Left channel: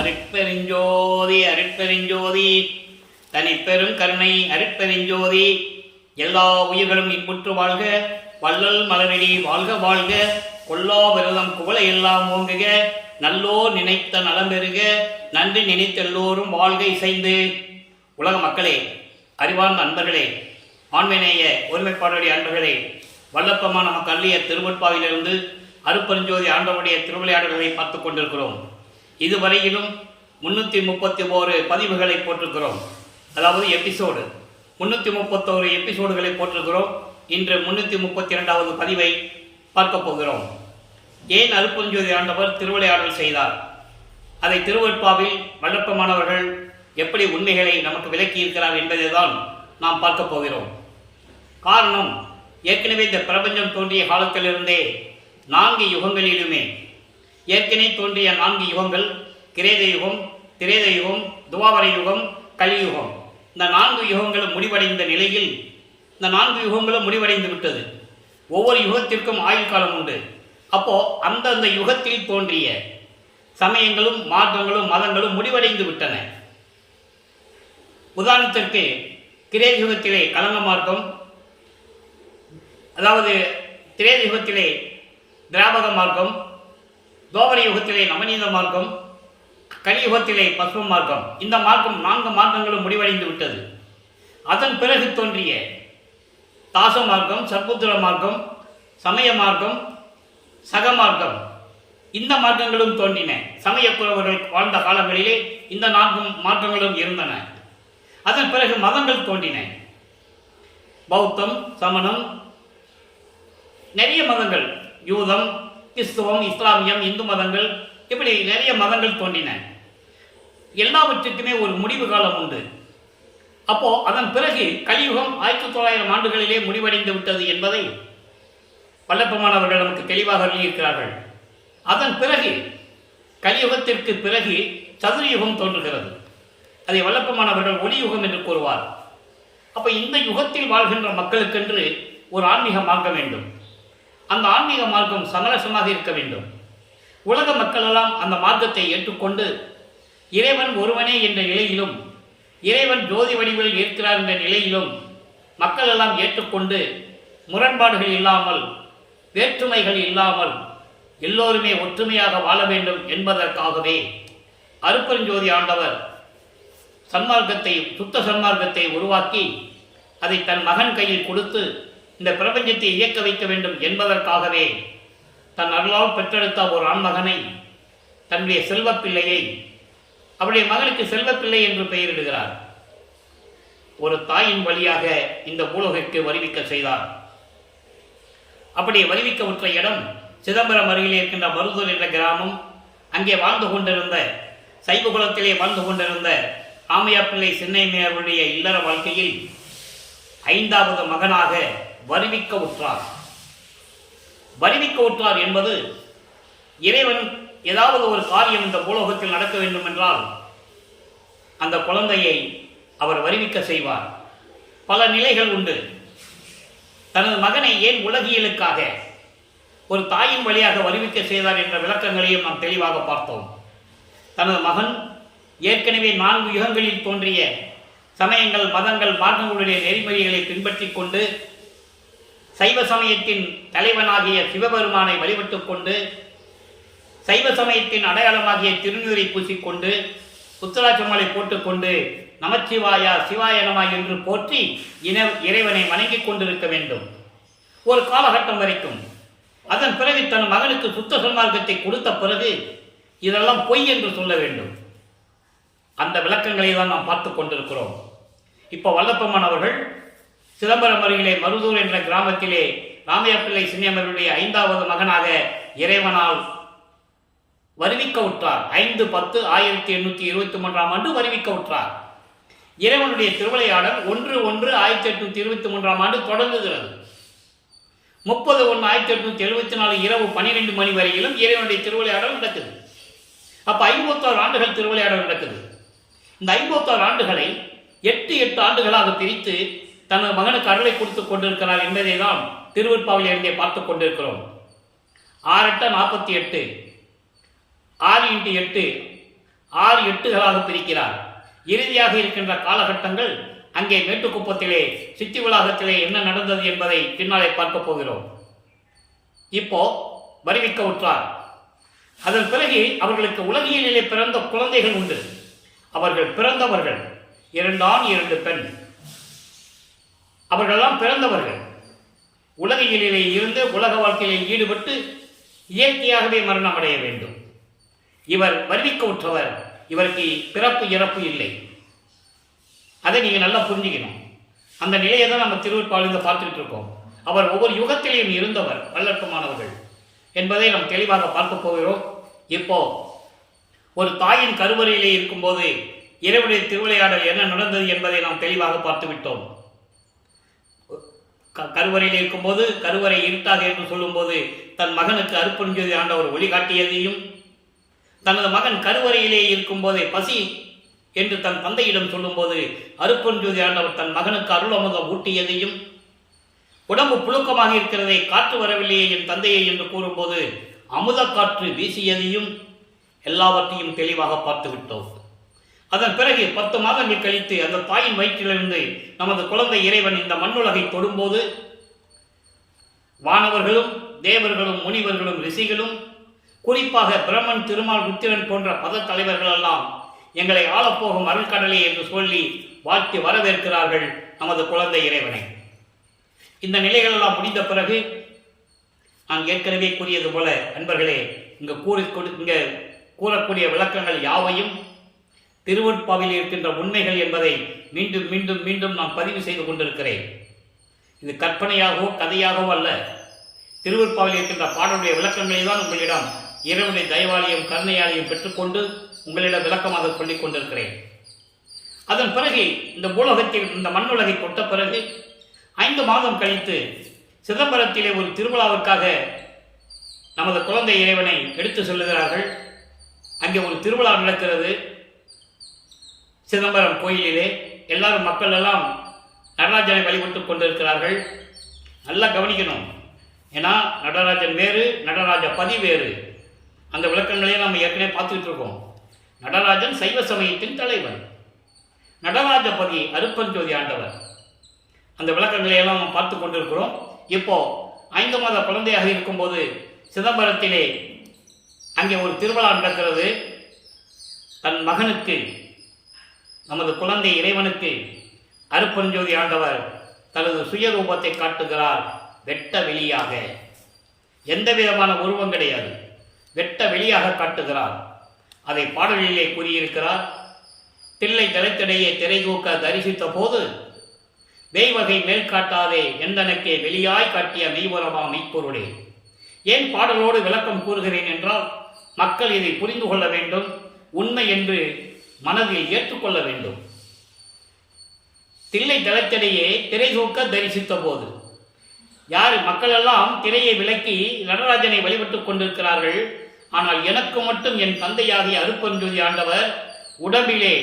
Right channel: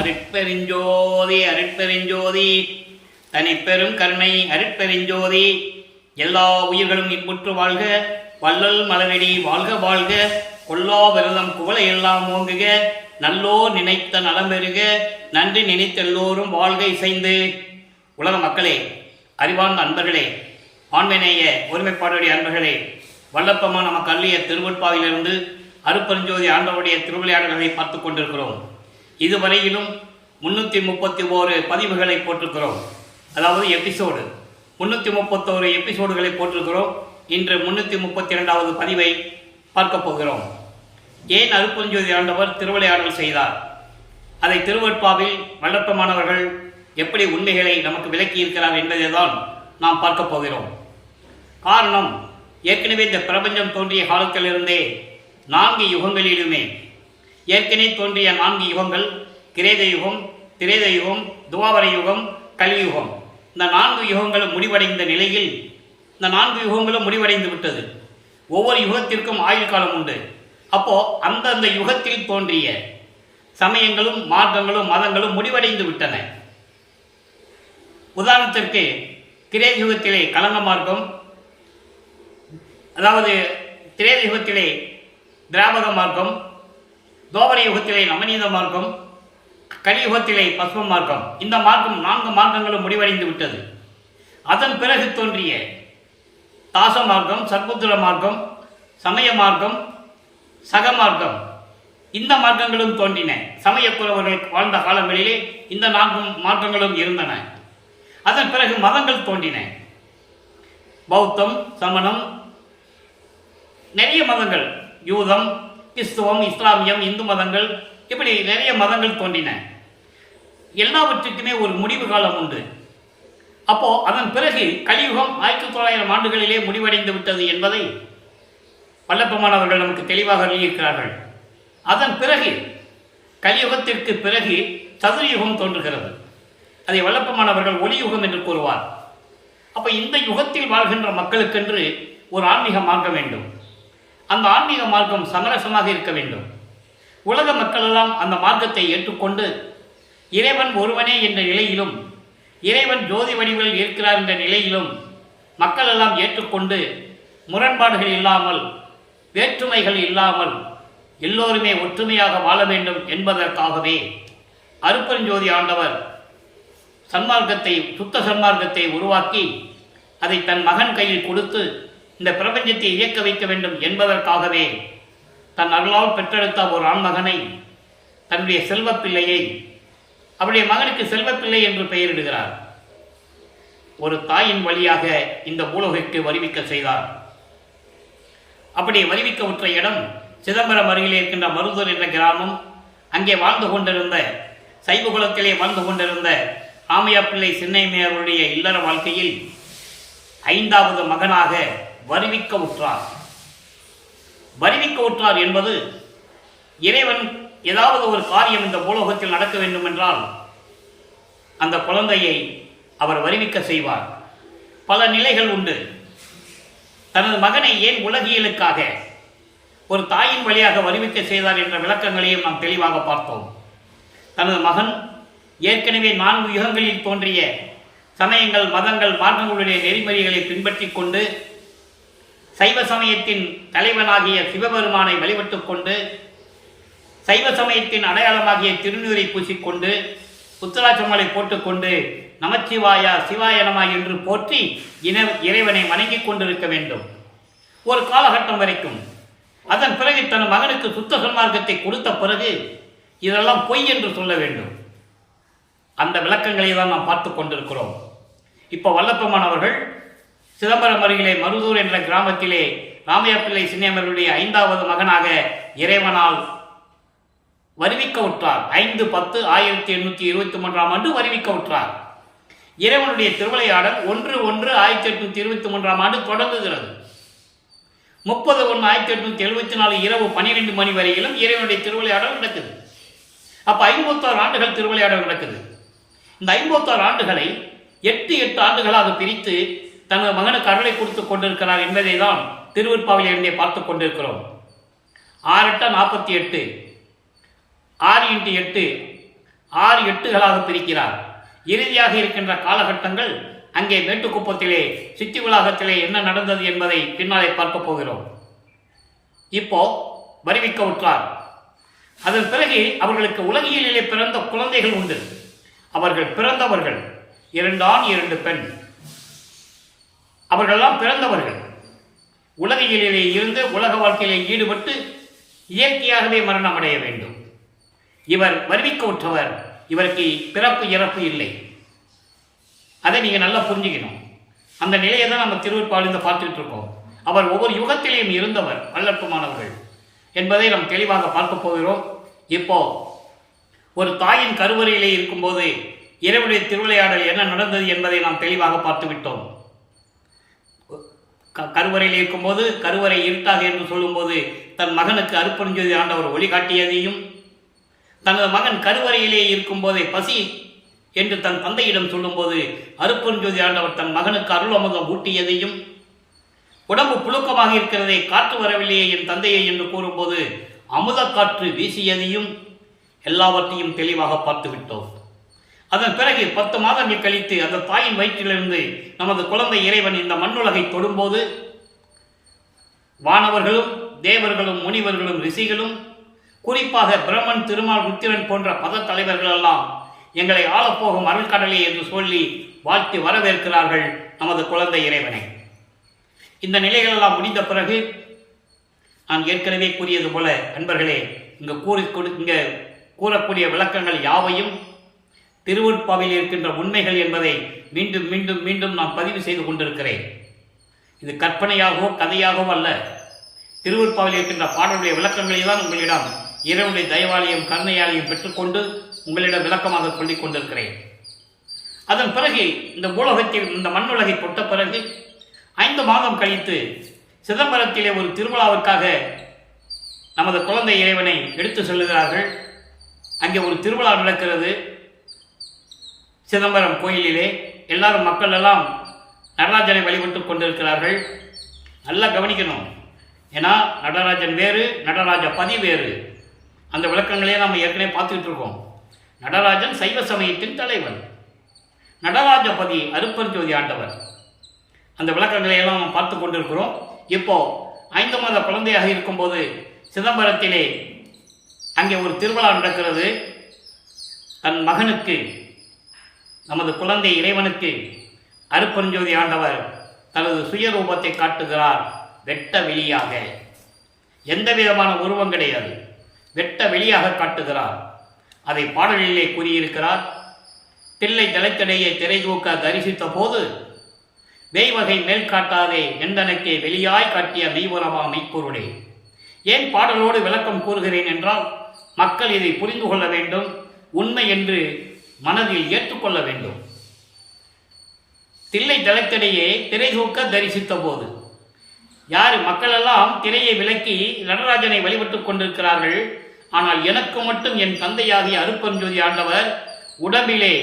அருட்பெருஞ்சோதி அருட்பெருஞ்சோதி தனிப்பெரும் கருணை அருட்பெருஞ்சோதி. எல்லா உயிர்களும் இன்புற்று வாழ்க, வள்ளல் மலரடி வாழ்க வாழ்க, கொல்லா விரதம் குவளை எல்லாம் ஓங்குக, நல்லோ நினைத்த நலம் பெறுக, நன்றி நினைத்தெல்லோரும் வாழ்க இசைந்து. உலக மக்களே, அறிவார்ந்த அன்பர்களே, ஆண்மைநேய ஒருமைப்பாடுடைய அன்பர்களே, வல்லப்பமான நமக்கு அள்ளிய திருவட்பாவிலிருந்து அருட்பெருஞ்சோதி ஆண்டவருடைய திருவிளையாடல்களை பார்த்து கொண்டிருக்கிறோம். இதுவரையிலும் 331 பதிவுகளை போட்டிருக்கிறோம். அதாவது எபிசோடு 331 எபிசோடுகளை போட்டிருக்கிறோம். இன்று 332வது பதிவை பார்க்க போகிறோம். ஏன் அருட்பெருஞ்சோதி ஆண்டவர் திருவிளையாடல் செய்தார், அதை திருவட்பாவில் வல்லப்பமானவர்கள் எப்படி உண்மைகளை நமக்கு விளக்கி இருக்கிறார் என்பதை தான் நாம் பார்க்க போகிறோம். காரணம், ஏற்கனவே இந்த பிரபஞ்சம் தோன்றிய காலத்திலிருந்தே 4 யுகங்களிலுமே ஏற்கனவே தோன்றிய 4 யுகங்கள் கிரேத யுகம், திரேத யுகம், துவாபர யுகம், கலியுகம். இந்த 4 யுகங்களும் முடிவடைந்த நிலையில் இந்த 4 யுகங்களும் முடிவடைந்து விட்டது. ஒவ்வொரு யுகத்திற்கும் ஆயுள் காலம் உண்டு. அப்போ அந்தந்த யுகத்தில் தோன்றிய சமயங்களும் மார்க்கங்களும் மதங்களும் முடிவடைந்து விட்டன. உதாரணத்திற்கு கிரேத யுகத்திலே கலங்க மார்க்கம், அதாவது திரேத யுகத்திலே திராவக மார்க்கம், துவாபர யுகத்திலே நவநீத மார்க்கம், கலியுகத்திலே பஸ்ம மார்க்கம். இந்த மார்க்கம் 4 மார்க்கங்களும் முடிவடைந்து விட்டது. அதன் பிறகு தோன்றிய தாச மார்க்கம், சர்புத்திர மார்க்கம், சமய மார்க்கம், சக மார்க்கம், இந்த மார்க்கங்களும் தோன்றின. சமயக்குறவர்கள் வாழ்ந்த காலங்களிலே இந்த 4 மார்க்கங்களும் இருந்தன. அதன் பிறகு மதங்கள் தோன்றின. பௌத்தம், சமணம், நிறைய மதங்கள், யூதம், கிறிஸ்துவம், இஸ்லாமியம், இந்து மதங்கள், இப்படி நிறைய மதங்கள் தோன்றின. எல்லாவற்றுக்குமே ஒரு முடிவு காலம் உண்டு. அப்போ அதன் பிறகு கலியுகம் 1900 ஆண்டுகளிலே முடிவடைந்து விட்டது என்பதை வல்லப்பமானவர்கள் நமக்கு தெளிவாக எழுதியிருக்கிறார்கள். அதன் பிறகு கலியுகத்திற்கு பிறகு சதுரயுகம் தோன்றுகிறது. அதை வல்லப்பமானவர்கள் ஒளியுகம் என்று கூறுவார். அப்போ இந்த யுகத்தில் வாழ்கின்ற மக்களுக்கென்று ஒரு ஆன்மீக மார்க்கம் வேண்டும். அந்த ஆன்மீக மார்க்கம் சமரசமாக இருக்க வேண்டும். உலக மக்களெல்லாம் அந்த மார்க்கத்தை ஏற்றுக்கொண்டு இறைவன் ஒருவனே என்ற நிலையிலும், இறைவன் ஜோதி வடிவில் இருக்கிறார் என்ற நிலையிலும் மக்கள் எல்லாம் ஏற்றுக்கொண்டு முரண்பாடுகள் இல்லாமல், வேற்றுமைகள் இல்லாமல் எல்லோருமே ஒற்றுமையாக வாழ வேண்டும் என்பதற்காகவே அருட்பெருஞ்சோதி ஆண்டவர் சன்மார்க்கத்தை, சுத்த சன்மார்க்கத்தை உருவாக்கி அதை தன் மகன் கையில் கொடுத்து இந்த பிரபஞ்சத்தை இயக்க வைக்க வேண்டும் என்பதற்காகவே தன் அருளால் பெற்றெடுத்த ஒரு ஆண்மகனை, தன்னுடைய செல்வப்பிள்ளையை, அவருடைய மகனுக்கு செல்வப்பிள்ளை என்று பெயரிடுகிறார். ஒரு தாயின் வழியாக இந்த பூலோகிற்கு வருவிக்க செய்தார். அப்படி வருவிக்க உற்ற இடம் சிதம்பரம் அருகிலே இருக்கின்ற மருதூர் என்ற கிராமம். அங்கே வாழ்ந்து கொண்டிருந்த, சைவகுலத்திலே வாழ்ந்து கொண்டிருந்த ராமையா பிள்ளை சின்னைமையருடைய இல்லற வாழ்க்கையில் 5வது மகனாக வருவிக்க உற்றார். வருவிக்க உற்றார் என்பது இறைவன் ஏதாவது ஒரு காரியம் இந்த பூலோகத்தில் நடக்க வேண்டும் என்றால் அந்த குழந்தையை அவர் வருவிக்க செய்வார். பல நிலைகள் உண்டு. தனது மகனை ஏன் உலகியலுக்காக ஒரு தாயின் வழியாக வருவிக்க செய்தார் என்ற விளக்கங்களையும் நாம் தெளிவாக பார்த்தோம். தனது மகன் ஏற்கனவே 4 யுகங்களில் தோன்றிய சமயங்கள், மதங்கள், மார்க்கங்களுடைய நெறிமுறைகளை பின்பற்றி கொண்டு சைவ சமயத்தின் தலைவனாகிய சிவபெருமானை வழிபட்டுக் கொண்டு, சைவ சமயத்தின் அடையாளமாகிய திருநீரை பூசிக்கொண்டு, உத்தராட்சமாலை போட்டுக்கொண்டு நமச்சிவாயா சிவாய நம என்று போற்றி இறைவனை வணங்கிக் கொண்டிருக்க வேண்டும் ஒரு காலகட்டம் வரைக்கும். அதன் பிறகு தன் மகனுக்கு சுத்த சன்மார்க்கத்தை கொடுத்த பிறகு இதெல்லாம் பொய் என்று சொல்ல வேண்டும். அந்த விளக்கங்களை தான் நாம் பார்த்து கொண்டிருக்கிறோம். இப்போ வல்லப்பமானவர்கள் சிதம்பரம் அருகிலே மருதூர் என்ற கிராமத்திலே ராமையா பிள்ளை சின்னையமருடைய 5வது மகனாக இறைவனால் வருவிக்க உற்றார். 5/10/1823 ஆண்டு வருவிக்க உற்றார். இறைவனுடைய திருவிளையாடல் 1/1/1823 ஆண்டு தொடங்குகிறது. 30/1/1874 இரவு 12 மணி வரையிலும் இறைவனுடைய திருவிளையாடல் நடக்குது. அப்போ 56 ஆண்டுகள் திருவிளையாடல் நடக்குது. இந்த 56 ஆண்டுகளை 8 ஆண்டுகளாக பிரித்து தனது மகனுக்கு அருளை கொடுத்து கொண்டிருக்கிறார் என்பதை தான் திருவற்பாவில் இருந்தே பார்த்து கொண்டிருக்கிறோம். 6 8 48, 6 × 8 6 எட்டுகளாக பிரிக்கிறார். இறுதியாக இருக்கின்ற காலகட்டங்கள் அங்கே மேட்டுக்குப்பத்திலே சித்தி வளாகத்திலே என்ன நடந்தது என்பதை பின்னாலே பார்க்க போகிறோம். இப்போ வருவிக்க உற்றார். அதன் பிறகு அவர்களுக்கு உலகியலிலே பிறந்த குழந்தைகள் உண்டு. அவர்கள் பிறந்தவர்கள் 2 ஆண் 2 பெண். அவர்களெல்லாம் பிறந்தவர்கள் உலகியலிலே இருந்து உலக வாழ்க்கையிலே ஈடுபட்டு இயற்கையாகவே மரணம் அடைய வேண்டும். இவர் வருவிக்க உற்றவர். இவருக்கு பிறப்பு இறப்பு இல்லை. அதை நீங்கள் நல்லா புரிஞ்சுக்கணும். அந்த நிலையை தான் நம்ம திருவருட்பாலிருந்து பார்த்துட்டு இருக்கோம். அவர் ஒவ்வொரு யுகத்திலேயும் இருந்தவர், வல்லற்பமானவர்கள் என்பதை நாம் தெளிவாக பார்க்க போகிறோம். இப்போ ஒரு தாயின் கருவறையிலே இருக்கும்போது இறைவனுடைய திருவிளையாடல் என்ன நடந்தது என்பதை நாம் தெளிவாக பார்த்து விட்டோம். கருவறையில் இருக்கும்போது கருவறை இருட்டாக என்று சொல்லும்போது தன் மகனுக்கு அருட்பெருஞ்சோதி ஆண்டவர் ஒளிகாட்டியதையும், தனது மகன் கருவறையிலே இருக்கும்போதே பசி என்று தன் தந்தையிடம் சொல்லும்போது அருட்பெருஞ்சோதி ஆண்டவர் தன் மகனுக்கு அருளமுதம் ஊட்டியதையும், உடம்பு புழுக்கமாக இருக்கிறதை காற்று வரவில்லையே என் தந்தையை என்று கூறும்போது அமுத காற்று வீசியதையும் எல்லாவற்றையும் தெளிவாக பார்த்து விட்டோம். அதன் பிறகு 10 மாதங்கள் கழித்து அந்த தாயின் வயிற்றிலிருந்து நமது குழந்தை இறைவன் இந்த மண்ணுலகை தொடும்போது வானவர்களும் தேவர்களும் முனிவர்களும் ரிஷிகளும் குறிப்பாக பிரம்மன் திருமால் ருத்திரன் போன்ற பத தலைவர்கள் எல்லாம் எங்களை ஆளப்போகும் அருள்கடலே என்று சொல்லி வாழ்த்தி வரவேற்கிறார்கள் நமது குழந்தை இறைவனை. இந்த நிலைகளெல்லாம் முடிந்த பிறகு நான் ஏற்கனவே கூறியது போல அன்பர்களே, இங்கு கூறக்கூடிய விளக்கங்கள் யாவையும் திருவருட்பாவில் இருக்கின்ற உண்மைகள் என்பதை மீண்டும் மீண்டும் மீண்டும் நான் பதிவு செய்து கொண்டிருக்கிறேன். இது கற்பனையாகவோ கதையாகவோ அல்ல. திருவருட்பாவில் இருக்கின்ற பாடலுடைய விளக்கங்களை தான் உங்களிடம் இறைவனுடைய தயவாலயம் கருணையாலையும் பெற்றுக்கொண்டு உங்களிடம் விளக்கமாக சொல்லிக் கொண்டிருக்கிறேன். அதன் பிறகு இந்த பூலோகத்தில் இந்த மண்ணுலகை தொட்ட பிறகு 5 மாதம் கழித்து சிதம்பரத்திலே ஒரு திருவிழாவிற்காக நமது குழந்தை இறைவனை எடுத்து செல்லுகிறார்கள். அங்கே ஒரு திருவிழா நடக்கிறது சிதம்பரம் கோயிலிலே. எல்லாரும் மக்கள் எல்லாம் நடராஜனை வழிபட்டு கொண்டிருக்கிறார்கள். நல்லா கவனிக்கணும். ஏன்னா நடராஜன் வேறு, நடராஜ பதி வேறு. அந்த விளக்கங்களே நாம் ஏற்கனவே பார்த்துக்கிட்டு இருக்கோம். நடராஜன் சைவ சமயத்தின் தலைவன், நடராஜபதி அருட்பெருஞ்சோதி ஆண்டவர். அந்த விளக்கங்களை எல்லாம் நாம் பார்த்து கொண்டிருக்கிறோம். இப்போ 5 மாத குழந்தையாக இருக்கும்போது சிதம்பரத்திலே அங்கே ஒரு திருவிழா நடக்கிறது. தன் மகனுக்கு நமது குழந்தை இறைவனுக்கு அருட்பெருஞ்சோதி ஆண்டவர் தனது சுயரூபத்தை காட்டுகிறார். வெட்ட வெளியாக, எந்த விதமான உருவம் கிடையாது, வெட்ட வெளியாக காட்டுகிறார். அதை பாடலிலே கூறியிருக்கிறார். தில்லை தலைத்தடையே திரை தூக்க தரிசித்த போது வேய்வகை மேல் காட்டாதே எந்தனக்கே வெளியாய் காட்டிய மெய்வரமா மெய்ப்பொருளே. ஏன் பாடலோடு விளக்கம் கூறுகிறேன் என்றால், மக்கள் இதை புரிந்து கொள்ள வேண்டும், உண்மை என்று மனதில் ஏற்றுக்கொள்ள வேண்டும். தில்லை தலைத்தடையே திரை தூக்க தரிசித்த போது, யார் மக்கள் எல்லாம் திரையை விலக்கி நடராஜனை வழிபட்டுக் கொண்டிருக்கிறார்கள். ஆனால் எனக்கு மட்டும் என் தந்தையாகிய அருட்பெருஞ்சோதி ஆண்டவர் உடம்பிலே,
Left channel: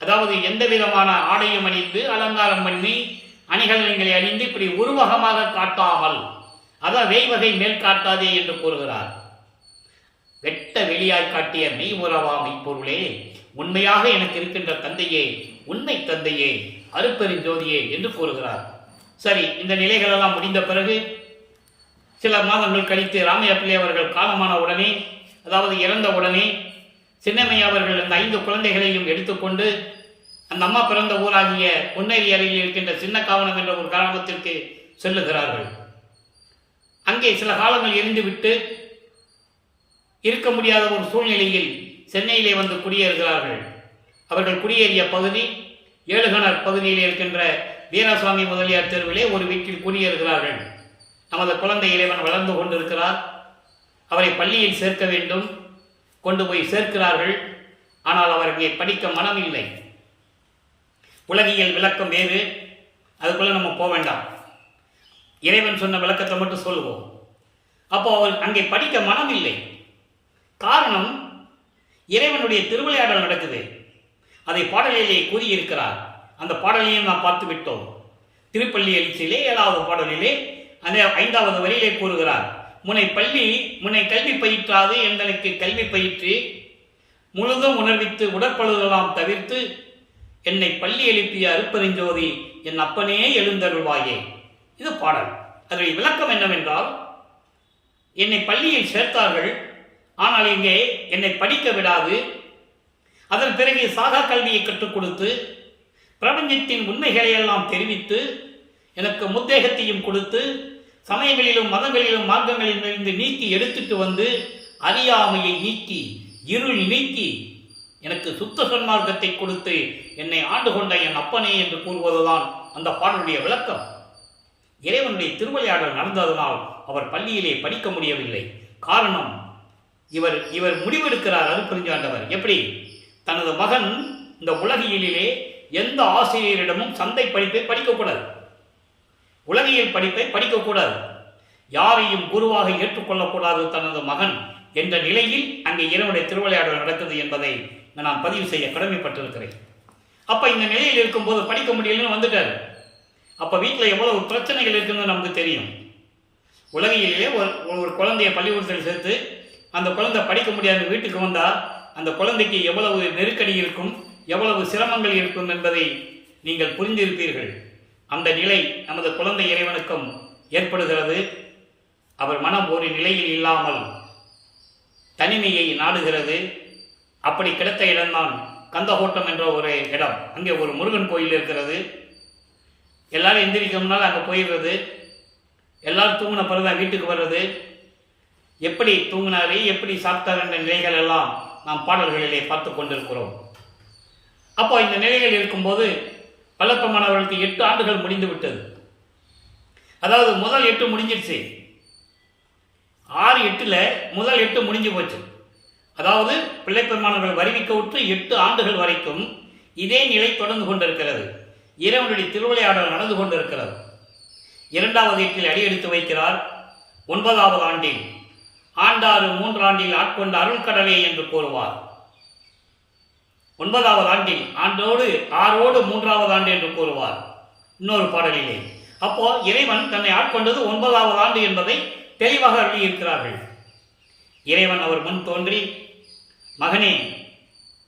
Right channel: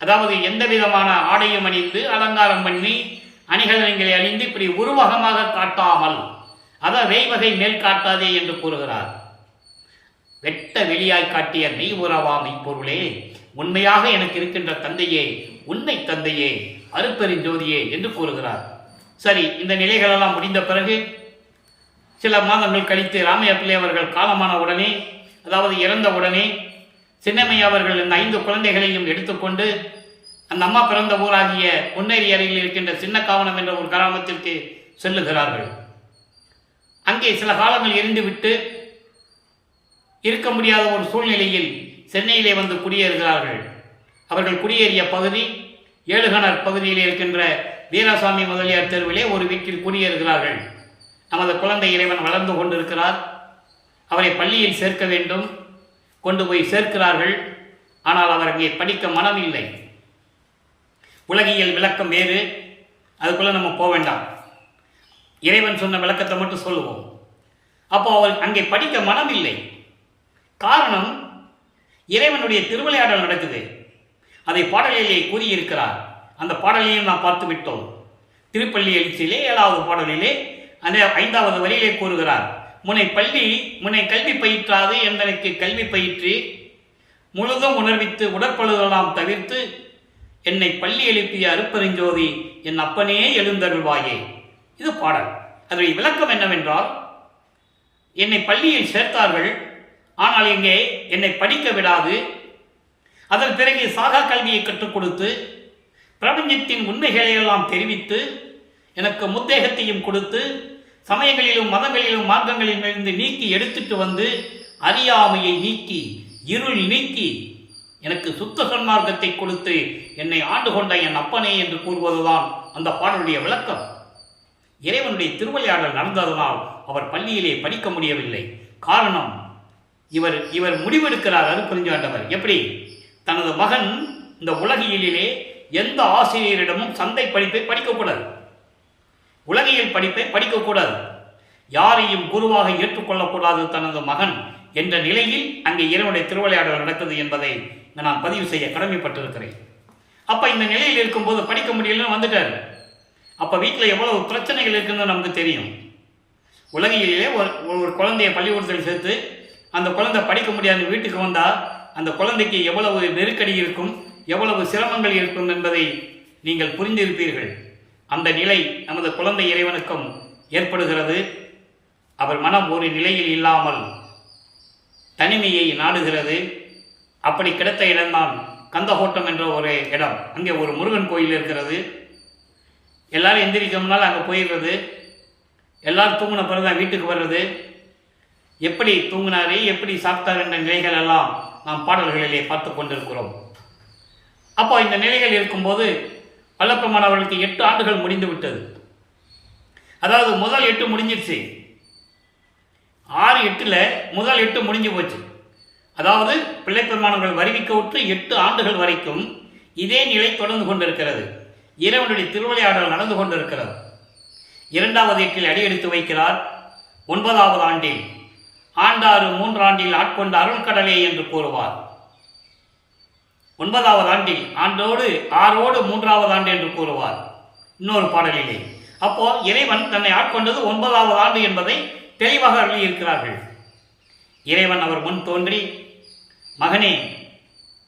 அதாவது எந்த விதமான ஆடையும் அணிந்து அலங்காரம் பண்ணி அணிகலன்களை அணிந்து இப்படி உருவகமாக காட்டாமல், அதான் வேய்வகை மேல் காட்டாதே என்று கூறுகிறார். வெட்ட வெளியாய் காட்டிய மெய் உறவா மெய்ப்பொருளே, உண்மையாக எனக்கு இருக்கின்ற தந்தையே, உண்மை தந்தையே, அருட்பெருஞ்சோதியே என்று கூறுகிறார். சரி, இந்த நிலைகளெல்லாம் முடிந்த பிறகு சில மாதங்கள் கழித்து ராமையா பிள்ளை அவர்கள் காலமான உடனே, அதாவது இறந்த உடனே, சின்னம்மையா அவர்கள் இந்த 5 குழந்தைகளையும் எடுத்துக்கொண்டு அந்த அம்மா பிறந்த ஊராகிய பொன்னேரி அருகில் இருக்கின்ற சின்னக்காவனம் என்ற ஒரு கிராமத்திற்கு செல்லுகிறார்கள். அங்கே சில காலங்கள் இருந்துவிட்டு இருக்க முடியாத ஒரு சூழ்நிலையில் சென்னையிலே வந்து குடியேறுகிறார்கள். அவர்கள் குடியேறிய பகுதி ஏழுகணர் பகுதியில் இருக்கின்ற வீராசாமி முதலியார் தெருவிலே ஒரு வீட்டில் குடியேறுகிறார்கள். நமது குழந்தை இறைவன் வளர்ந்து கொண்டிருக்கிறார். அவரை பள்ளியில் சேர்க்க வேண்டும், கொண்டு போய் சேர்க்கிறார்கள். ஆனால் அவர் அங்கே படிக்க மனம் இல்லை. உலகியல் விளக்கம் வேறு, அதுக்குள்ள நம்ம போக வேண்டாம். இறைவன் சொன்ன விளக்கத்தை மட்டும் சொல்லுவோம். அப்போ அவர் அங்கே படிக்க மனம் இல்லை. காரணம், இறைவனுடைய திருவிளையாடல் நடக்குது. அதை பாடலிலே கூறியிருக்கிறார். அந்த பாடலையும் நாம் பார்த்து விட்டோம். திருப்பள்ளி எழுச்சியிலே 7வது பாடலிலே அந்த 5வது வரியிலே கூறுகிறார். முனை கல்வி பயிற்றாது எந்தனுக்கு கல்வி பயிற்று முழுதும் உணர்வித்து உடற்பழுதெல்லாம் தவிர்த்து என்னை பள்ளி எழுப்பிய அருப்பெருஞ்சோதி என் அப்பனே எழுந்தருள்வாயே. இது பாடல். அதனுடைய விளக்கம் என்னவென்றால், என்னை பள்ளியில் சேர்த்தார்கள், ஆனால் இங்கே என்னை படிக்க விடாது, அதன் பிறகு சாகா கல்வியை கற்றுக் கொடுத்து பிரபஞ்சத்தின் உண்மைகளை எல்லாம் தெரிவித்து எனக்கு முத்தேகத்தையும் கொடுத்து சமயங்களிலும் மதங்களிலும் மார்க்கங்களிலிருந்து நீக்கி எடுத்துட்டு வந்து அறியாமையை நீக்கி இருள் நீக்கி எனக்கு சுத்த சன்மார்க்கத்தை கொடுத்து என்னை ஆண்டு கொண்ட என் அப்பனே என்று கூறுவதுதான் அந்த பாடலுடைய விளக்கம். இறைவனுடைய திருவிளையாடல் நடந்ததனால் அவர் பள்ளியிலே படிக்க முடியவில்லை. காரணம், இவர் முடிவெடுக்கிறார் அருட்பெருஞ்சாண்டவர். எப்படி? தனது மகன் இந்த உலகியலிலே எந்த ஆசிரியரிடமும் சந்தை படிப்பை படிக்கக்கூடாது, உலகியல் படிப்பை படிக்கக்கூடாது, யாரையும் குருவாக ஏற்றுக்கொள்ளக்கூடாது தனது மகன் என்ற நிலையில் அங்கே இறைவனுடைய திருவிளையாடல் நடக்குது என்பதை நான் பதிவு செய்ய கடமைப்பட்டிருக்கிறேன். அப்ப இந்த நிலையில் இருக்கும்போது படிக்க முடியலன்னு வந்துட்டார். அப்ப வீட்டில் எவ்வளவு பிரச்சனைகள் இருக்குன்னு நமக்கு தெரியும். உலகிலே ஒரு குழந்தைய பள்ளிக்கூடத்தில் சேர்த்து அந்த குழந்தை படிக்க முடியாத வீட்டுக்கு வந்தால் அந்த குழந்தைக்கு எவ்வளவு நெருக்கடி இருக்கும், எவ்வளவு சிரமங்கள் இருக்கும் என்பதை நீங்கள் புரிந்திருப்பீர்கள். அந்த நிலை நமது குழந்தை இறைவனுக்கும் ஏற்படுகிறது. அவர் மனம் ஒரு நிலையில் இல்லாமல் தனிமையை நாடுகிறது. அப்படி கிடைத்த இடம்தான் கந்தகோட்டம் என்ற ஒரு இடம். அங்கே ஒரு முருகன் கோயில் இருக்கிறது. எல்லாரும் எந்திரிக்க முன்னால் அங்கே போயிடுறது, எல்லாரும் தூங்கின பிறகுதான் வீட்டுக்கு வர்றது, எப்படி தூங்கினாரு எப்படி சாப்பிட்டார் என்ற நிலைகள் எல்லாம் நாம் பாடல்களிலே பார்த்து கொண்டிருக்கிறோம். அப்போ இந்த நிலைகள் இருக்கும்போது வல்லப்பெருமானவர்களுக்கு 8 ஆண்டுகள் முடிந்து விட்டது. அதாவது முதல் 8 முடிஞ்சிருச்சு. 6-8 முதல் 8 முடிஞ்சு போச்சு. அதாவது பிள்ளைப்பெருமானவர்கள் வருவிக்க விட்டு 8 ஆண்டுகள் வரைக்கும் இதே நிலை தொடர்ந்து கொண்டிருக்கிறது. இறைவனுடைய திருவிளையாடல் நடந்து கொண்டிருக்கிறது. 2வது 8 அடியெடுத்து வைக்கிறார். 9வது ஆண்டில் ஆண்டாறு 3 ஆண்டில் ஆட்கொண்ட அருள்கடலே என்று கூறுவார். 9வது ஆண்டில் ஆண்டோடு 6ஓடு 3வது ஆண்டு என்று கூறுவார் இன்னொரு பாடலிலே. அப்போ இறைவன் தன்னை ஆட்கொண்டது 9வது ஆண்டு என்பதை தெளிவாக அருளியிருக்கிறார்கள். இறைவன் அவர் முன் தோன்றி, மகனே,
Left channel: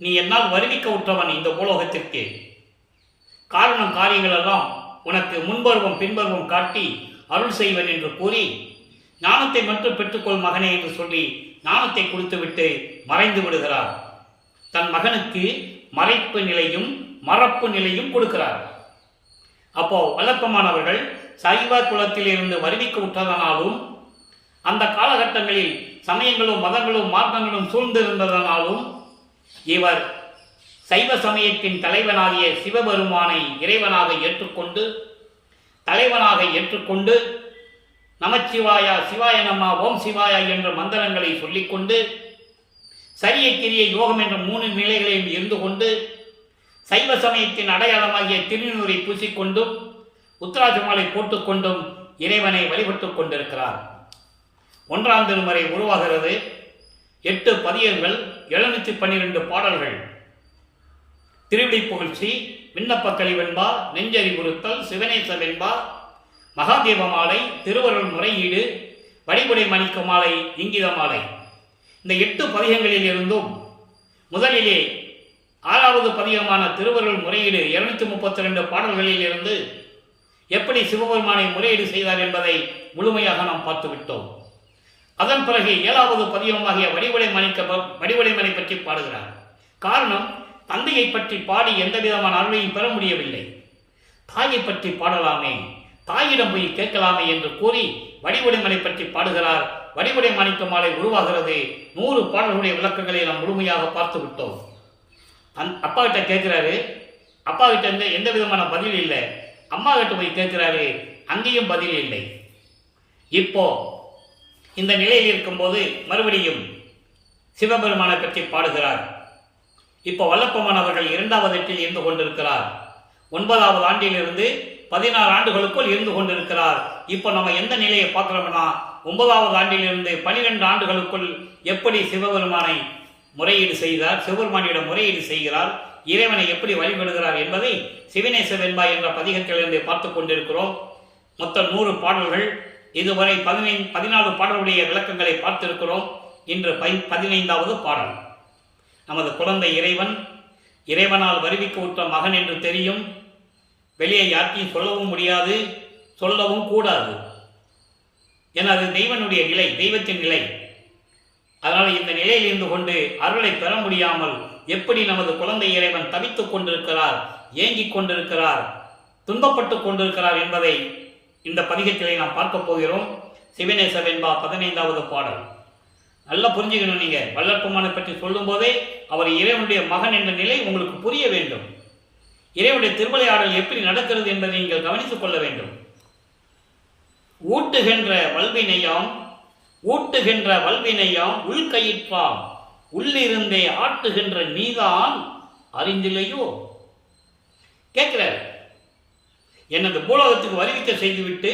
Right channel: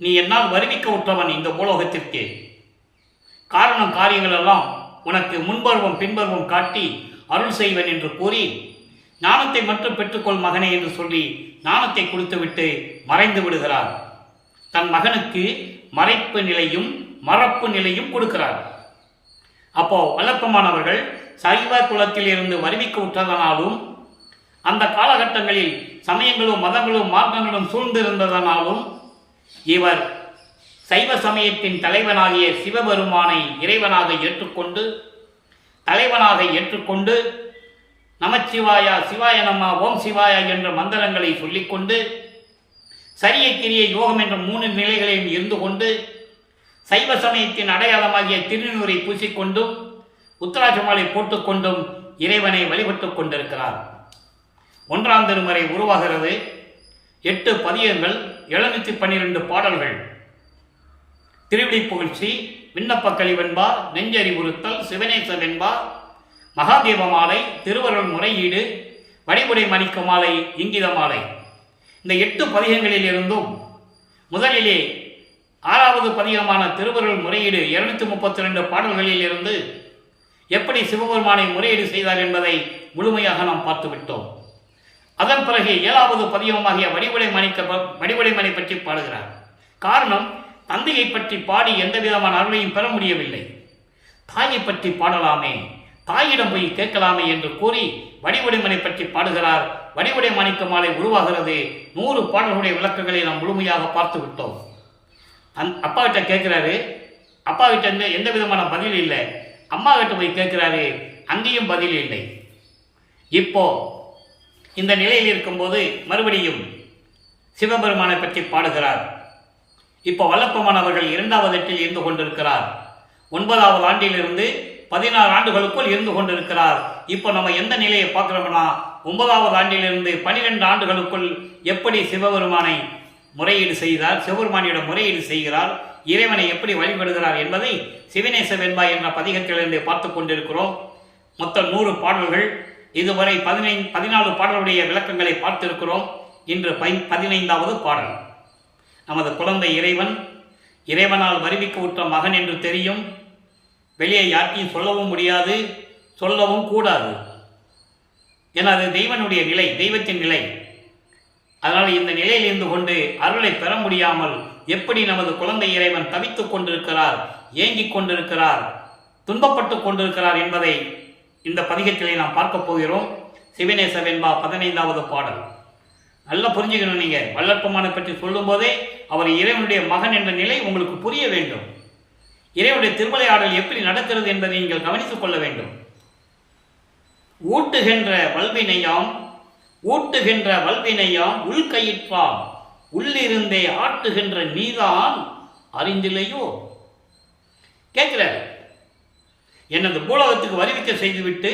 நீ என்னால் வருவிக்க உற்றவன் இந்த பூலோகத்திற்கு. காரணம் காரியங்கள் எல்லாம் உனக்கு முன்பருவம் பின்பருவம் காட்டி அருள் செய்வன் என்று கூறி, ஞானத்தை மட்டும் பெற்றுக்கொள் மகனே என்று சொல்லி ஞானத்தை கொடுத்துவிட்டு மறைந்து விடுகிறார். தன் மகனுக்கு மறைப்பு நிலையும் மறப்பு நிலையும் கொடுக்கிறார். அப்போ வல்லப்பெருமானவர்கள் சைவ குலத்தில் இருந்து வருவிக்க உற்றதனாலும் அந்த காலகட்டங்களில் சமயங்களும் மதங்களும் மார்க்கங்களும் சூழ்ந்திருந்ததனாலும் இவர் சைவ சமயத்தின் தலைவனாகிய சிவபெருமானை இறைவனாக ஏற்றுக்கொண்டு தலைவனாக ஏற்றுக்கொண்டு நமச்சிவாயா சிவாய நம ஓம் சிவாயா என்ற மந்திரங்களை சொல்லிக்கொண்டு சரிய கிரிய யோகம் என்ற 3 நிலைகளையும் இருந்து கொண்டு சைவ சமயத்தின் அடையாளமாகிய திருநூரை பூசிக்கொண்டும் உத்தராஜமாலை போட்டுக்கொண்டும் இறைவனை வழிபட்டு கொண்டிருக்கிறார். 1ஆம் திருமுறை உருவாகிறது. 8 பதியங்கள், 712 பாடல்கள். திருவிடை புகழ்ச்சி, விண்ணப்ப கலிவென்பா, நெஞ்சறிவுறுத்தல், சிவனேச வெண்பா, மகாதேவ மாலை, திருவருள் முறையீடு, வடிவுடை மணிக்க மாலை, இங்கித மாலை. இந்த 8 பதிகங்களில் இருந்தும் முதலிலே 6வது பதிகமான திருவருள் முறையீடு 232 பாடல்களில் இருந்து எப்படி சிவபெருமானை முறையீடு செய்தார் என்பதை முழுமையாக நாம் பார்த்துவிட்டோம். அதன் பிறகு 7வது பதிகமாகிய வடிவுடை மணி பற்றி பாடுகிறார். காரணம், தந்தையை பற்றி பாடி எந்த விதமான அருளையும் பெற முடியவில்லை. தாயை பற்றி பாடலாமே, தாயிடம் போய் கேட்கலாமே என்று கூறி வடிவுடைமனை பற்றி பாடுகிறார். வடிவுடை மாணிக்க மாலை உருவாகிறது. 100 பாடல்களுடைய விளக்கங்களை நாம் முழுமையாக பார்த்து விட்டோம். அப்பா கிட்ட கேட்கிறாரு, அப்பா கிட்ட எந்த விதமான பதில் இல்லை. அம்மா கிட்ட போய் கேட்கிறாரு, அங்கேயும் பதில் இல்லை. இப்போ இந்த நிலையில் இருக்கும்போது மறுபடியும் சிவபெருமானை பற்றி பாடுகிறார். இப்போ வல்லப்பெருமானவர்கள் 2வது 8 இருந்து கொண்டிருக்கிறார். 9வது ஆண்டிலிருந்து 16 ஆண்டுகளுக்குள் இருந்து கொண்டிருக்கிறார். இப்போ நம்ம எந்த நிலையை பார்க்கிறோம்னா, 9வது ஆண்டிலிருந்து 12 ஆண்டுகளுக்குள் எப்படி சிவபெருமானை முறையீடு செய்தார், சிவபெருமானியிடம் முறையீடு செய்கிறார், இறைவனை எப்படி வழிபடுகிறார் என்பதை சிவனேச வெண்பா என்ற பதிகத்திலிருந்து பார்த்து கொண்டிருக்கிறோம். மொத்தம் 100 பாடல்கள். இதுவரை 14 பாடலுடைய விளக்கங்களை பார்த்திருக்கிறோம். இன்று 15வது பாடல். நமது குழந்தை இறைவனால் வருவிக்க உற்ற மகன் என்று தெரியும். வெளியே யார்ட்டையும் சொல்லவும் முடியாது, சொல்லவும் கூடாது. ஏன்னா அது தெய்வனுடைய நிலை, தெய்வத்தின் நிலை. அதனால் இந்த நிலையில் இருந்து கொண்டு அருளை பெற முடியாமல் எப்படி நமது குழந்தை இறைவன் தவித்துக் கொண்டிருக்கிறார், ஏங்கிக் கொண்டிருக்கிறார், துன்பப்பட்டு கொண்டிருக்கிறார் என்பதை இந்த பதிகத்திலே நாம் பார்க்க போகிறோம். சிவநேச வெண்பா 15வது பாடல். நல்லா புரிஞ்சுக்கணும். நீங்கள் வள்ளற்பெருமானை பற்றி சொல்லும் போதே அவர் இறைவனுடைய மகன் என்ற நிலை உங்களுக்கு புரிய வேண்டும். இறைவனுடைய திருவிளையாடல் எப்படி நடக்கிறது என்பதை நீங்கள் கவனித்துக் கொள்ள வேண்டும். ஊட்டுகின்ற வல்வினையாம் உள்கயிற்றாம் உள்ளிருந்தே ஆட்டுகின்ற நீதான் அறிந்தில்லையோ. கேட்கிறாரு, என்னது பூலோகத்துக்கு வருவிக்க செய்துவிட்டு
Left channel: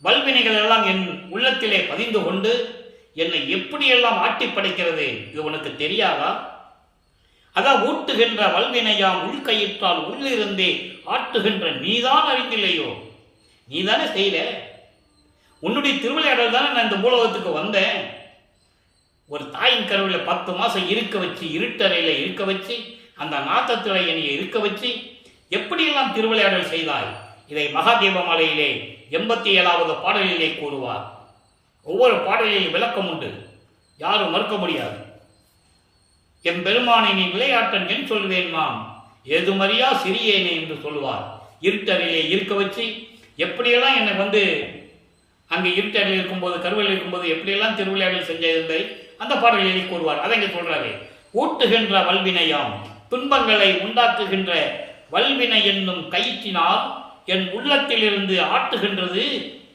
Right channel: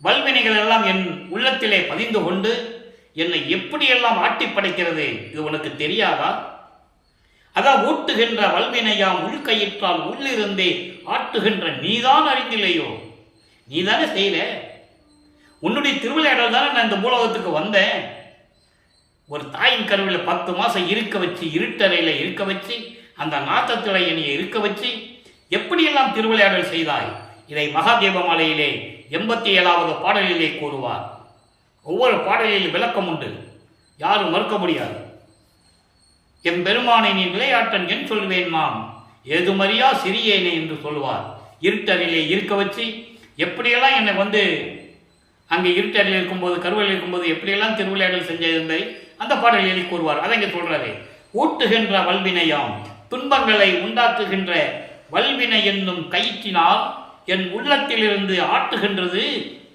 வல்வினைகள் எல்லாம் என் உள்ளத்திலே பதிந்து கொண்டு என்னை எப்படியெல்லாம் ஆட்டி படைக்கிறது, இது உனக்கு தெரியாதா? அதான் ஊட்டுகின்ற வல்வினையாம் உள்கயிற்றால் உள்ளிருந்தே ஆட்டுகின்ற நீதான் அறிந்தில்லையோ. நீதானே செய்யல, உன்னுடைய திருவிளையாடல் தானே நான் இந்த பூலோகத்துக்கு வந்தேன். ஒரு தாயின் கருவில் 10 மாசம் இருக்க வச்சு, இருட்டறையில் இருக்க வச்சு, அந்த நாத்தத்தில என்னை இருக்க வச்சு எப்படியெல்லாம் திருவிளையாடல் செய்தாய். இதை மகாதேவ மாலையிலே 87வது பாடலிலே கூறுவார். ஒவ்வொரு பாடலில் விளக்கம் உண்டு, யாரும் மறுக்க முடியாது. எம்பெருமானை நீ விளையாட்டன் என் சொல்வேன் மாம் ஏதுமறியா சிறியேனே என்று சொல்வார். இருட்டறையிலே இருக்க வச்சு எப்படியெல்லாம் என்னை அங்கே இருட்டறையில் இருக்கும்போது, கருவில் இருக்கும்போது எப்படியெல்லாம் திருவிளையாடல் செஞ்சதை அந்த பாடலில் கூறுவார். அதை இங்கே சொல்றாரு. ஊட்டுகின்ற வல்வினையாம் துன்பங்களை உண்டாக்குகின்ற வல்வினை என்னும் கயிற்றினால் என் உள்ளத்திலிருந்து ஆட்டுகின்றது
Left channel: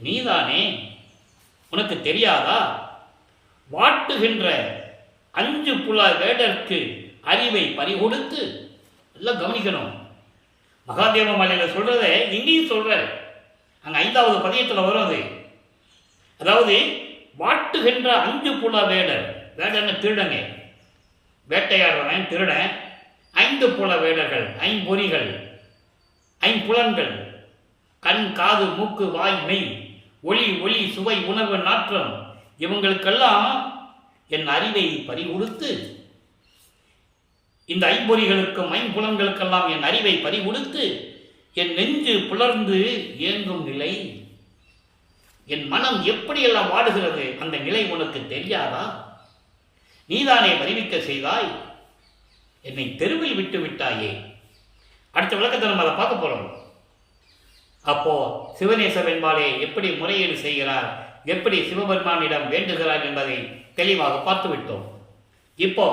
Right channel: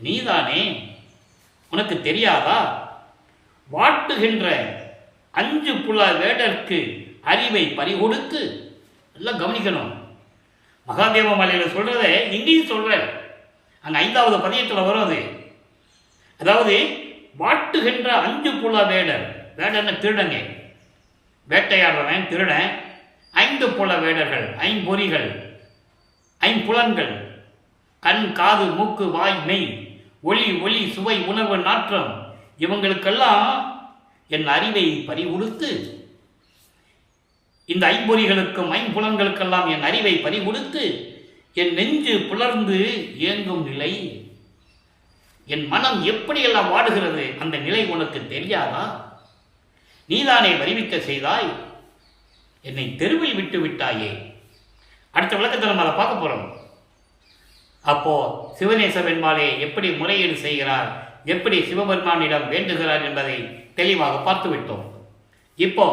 நீதானே, உனக்கு தெரியாதா? வாட்டுகின்ற 5 புல வேடற்கு அறிவை பறிகொடுத்து, எல்லாம் கவனிக்கணும். மகாதேவ மலையில் சொல்றத இங்கேயும் சொல்ற, அங்க 5வது பதியத்தில் வரும் அது. அதாவது வாட்டுகின்ற 5 புல வேடர், வேடர்னு திருடங்க, வேட்டையாடுறவன் திருடன். 5 புல வேடர்கள், 5 பொறிகள், 5 புலன்கள், கண், காது, மூக்கு, வாய், மெய், ஒளி, சுவை, உணர்வு, நாற்றம், இவங்களுக்கெல்லாம் என் அறிவை பறிகொடுத்து, இந்த 5 பொறிகளுக்கும் 5 புலன்களுக்கெல்லாம் என் அறிவை பறிகொடுத்து என் நெஞ்சு புலர்ந்து இயங்கும் நிலை, என் மனம் எப்படியெல்லாம் வாடுகிறது, அந்த நிலை உனக்கு தெரியாதா? நீதானே வருவிக்க செய்தாய், என்னை தெருவில் விட்டு விட்டாயே. அடுத்த விளக்கத்தை நம்ம அதை பார்க்க போறோம். அப்போ சிவநேச வெண்பாலே எப்படி முறையீடு செய்கிறார், எப்படி சிவபெருமானிடம் வேண்டுகிறார் என்பதை தெளிவாக பார்த்து விட்டோம். இப்போ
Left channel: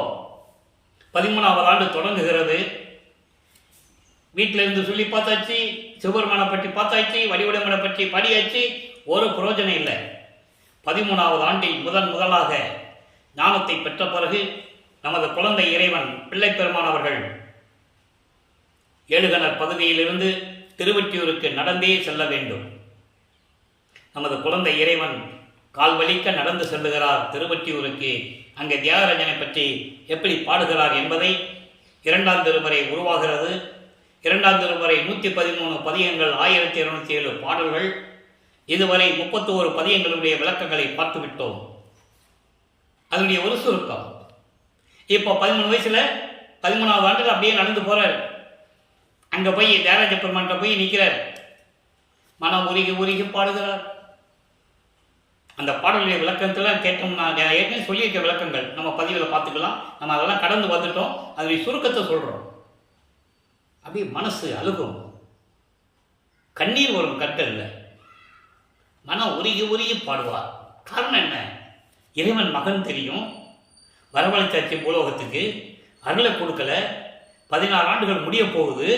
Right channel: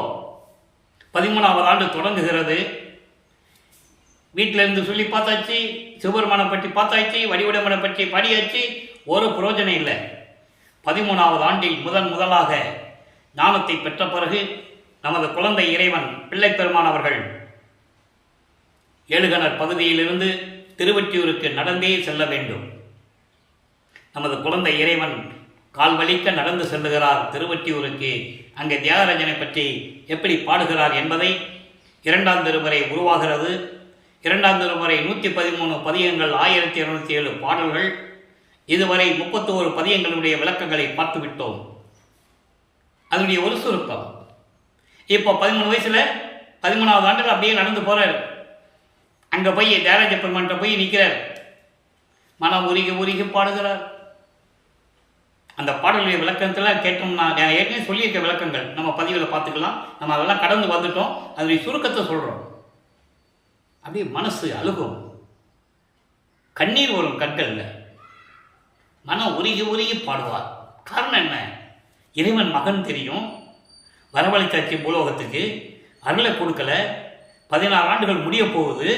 13வது ஆண்டு தொடங்குகிறது. வீட்டிலிருந்து சொல்லி பார்த்தாச்சு, சிவபெருமானை பற்றி பார்த்தாச்சு, வடிவடமனை பற்றி பாடியாச்சு, ஒரு பிரயோஜனம் இல்லை. 13வது ஆண்டில் முதலாக ஞானத்தை பெற்ற பிறகு நமது குழந்தை இறைவன் பிள்ளை பெருமான் அவர்கள் ஏழுகணர் பகுதியிலிருந்து திருவொற்றியூருக்கு நடந்தே செல்ல வேண்டும். நமது குழந்தை இறைவன் கால் வலிக்க நடந்து செல்லுகிறார் திருவொற்றியூருக்கு. அங்கே தியாகராஜனை பற்றி எப்படி பாடுகிறார் என்பதை 2ஆம் திருமுறை உருவாகிறது. 2ஆம் திருமுறை 113 பதியங்கள், 1207 பாடல்கள், இதுவரை 31 பதியங்களுடைய விளக்கங்களை பார்த்துவிட்டோம். அதனுடைய ஒரு சுருக்கம். இப்போ 13 வயசுல 13வது ஆண்டில் அப்படியே நடந்து போறார். அங்க போய் தியாகராஜ பெருமான்கிட்ட போய் நிற்கிறார். மனம் உருகி பாடுகிறார். அந்த பாடலுடைய விளக்கத்தெல்லாம் கேட்டோம்னா, நான் ஏற்கனவே சொல்லியிருக்க விளக்கங்கள் நம்ம பதிவில் பார்த்துக்கலாம். நம்ம அதெல்லாம் கடந்து வந்துட்டோம். அதனுடைய சுருக்கத்தை சொல்றோம். அப்படியே மனசு அழுகும், கண்ணீர் வரும் கண்கள்ல. மனம் உருகி பாடுவார். காரணம் என்ன? இறைவன் மகன் தெரியும், வரவழைச்சாச்சு பூலோகத்துக்கு, அருளை கொடுக்கல, 16 ஆண்டுகள் முடிய போகுது.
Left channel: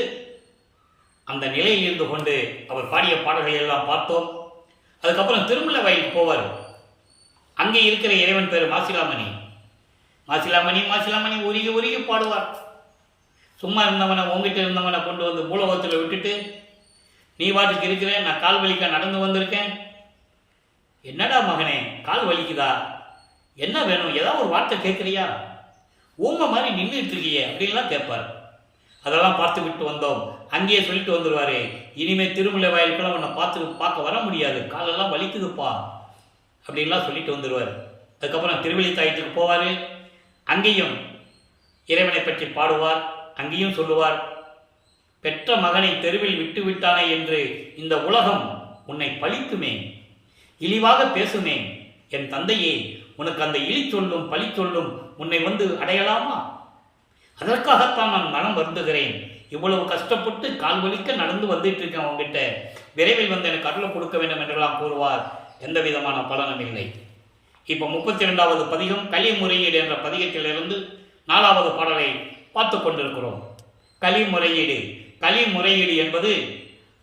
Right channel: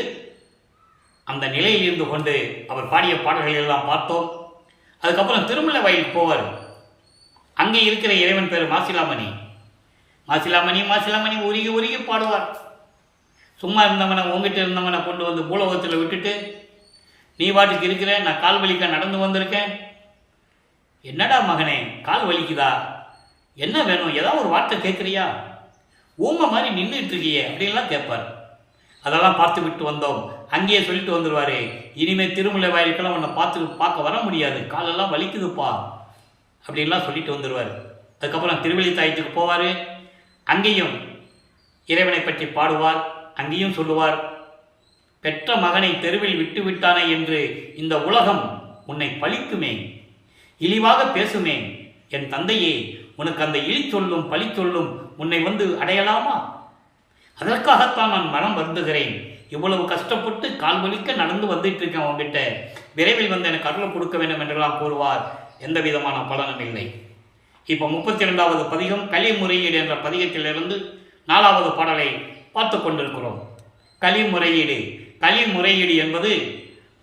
அந்த நிலையில் இருந்து கொண்டு அவர் பாடிய பாடல்களை எல்லாம் பார்த்தோம். அதுக்கப்புறம் திருமலை வயலுக்கு போவார். அங்கே இருக்கிற இறைவன் பேர் மாசிலாமணி உருகி பாடுவார். சும்மா இருந்தவனை, உங்ககிட்ட இருந்தவனை கொண்டு வந்து பூலோகத்தில் விட்டுட்டு நீ பாட்டுக்கு இருக்கிற, நான் கால் வலிக்க நடந்து வந்திருக்கேன். என்னடா மகனே, கால் வலிக்குதா? என்ன வேணும்? ஏதாவது ஒரு வார்த்தை கேட்குறியா? ஊமை மாதிரி நின்றுட்டு இருக்கியே அப்படின்லாம் கேட்பார். அதெல்லாம் பார்த்து விட்டு வந்தோம். அங்கேயே சொல்லிட்டு வந்துடுவார், இனிமேல் திருமலை வாயிலுக்கெல்லாம் உன்னை பார்க்க வர முடியாது, காலெல்லாம் வலிக்குதுப்பா அப்படின்லாம் சொல்லிட்டு வந்துடுவார். அதுக்கப்புறம் திருவள்ளி தாயத்துக்கு போவார். அங்கேயும் இறைவனை பற்றி பாடுவார். அங்கேயும் சொல்லுவார், பெற்ற மகனை தெருவில் விட்டு விட்டானே என்று இந்த உலகம் உன்னை பழிக்குமே, இழிவாக பேசுமே. என் தந்தையே, உனக்கு அந்த இழி சொல்லும் பழி சொல்லும் உன்னை வந்து அடையலாமா? அதற்காகத்தான் நான் மனம் வருந்துகிறேன். இவ்வளவு கஷ்டப்பட்டு கால் வலிக்க நடந்து வந்துட்டு இருக்கேன் உங்ககிட்ட, விரைவில் வந்து எனக்கு அருளை கொடுக்க வேண்டும் என்றெல்லாம் கூறுவார். எந்த விதமான பலனும் இல்லை. இப்போ 32வது பதிகம் கலிமுறையீடு என்ற பதிகத்திலிருந்து 4வது பாடலை பார்த்து கொண்டிருக்கிறோம். கலிமுறையீடு. கலிமுறையீடு என்பது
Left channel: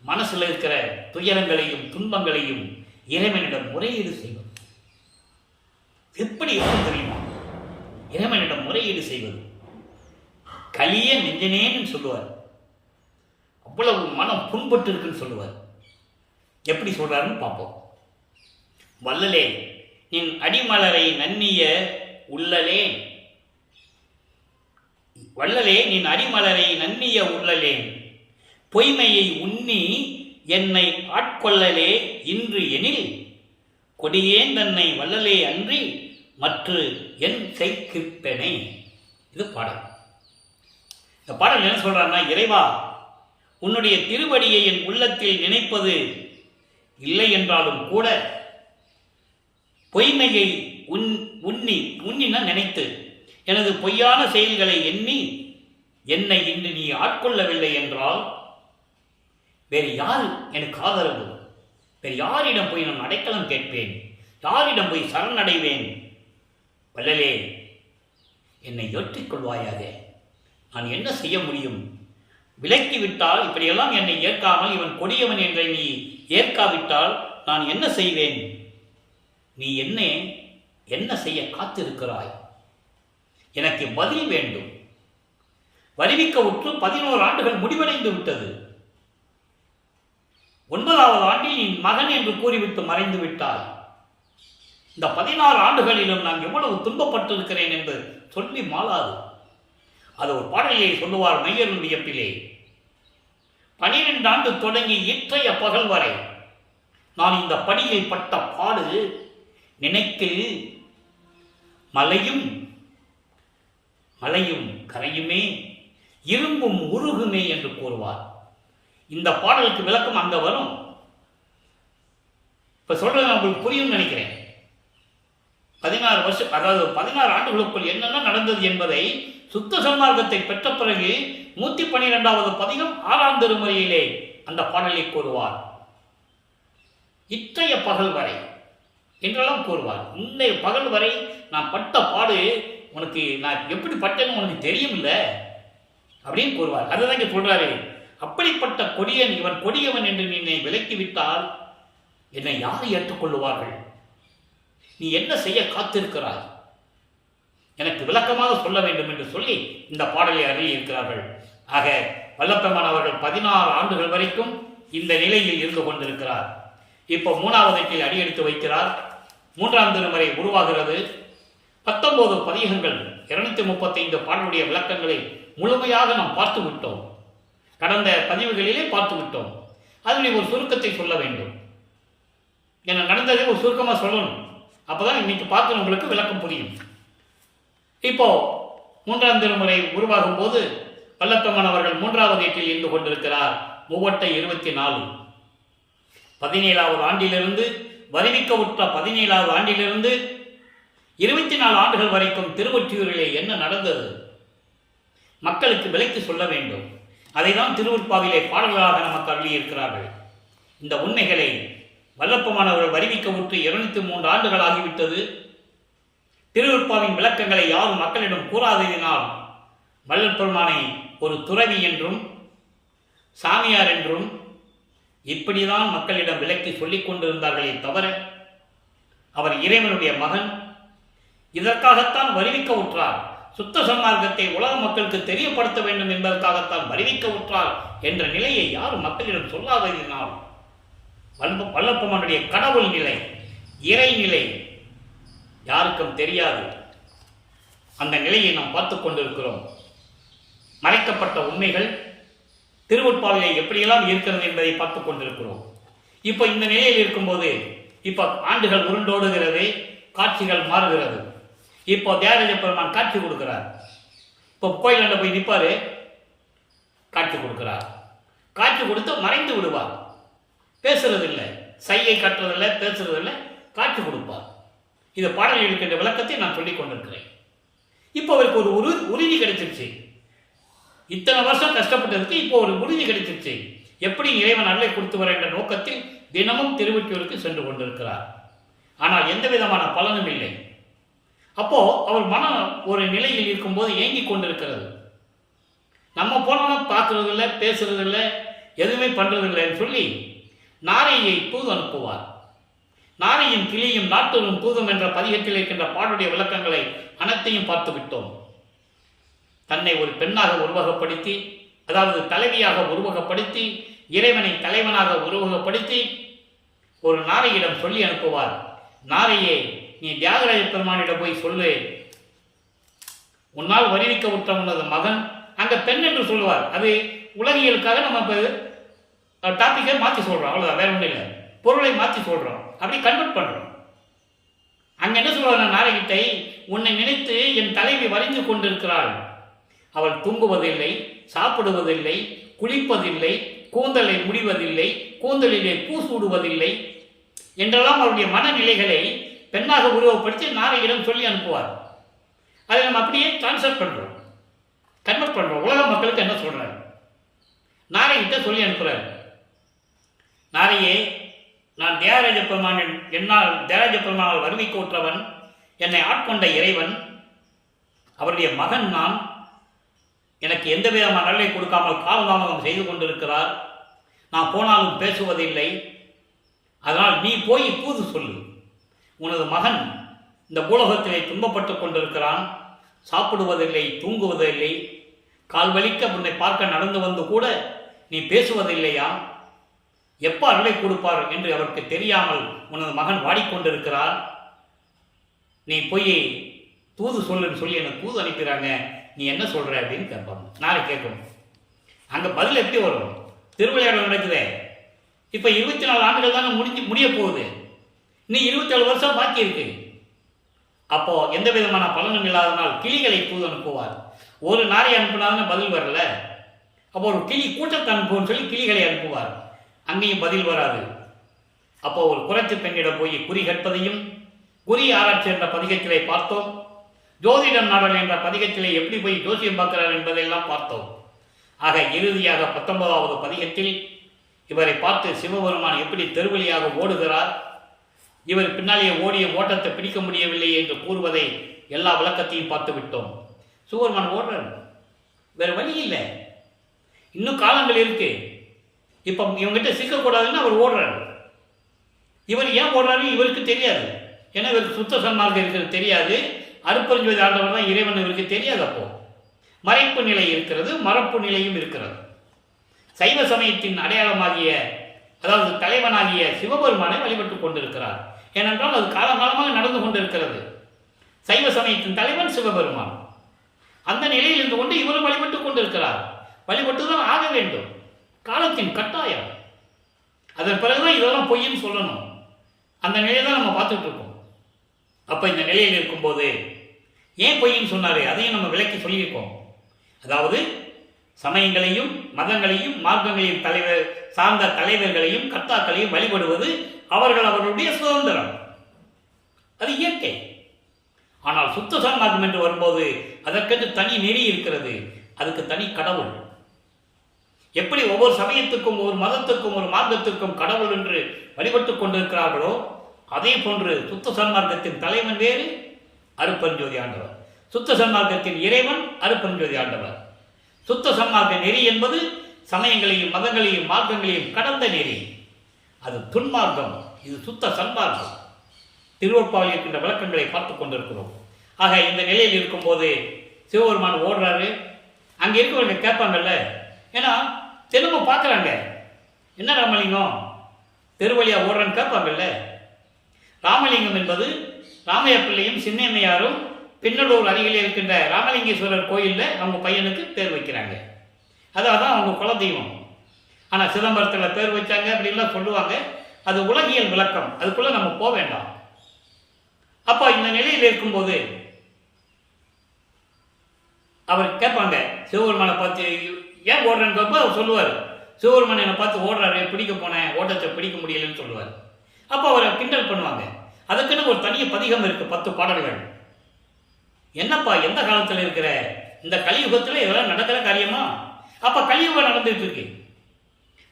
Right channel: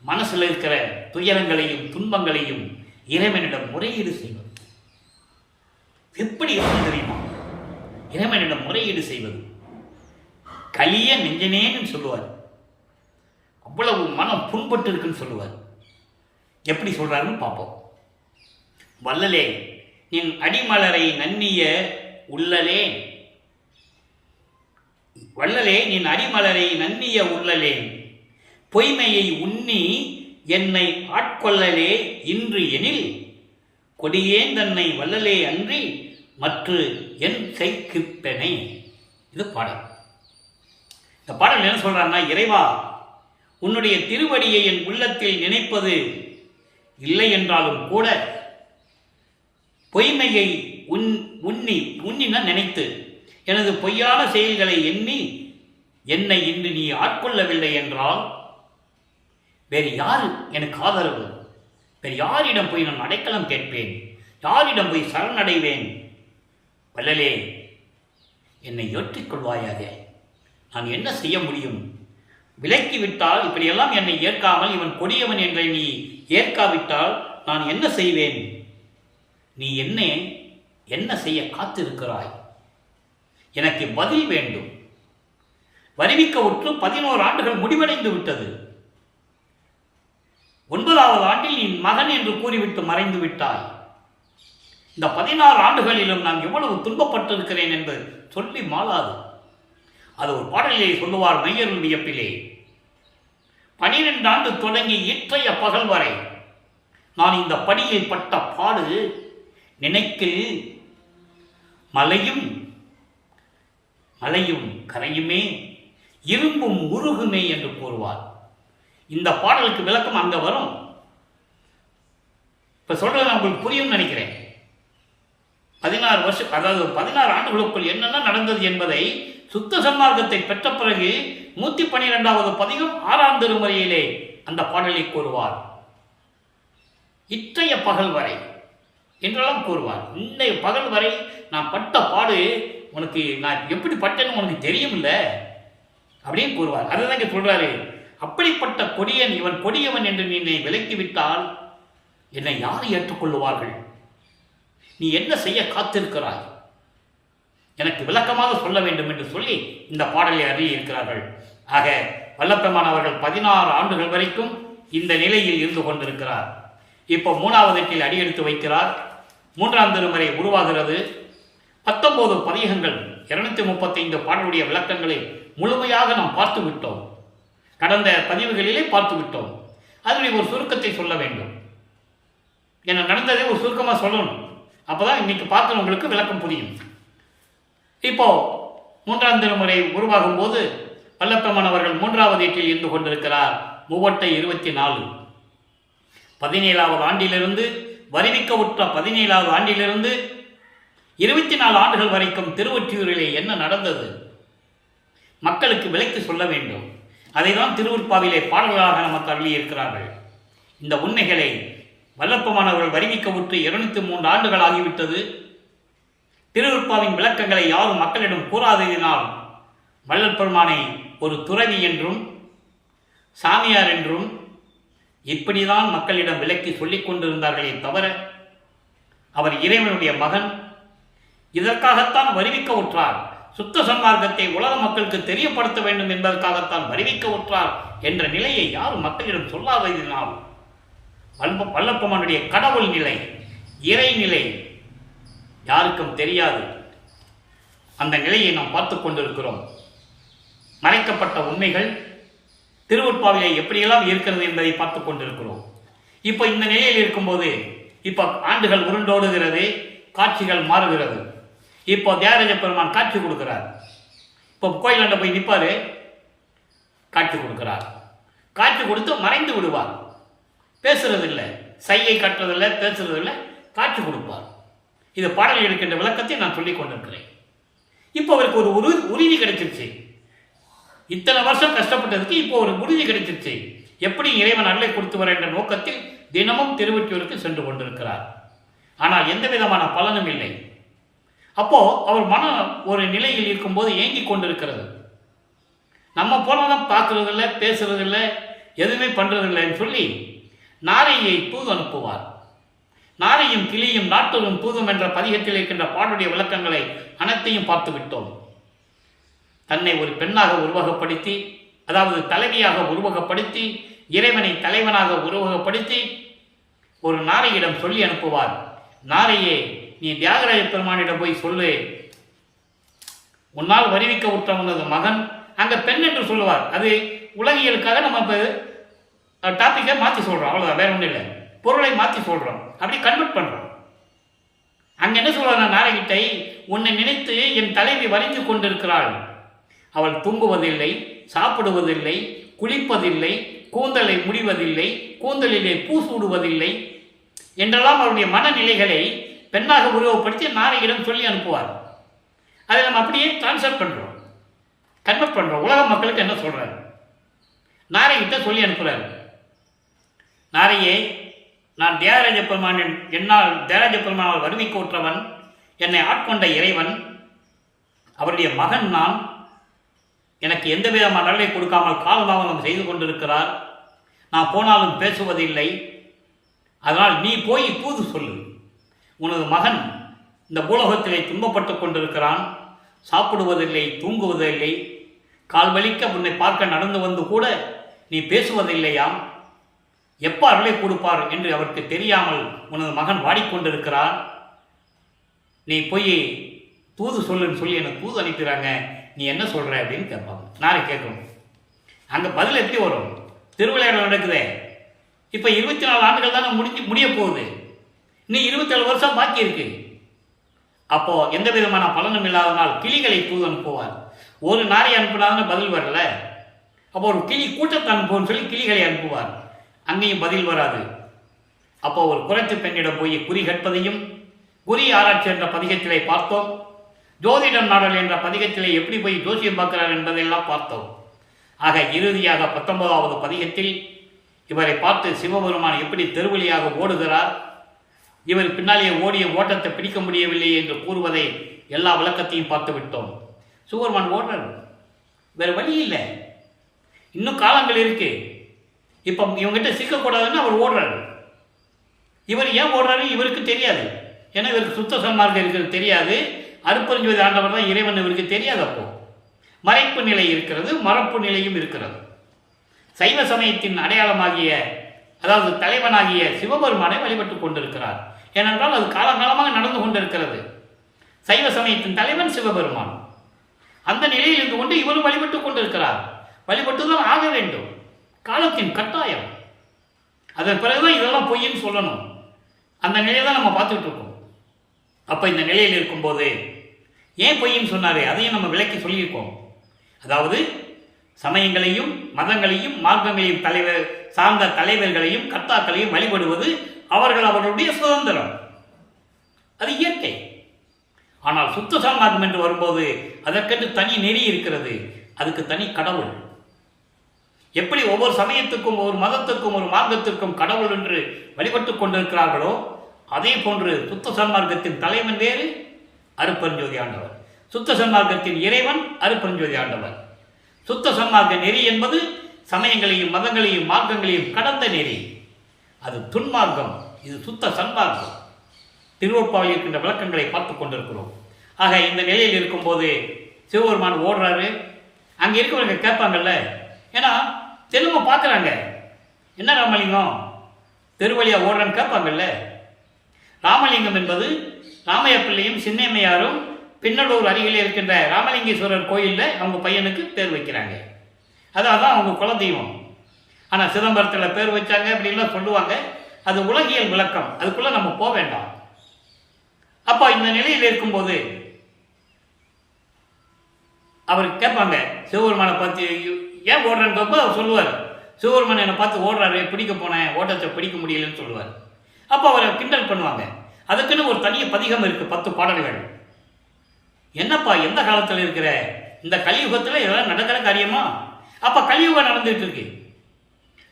மனசில் இருக்கிற துயரங்களையும் துன்பங்களையும் இறைவனிடம் முறையீடு செய்வது. எப்படி இருக்கும் தெரியுமா? இறைவனிடம் முறையீடு செய்வது. கலிய நெஞ்சனேன்னு சொல்லுவார். அவ்வளவு மனம் புண்பட்டு இருக்குன்னு சொல்லுவார். எப்படி சொல்றாருன்னு பார்ப்போம். வல்லலே நின் அடிமலரை நன்னிய உள்ளலே, வல்லலே நின் அடிமலரை நன்னிய உள்ளலே, பொய்மையை உண்ணி என்னை ஆட்கொள்ளலே இன்று எனில், கொடியேன் தன்னை வல்லலே அன்றி மற்று என் செய்கிற்பனே. இது பாடல். இந்த பாடல் என்ன சொல்றான்னா, இறைவா, உன்னுடைய திருவடியை என் உள்ளத்தில் நினைப்பது இல்லை என்றாலும் கூட, பொய்மையை உன்னினா நினைத்து எனது பொய்யான செயல்களை எண்ணி என்னை இன்று நீ ஆட்கொள்ளவில்லை என்றால் வேறு யார் எனக்கு ஆதரவு? வேறு யாரிடம் போய் நான் அடைக்கலம் கேட்பேன்? யாரிடம் போய் சரணடைவேன்? வல்லலே, என்னை ஏற்றுக்கொள்வாயாக. நான் என்ன செய்ய முடியும்? விலக்கிவிட்டால், இப்படியெல்லாம் என்னை ஏற்காமல் இவன் கொடியவன் என்றை நீ ஏற்காவிட்டால் நான் என்ன செய்வேன்? நீ என்ன செய்ய காத்திருக்கிறாய்? எனக்கு பதில் வேண்டும். வருவிக்க உற்று 11 ஆண்டுகள் முடிவடைந்து விட்டது. 9வது ஆண்டில் நீ மகன் என்று கூறிவிட்டு மறைந்து விட்டாய். இந்த 16 ஆண்டுகளிலும் நான் எவ்வளவு துன்பப்பட்டிருக்கிறேன் என்று சொல்லி மாளாது. அது ஒரு பாடலிலே சொல்லுவார் மையருள் வியப்பிலே. 12 ஆண்டு தொடங்கி இற்றைய பகல் வரை நான் இந்த படியில் பட்ட பாடு நினைக்கில் மலையும் கரையுமே, இரும்பும் உருகுமே என்று கூறுவார். இந்த பாடலுக்கு விளக்கம் அங்க வரும். இப்ப சொல்றது உங்களுக்கு புரியும் நினைக்கிறேன். 16 வருஷம், அதாவது 16 ஆண்டுகளுக்குள் என்னென்ன நடந்தது என்பதை சுத்த சன்மார்க்கத்தை பெற்ற பிறகு 112வது பதிகம் 6ஆம் திருமுறையிலே அந்த பாடலை கூறுவார். இற்றைய பகல் வரை என்றெல்லாம் கூறுவார். இந்த பகல் வரை நான் பட்ட பாடு உனக்கு நான் எப்படி பட்டேன்னு உனக்கு தெரியும் இல்ல அப்படின்னு கூறுவார். அதுதான் இங்க சொல்றாரு. அப்படிப்பட்ட கொடியன், இவன் கொடியவன் என்று நீ என்னை விலக்கிவிட்டால் என்னை யார் ஏற்றுக்கொள்ளுவார்கள்? நீ என்ன செய்ய காத்திருக்கிறாய்? எனக்கு விளக்கமாக சொல்ல வேண்டும் என்று சொல்லி இந்த பாடலை அருளி இருக்கிறார்கள். ஆக வல்லப்பெருமான் அவர்கள் 16 ஆண்டுகள் வரைக்கும் இந்த நிலையில் இருந்து கொண்டிருக்கிறார். இப்போ 3வது எட்டில் அடியெடுத்து வைக்கிறார். 3ஆம் திருமுறை உருவாகிறது. 19 பதிகங்கள், 235 பாடலுடைய விளக்கங்களை முழுமையாக நாம் பார்த்து விட்டோம். கடந்த பதிவுகளிலே பார்த்து விட்டோம். அதனுடைய ஒரு சுருக்கத்தை சொல்ல வேண்டும். என்ன நடந்ததை ஒரு சுருக்கமாக சொல்லணும். அப்போதான் இன்னைக்கு பார்க்குறவங்களுக்கு விளக்கம் புரியும். இப்போ 3ஆம் திருமுறை உருவாகும் போது வல்லப்பெருமான் அவர்கள் 3வது எட்டில் இருந்து கொண்டிருக்கிறார். 24 17வது ஆண்டிலிருந்து, வருவிக்க உற்ற 17வது ஆண்டிலிருந்து 24 ஆண்டுகள் வரைக்கும் திருவொற்றியூரிலே என்ன நடந்தது? மக்களுக்கு விளக்கி சொல்ல வேண்டும். அதைதான் திருவுற்பாவிலே பாடல்களாக நமக்கு அள்ளி இருக்கிறார்கள். இந்த உண்மைகளை வல்லப்பெருமான் அவர்கள் வருவிக்க உற்று 203 ஆண்டுகள் ஆகிவிட்டது. திருவுற்பாவின் விளக்கங்களை யாரும் மக்களிடம் கூறாததினால் வல்லப்பெருமானை ஒரு துறவி என்றும் சாமியார் என்றும் இப்படிதான் மக்களிடம் விலக்கி சொல்லிக் கொண்டிருந்தார்களே தவிர, அவர் இறைவனுடைய மகன், இதற்காகத்தான் வருவிக்க உற்றார், சுத்த சன்மார்க்கத்தை உலக மக்களுக்கு தெரியப்படுத்த வேண்டும் என்பதற்காகத்தான் வருவிக்க உற்றார் என்ற நிலையை யாரும் மக்களிடம் சொல்லாததினால் வல்லப்பெருமானுடைய கடவுள் நிலை, இறைநிலை யாருக்கும் தெரியாது. அந்த நிலையை நாம் பார்த்து கொண்டிருக்கிறோம். மறைக்கப்பட்ட உண்மைகள் திருவுற்பாவிலே எப்படியெல்லாம் இருக்கிறது என்பதை பார்த்து கொண்டிருக்கிறோம். இப்போ இந்த நிலையில் இருக்கும்போது இப்போ ஆண்டுகள் உருண்டோடுகிறது, காட்சிகள் மாறுகிறது. இப்போ தியாகராஜ பெருமான் காட்சி கொடுக்கிறார். இப்போ இப்போ கோயிலாண்ட போய் நிற்பார், காட்சி கொடுக்கிறார். காட்சி கொடுத்து மறைந்து விடுவார். பேசுறதில்லை, சையை காட்டுறதில்லை, பேசுறதில்லை, காட்சி கொடுப்பார். இது பாடல் இருக்கின்ற விளக்கத்தை நான் சொல்லிக் கொண்டிருக்கிறேன். இப்போ அவருக்கு ஒரு உறுதி கிடைச்சிருச்சு. இத்தனை வருஷம் கஷ்டப்பட்டதுக்கு இப்போ ஒரு உறுதி கிடைச்சிருச்சு. எப்படி இறைவன் அருளை கொடுத்து வர என்ற நோக்கத்தில் தினமும் திருவொற்றியூருக்கு சென்று கொண்டிருக்கிறார். ஆனால் எந்த விதமான பலனும் இல்லை. அப்போ அவர் மனம் ஒரு நிலையில் இருக்கும்போது ஏங்கி கொண்டிருக்கிறது. நம்ம போனோம் பார்க்கறதில்லை, பேசுறதில்லை, எதுவுமே பண்றதில்லைன்னு சொல்லி நாரையை தூது அனுப்புவார். நாரையும் கிளியும் நாட்டூரும் தூதும் என்ற பதிகத்தில் இருக்கின்ற பாடுடைய விளக்கங்களை அனைத்தையும் பார்த்து விட்டோம். தன்னை ஒரு பெண்ணாக உருவகப்படுத்தி, அதாவது தலைவியாக உருவகப்படுத்தி, இறைவனை தலைவனாக உருவகப்படுத்தி ஒரு நாரையிடம் சொல்லி அனுப்புவார். நாரையே, நீ தியாகராஜ பெருமானிடம் போய் சொல்லு, உன்னால் வருவிக்க உற்ற உனது மகன், அங்கே பெண் என்று சொல்லுவார். அது உலகியலுக்காக நம்ம இப்போ டாப்பிக்கை மாற்றி சொல்கிறோம், அவ்வளோதான், வேற ஒன்றும் இல்லை. பொருளை மாற்றி சொல்கிறோம், அப்படி கன்வெர்ட் பண்ணுறோம். அங்கே என்ன சொல்கிற நாரைகிட்டை, உன்னை நினைத்து என் தலைவி வரைந்து கொண்டிருக்கிறாள். அவள் தூங்குவதில்லை, சாப்பிடுவதில்லை, குளிப்பதில்லை, கூந்தலை முடிவதில்லை, கூந்தலிலே பூ சூடுவதில்லை என்றெல்லாம் அவருடைய மனநிலைகளை பெண்ணாக உருவப்படுத்தி நாரையிடம் சொல்லி அனுப்புவார். அதை நம்ம அப்படியே டிரான்ஸ்ஃபர் பண்ணுறோம், கன்வெர்ட் பண்ணுறோம். உலக மக்களுக்கு என்ன சொல்கிறார்? நாரைகிட்ட சொல்லி அனுப்புகிறார். நாரையே, நான் தியாகராஜ பெருமானின் என்னால் தியாகராஜ பெருமானால் வருவிக்க உற்றவன், என்னை ஆட்கொண்ட இறைவன், அவருடைய மகன் நான். எனக்கு எந்த விதமான நன்மை கொடுக்காமல் காலதாமதம் செய்து கொண்டிருக்கிறார். நான் போனாலும் பேசுவதில்லை. அதனால் நீ போய் தூது சொல்லு, உனது மகன் இந்த பூலோகத்திலே துன்பப்பட்டு கொண்டிருக்கிறான், சாப்பிடுவதில்லை, தூங்குவதில்லை, கால் வலிக்க உன்னை பார்க்க நடந்து வந்து கூட நீ பேசுவதில்லையாம். எப்போ அருளை கொடுப்பார் என்று அவருக்கு தெரியாமல் உனது மகன் வாடிக்கொண்டிருக்கிறான். நீ போய் தூது சொல்லுன்னு சொல்லி எனக்கு தூது அனுப்பிடுறாங்க, நீ என்ன சொல்கிற அப்படின்னு கேட்பாங்க. நாளை கேட்கும். அங்கே பதில் எப்படி வரும்? திருவிளையாடல் நடக்குதே, இப்போ 24 ஆண்டுகள் தானே முடிய போகுது. இன்னும் 27 வருஷம் பாக்கி இருக்கு. அப்போது எந்த விதமான பலனும் இல்லாதனால் கிளிகளை தூது அனுப்புவார். ஒரு நாரை அனுப்புனாதானே பதில் வரல. அப்போ ஒரு கிளி கூட்டத்தை அனுப்புவோன்னு சொல்லி கிளிகளை அனுப்புவார். அங்கேயும் பதில் வராது. அப்போ ஒரு குறைத்து பெண்ணிடம் போய் குறி கற்பதையும், குறி ஆராய்ச்சி என்ற பதிகத்திலே பார்த்தோம். ஜோதிடம் நாடல் என்ற பதிகத்திலே எப்படி போய் ஜோசியம் பார்க்கிறார் என்பதையெல்லாம் பார்த்தோம். ஆக இறுதியாக 19வது பதிகத்தில் இவரை பார்த்து சிவபெருமான் எப்படி தெருவழியாக ஓடுகிறார், இவர் பின்னாலே ஓடிய ஓட்டத்தை பிடிக்க முடியவில்லை என்று கூறுவதை எல்லா விளக்கத்தையும் பார்த்து விட்டோம். சிவபெருமான் ஓடுறார், வேறு வழி இல்லை, இன்னும் காலங்கள் இருக்கு. இப்போ இவங்ககிட்ட சிக்கக்கூடாதுன்னு அவர் ஓடுறாரு. இவர் ஏன் ஓடுறாரு இவருக்கு தெரியாது. ஏன்னா இவருக்கு சுத்த சன்மார்க்கம் இருக்கிறது தெரியாது. அருட்பெருஞ்சோதி ஆண்டவர் தான் இறைவன் இவருக்கு தெரியாது. அப்போ மறைப்பு நிலை இருக்கிறது, மறப்பு நிலையும் இருக்கிறது. சைவ சமயத்தின் அடையாளமாகிய, அதாவது தலைவனாகிய சிவபெருமானை வழிபட்டு கொண்டிருக்கிறார். ஏனென்றால் அது காலகாலமாக நடந்து கொண்டிருக்கிறது. சைவ சமயத்தின் தலைவன் சிவபெருமான். அந்த நிலையில் இருந்து கொண்டு இவரும் வழிபட்டு கொண்டிருக்கிறார். வழிபட்டுதான் ஆக வேண்டும், காலத்தின் கட்டாயம். அதன் பிறகுதான் இதெல்லாம் பொய்ன்னு சொல்லணும். அந்த நிலையை தான் நம்ம பார்த்துட்டு இருக்கோம். அப்போ இந்த நிலையில் இருக்கும்போது ஏன் பொய்ன்னு சொன்னார், அதையும் நம்ம விளக்கி சொல்லியிருக்கோம். அதாவது சமயங்களையும் மதங்களையும் மார்க்கங்களையும் சார்ந்த தலைவர்களையும் கர்த்தாக்களையும் வழிபடுவது அவர்களுடைய சுதந்திரம், அது இயற்கை. ஆனால் சுத்த சன்மார்க்கம் என்று வரும்போது அதற்கென்று தனி நெறி இருக்கிறது, அதுக்கு தனி கடவுள். எப்படி ஒவ்வொரு சமயத்துக்கும் ஒவ்வொரு மதத்துக்கும் ஒரு மார்க்கத்திற்கும் கடவுள் என்று வழிபட்டு கொண்டிருக்கிறார்களோ, அதே போன்று சுத்த சன்மார்க்கத்தின் தலைவன் வேறு, அருட்பெருஞ்சோதி ஆண்டவர். சுத்த சன்மார்க்கத்தின் இறைவன் அருட்பெருஞ்சோதி ஆண்டவர். சுத்த சன்மார்க்க நெறி என்பது சமயங்களையும் மதங்களையும் மார்க்கங்களையும் கடந்த நெறி, அது துன்மார்க்கம். இது சுத்த சன்மார்க்கம். திருவொற்பாவில் இருக்கின்ற விளக்கங்களை பார்த்து கொண்டிருக்கிறோம். ஆக இந்த நிலையில் இருக்கும்போது சிவபெருமான் ஓடுறாரு. அங்கே இருக்கிறவங்க கேட்பாங்கல்ல, ஏன்னா தெலுங்கு பார்க்குறாங்க, என்ன ராமலிங்கம் தெருவழியாக ஓடுறான்னு கேட்பாங்கல்ல. ராமலிங்கம் என்பது ராமைய பிள்ளையும் சின்னம்மையாரும் பின்னலூர் அருகிலே இருக்கின்ற ராமலிங்கேஸ்வரர் கோயிலில் அவங்க பையனுக்கு பேர் வைக்கிறாங்க. அதான் அவங்க குலதெய்வம். ஆனால் சிதம்பரத்தில் பேர் வச்சாங்க அப்படின்லாம் சொல்லுவாங்க. அது உலகியல் விளக்கம், அதுக்குள்ளே நம்ம போக வேண்டாம். அப்போ இந்த நிலையில் இருக்கும்போது அவர் கேட்பாங்க சிவபெருமானை பார்த்து ஏன் ஓடுறேன்னு கேட்போ அவர் சொல்லுவார், சிவபெருமான் என்னை பார்த்து ஓடுறாரு, பிடிக்க போனேன், ஓட்டத்தை பிடிக்க முடியலன்னு சொல்லுவார். அப்போ அவரை கிண்டல் பண்ணுவாங்க. அதுக்குன்னு ஒரு தனிய பதிகம் இருக்குது, 10 பாடல்கள். என்னப்பா எந்த காலத்தில் இருக்கிற, இந்த கலியுகத்தில் இதெல்லாம் நடக்கிற காரியமா? அப்போ கலியுகம் நடந்துட்டு இருக்கு.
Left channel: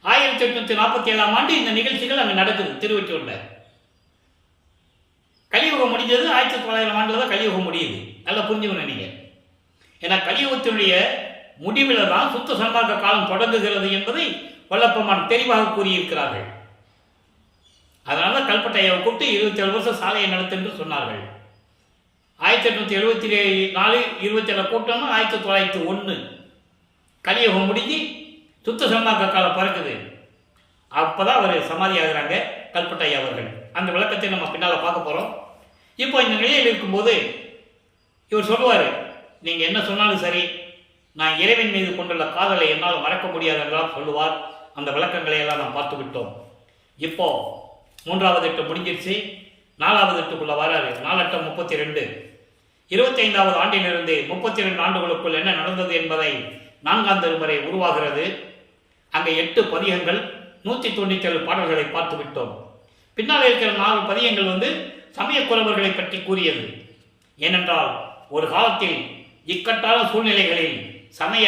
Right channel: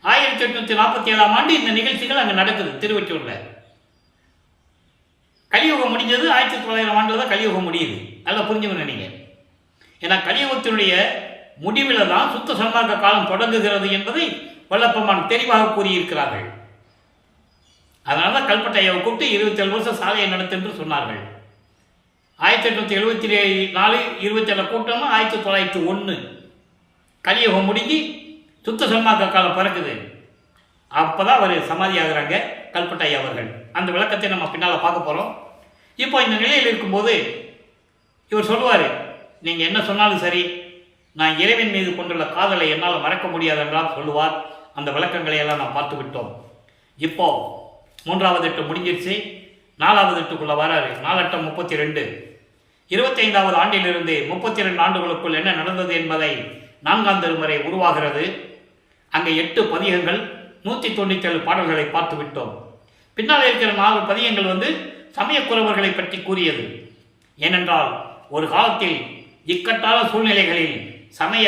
1847ஆம் ஆண்டு இந்த நிகழ்ச்சிகள் அங்கே நடக்குது திருவொற்றியூரில். கலியுகம் முடிஞ்சது 1900 ஆண்டில் தான் கலியுகம் முடியுது. நல்லா புரிஞ்சுக்கணும் நீங்கள். ஏன்னா கலியுகத்தினுடைய முடிவில் தான் சுத்த சன்மார்க்க காலம் தொடங்குகிறது என்பதை வல்லப்பெருமான் தெளிவாக கூறியிருக்கிறார்கள். அதனால தான் கல்பட்டையாவை கூப்பிட்டு 27 வருஷம் சாலையை நடத்து என்று சொன்னார்கள். 1874 27 கூட்டம்னா 1901 கலியுகம் முடிஞ்சு சுத்த சன்மார்க்க காலம் பிறக்குது. அப்போதான் அவர் சமாதி ஆகிறாங்க கல்பட்டையா அவர்கள். அந்த விளக்கத்தை நம்ம பின்னால் பார்க்க போகிறோம். இப்போ இந்த நிலையில் இருக்கும்போது இவர் சொல்லுவார், நீங்கள் என்ன சொன்னாலும் சரி, நான் இறைவன் மீது கொண்டுள்ள காதலை என்னால் மறக்க முடியாதென்றால் சொல்லுவார். அந்த விளக்கங்களை எல்லாம் நாம் பார்த்து விட்டோம். இப்போ 3வது எட்டு முடிஞ்சிருச்சு, 4வது எட்டுக்குள்ளே வராரு. 4 32 25வது ஆண்டிலிருந்து 32 ஆண்டுகளுக்குள் என்ன நடந்தது என்பதை 4ஆம் திருமுறை உருவாகிறது. அங்கே 8 பதிகங்கள் 197 பாடல்களை பார்த்து விட்டோம். பின்னால் இருக்கிற 4 பதிகங்கள் சமயக்குறவர்களை பற்றி கூறியது. ஏனென்றால் ஒரு காலத்தில் இக்கட்டான சூழ்நிலைகளில் சமய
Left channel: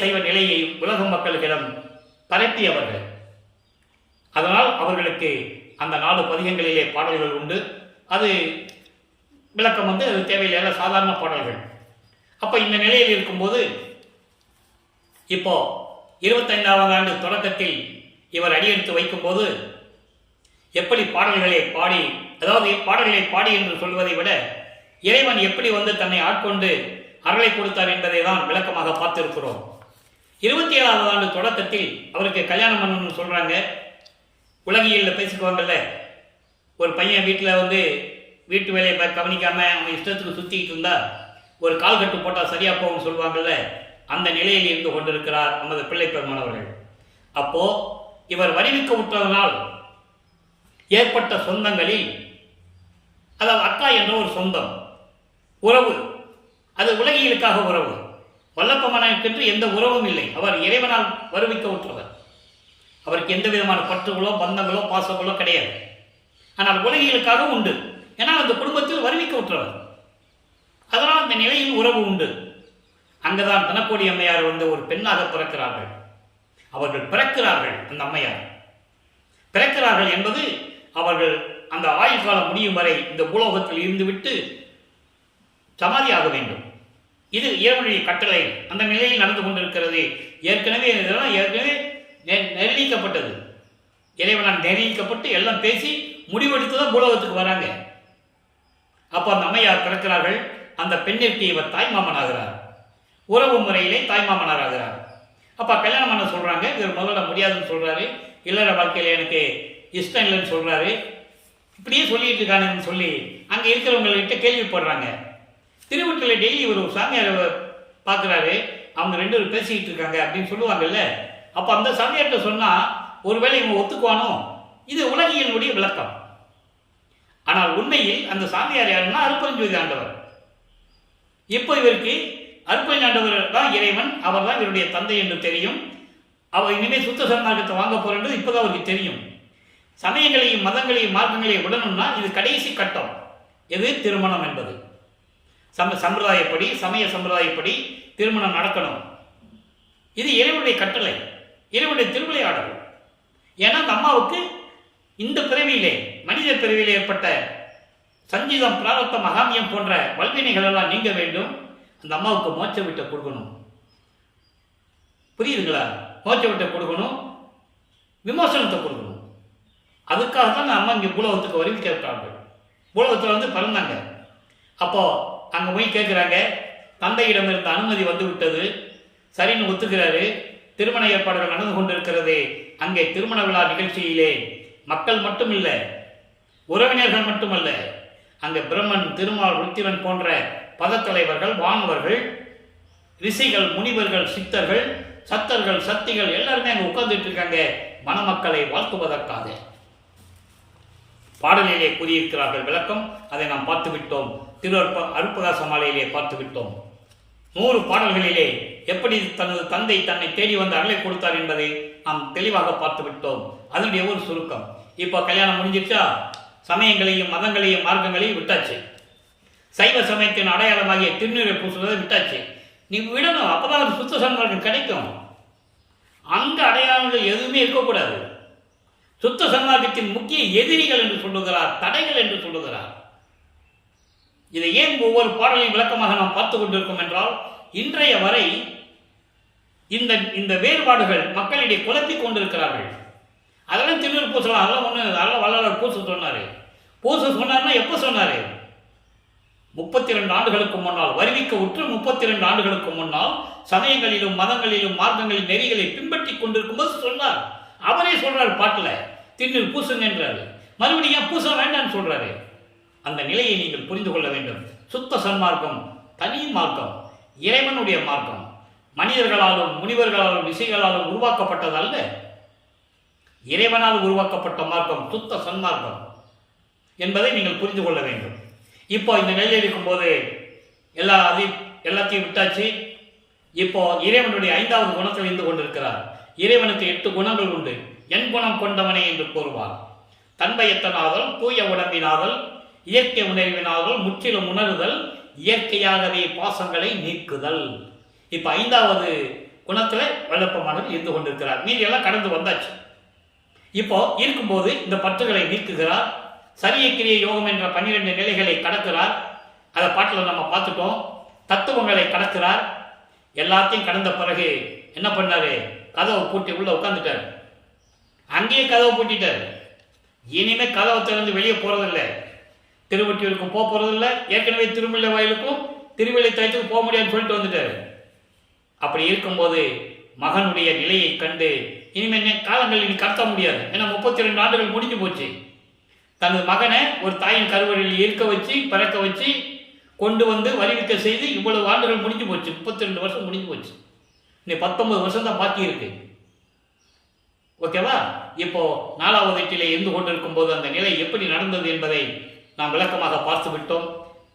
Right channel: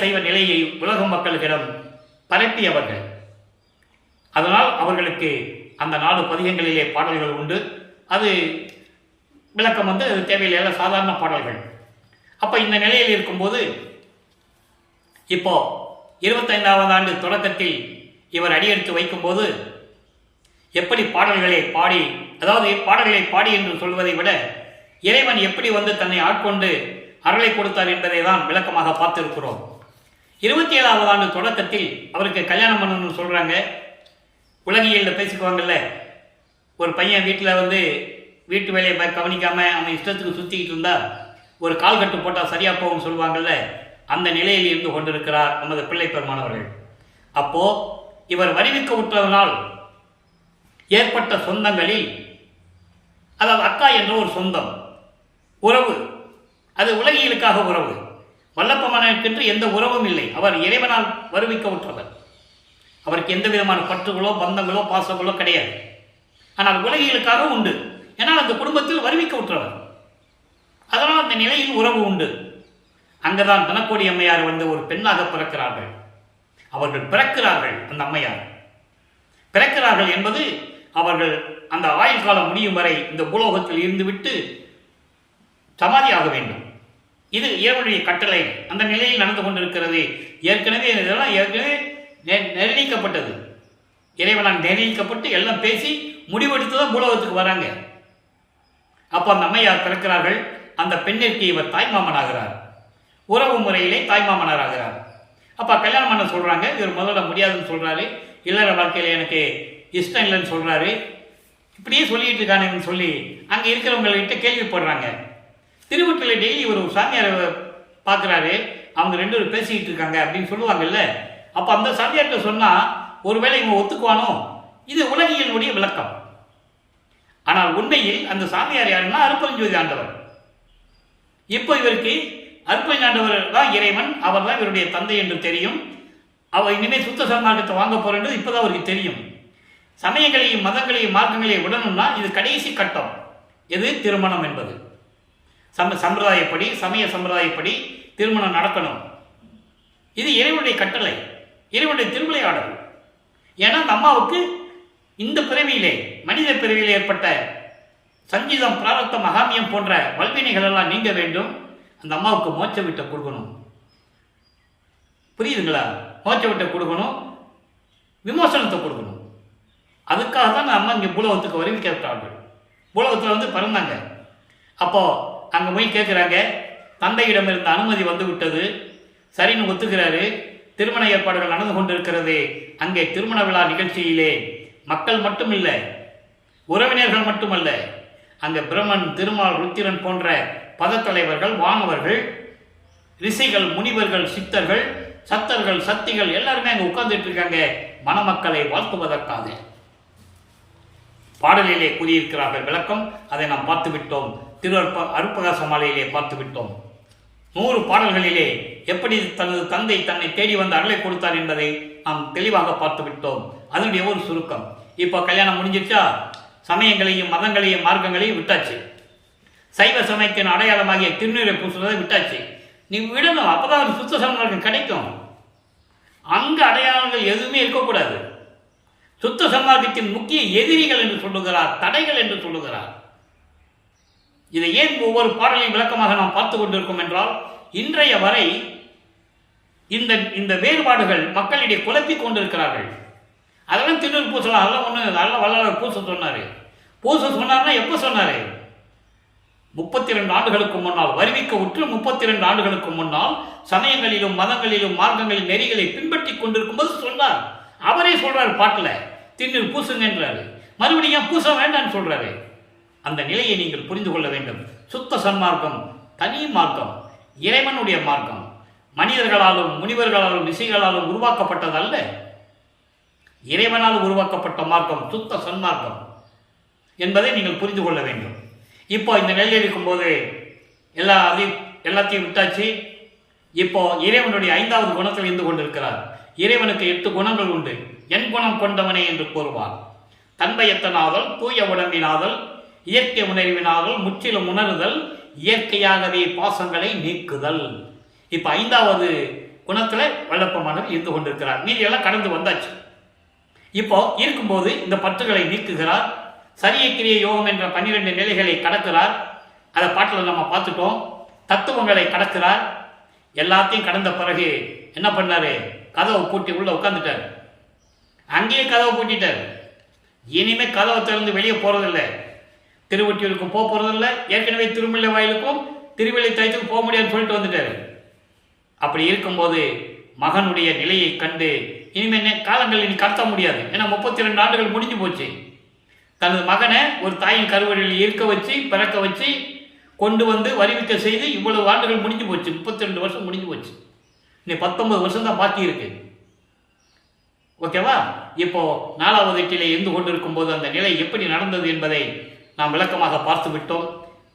சைவ நிலையை உலக மக்களிடம் பரப்பியவர்கள். அதனால் அவர்களுக்கு அந்த 4 பதிகங்களிலே பாடல்கள் உண்டு. அது விளக்கம் தேவையில்லை, சாதாரண பாடல்கள். அப்போ இந்த நிலையில் இருக்கும்போது இப்போ 25வது ஆண்டு தொடக்கத்தில் இவர் அடியெடுத்து வைக்கும்போது எப்படி பாடல்களை பாடி, அதாவது பாடல்களை பாடி என்று சொல்வதை விட இறைவன் எப்படி தன்னை ஆட்கொண்டு அருளை கொடுத்தார் என்பதை தான் விளக்கமாக பார்த்திருக்கிறோம். 27வது ஆண்டு தொடக்கத்தில் அவருக்கு கல்யாணம் பண்ணணும்னு சொல்கிறாங்க. உலகியலில் பேசிக்குவாங்கல்ல, ஒரு பையன் வீட்டில் வீட்டு வேலையை கவனிக்காமல் அவன் இஷ்டத்துக்கு சுற்றிக்கிட்டு இருந்தால் ஒரு கால் கட்டு போட்டால் சரியாக போகும்னு சொல்லுவாங்கள்ல, அந்த நிலையில் இருந்து கொண்டிருக்கிறார் நமது பிள்ளை பெருமானவர்கள். அப்போது இவர் வருவிக்க விட்டதனால் ஏற்பட்ட சொந்தங்களில், அதாவது அக்கா என்ற ஒரு சொந்தம் உறவு, அது உலகியலுக்காக உறவு. வல்லப்பெருமானுக்கென்று எந்த உறவும் இல்லை. அவர் இறைவனால் வருவிக்க விட்டவர். அவருக்கு எந்த விதமான பற்றுகளோ பந்தங்களோ பாசங்களோ கிடையாது. ஆனால் உலகியலுக்காக உண்டு. ஏன்னால் அந்த குடும்பத்தில் வருவிக்க விட்டவர். அதனால் அந்த நிலையில் உறவு உண்டு. அங்கதான் தனக்கோடி அம்மையார் ஒரு பெண்ணாக பிறக்கிறார்கள். அவர்கள் பிறக்கிறார்கள். அந்த அம்மையார் பிறக்கிறார்கள் என்பது அவர்கள் அந்த ஆயுள் காலம் முடியும் வரை இந்த பூலோகத்தில் இருந்துவிட்டு சமாதியாக வேண்டும். இது இறைவனுடைய கட்டளை. அந்த நிலையில் நடந்து கொண்டிருக்கிறது. ஏற்கனவே நிர்ணயிக்கப்பட்டது. இறைவனால் நிர்ணயிக்கப்பட்டு எல்லாம் பேசி முடிவெடுத்துதான் பூலோகத்துக்கு வராங்க. அப்போ அந்த அம்மையார் பிறக்கிறார்கள். அந்த பெண்ணிற்கு இவர் தாய்மாமன் ஆகிறார். உறவு முறையிலே தாய்மாமனார் ஆகிறார். அப்போ கல்யாணம் பண்ண சொல்கிறாங்க. இவர் முதல்ல முடியாதுன்னு சொல்கிறாரு. இல்லற வாழ்க்கையில் எனக்கு இஷ்டம் இல்லைன்னு சொல்கிறாரு. இப்படியே சொல்லிட்டு இருக்கானுன்னு சொல்லி அங்கே இருக்கிறவங்கள்கிட்ட கேள்விப்படுறாங்க. திருவொற்றியூரில் டெய்லி இவர் ஒரு சாமியாரை பார்க்குறாரு. அவங்க 2 பேரும் பேசிக்கிட்டு இருக்காங்க அப்படின்னு சொல்லுவாங்கல்ல. அப்போ அந்த சாமியார்கிட்ட சொன்னால் ஒருவேளை இவங்க ஒத்துக்குவானோ? இது உலகியலுடைய விளக்கம். ஆனால் உண்மையில் அந்த சாமியார் யாருன்னா அருப்பெருஞ்சோதி ஆண்டவர். இப்போ இவருக்கு அருப்பெருஞ்சோதி ஆண்டவர் தான் இறைவன், அவர் தான் இவருடைய தந்தை என்று தெரியும். அவர் இனிமேல் சுத்த சன்மார்க்கத்தை வாங்க போகிறது இப்போதான் அவருக்கு தெரியும். சமயங்களையும் மதங்களையும் மார்க்கங்களையும் விடணும்னா இது கடைசி கட்டம். எது? திருமணம் என்பது. சம்பிரதாயப்படி, சமய சம்பிரதாயப்படி திருமணம் நடக்கணும். இது இறைவனுடைய கட்டளை, இறைவனுடைய திருவிளையாடல். ஏன்னா அந்த அம்மாவுக்கு இந்த பிறவியிலே, மனித பிறவியிலே ஏற்பட்ட சஞ்சீதம், பிராரத்தம், மகாமியம் போன்ற வல்வினைகள் எல்லாம் நீங்க வேண்டும். அந்த அம்மாவுக்கு மோட்ச விட்ட கொடுக்கணும். புரியுதுங்களா? மோட்ச விட்ட கொடுக்கணும், விமோசனத்தை கொடுக்கணும். அதுக்காக தான் அம்மா இங்கே பூலோகத்துக்கு வருவிக்கிறார்கள். பூலோகத்தில் பிறந்தாங்க. அப்போ அங்கே போய் கேட்குறாங்க. தந்தையிடம் இருந்த அனுமதி வந்து விட்டது, சரின்னு ஒத்துக்கிறாரு. திருமண ஏற்பாடுகள் நடந்து கொண்டிருக்கிறது. அங்கே திருமண விழா நிகழ்ச்சியிலே மக்கள் மட்டுமில்ல, உறவினர்கள் மட்டுமல்ல, அங்கே பிரம்மன், திருமால், ருத்திரன் போன்ற பதத்தலைவர்கள், வானவர்கள், ரிஷிகள், முனிவர்கள், சித்தர்கள், சத்தர்கள், சக்திகள் எல்லாருமே அங்கே உட்கார்ந்துட்டு இருக்காங்க மணமக்களை வாழ்த்துவதற்காக. பாடலிலே கூறியிருக்கிறார்கள் விளக்கம். அதை நாம் பார்த்து விட்டோம். அருட்பிரகாச மாலையிலே பார்த்து விட்டோம். 100 பாடல்களிலே எப்படி தனது தந்தை தன்னை தேடி வந்து அருளை கொடுத்தார் என்பதை நாம் தெளிவாக பார்த்து விட்டோம். அதனுடைய ஒரு சுருக்கம். இப்போ கல்யாணம் முடிஞ்சிச்சா, சமயங்களையும் மதங்களையும் மார்க்கங்களையும் விட்டாச்சு. சைவ சமயத்தின் அடையாளமாகிய திருநீரை பூசுவதை விட்டாச்சு. நீ விடணும், அப்பதான் ஒரு சுத்த சன்மார்க்கம் கிடைக்கும். அங்க அடையாளங்கள் எதுவுமே இருக்கக்கூடாது. சுத்த சன்மார்க்கத்தின் முக்கிய எதிரிகள் என்று சொல்லுகிறார், தடைகள் என்று சொல்லுகிறார். இதை ஏன் ஒவ்வொரு பாடலையும் விளக்கமாக நாம் பார்த்து கொண்டிருக்கோம் என்றால், இன்றைய வரை இந்த வேறுபாடுகள் மக்களிடையே குழப்பிக் கொண்டிருக்கிறார்கள். அதெல்லாம் திருநூறு பூசலாம், அதெல்லாம் ஒன்று, அதெல்லாம் வள்ளலார் பூச சொன்னார். பூச சொன்னார்னா எப்போ சொன்னார்? 32 ஆண்டுகளுக்கு முன்னால், வருவிக்க உற்று 32 ஆண்டுகளுக்கு முன்னால் சமயங்களிலும் மதங்களிலும் மார்க்கங்களின் நெறிகளை பின்பற்றி கொண்டிருக்கும் போது சொன்னார். அவரே சொல்றாரு பாட்டில், திருநீர் பூசுங்கன்றாரு. மறுபடியும் பூச வேண்டான்னு சொல்றாரு. அந்த நிலையை நீங்கள் புரிந்து கொள்ள வேண்டும். சுத்த சன்மார்க்கம் தனி மார்க்கம், இறைவனுடைய மார்க்கம். மனிதர்களாலும் முனிவர்களாலும் ரிஷிகளாலும் உருவாக்கப்பட்டது அல்ல. இறைவனால் உருவாக்கப்பட்ட மார்க்கம் சுத்த சன்மார்க்கம் என்பதை நீங்கள் புரிந்து கொள்ள வேண்டும். இப்போ இந்த நிலையில் இருக்கும்போது எல்லாத்தையும் விட்டாச்சு. இப்போ இறைவனுடைய 5வது குணத்தில் இருந்து கொண்டிருக்கிறார். இறைவனுக்கு 8 குணங்கள் உண்டு. என் குணம் கொண்டவனே என்று கூறுவார். தன்பயத்தனாதல், தூய உடம்பினாதல், இயற்கை உணர்வினாதல், முற்றிலும் உணர்தல், இயற்கையாகவே பாசங்களை நீக்குதல். இப்ப 5வது குணத்துல வல்லப்பமானவர் இருந்து கொண்டிருக்கிறார். மீதி எல்லாம் கடந்து வந்தாச்சு. இப்போ இருக்கும்போது இந்த பற்றுகளை நீக்குகிறார். சரிய கிரிய யோகம் என்ற 12 நிலைகளை கடக்கிறார். அதை பாட்டில் நம்ம பார்த்துட்டோம். தத்துவங்களை கடக்கிறார். எல்லாத்தையும் கடந்த பிறகு என்ன பண்ணாரு? கதவை பூட்டி உள்ள உட்காந்துட்டார். அங்கேயே கதவை பூட்டிட்டார். இனிமே கதவை திறந்து வெளியே போறதில்லை. திருவொற்றியூருக்கும் போக போறதில்லை. ஏற்கனவே திருமலை வாயிலுக்கும் திருவிழை தயத்துக்கும் போக முடியாதுன்னு சொல்லிட்டு வந்துட்டாரு. அப்படி இருக்கும்போது மகனுடைய நிலையை கண்டு இனிமே காலங்கள் இனி கடத்த முடியாது. ஏன்னா 32 ஆண்டுகள் முடிஞ்சு போச்சு. தனது மகனை ஒரு தாயின் கருவறையில் இருக்க வச்சு, பிறக்க வச்சு, கொண்டு வந்து வருவிக்க செய்து இவ்வளவு ஆண்டுகள் முடிஞ்சு போச்சு. 32 வருஷம் முடிஞ்சு போச்சு. இன்னும் 19 வருஷம் தான் பாக்கி இருக்கு. ஓகேவா? இப்போ 4வது எட்டிலே இருந்து கொண்டிருக்கும் போது அந்த நிலை எப்படி நடந்தது என்பதை நாம் விளக்கமாக பார்த்து விட்டோம்.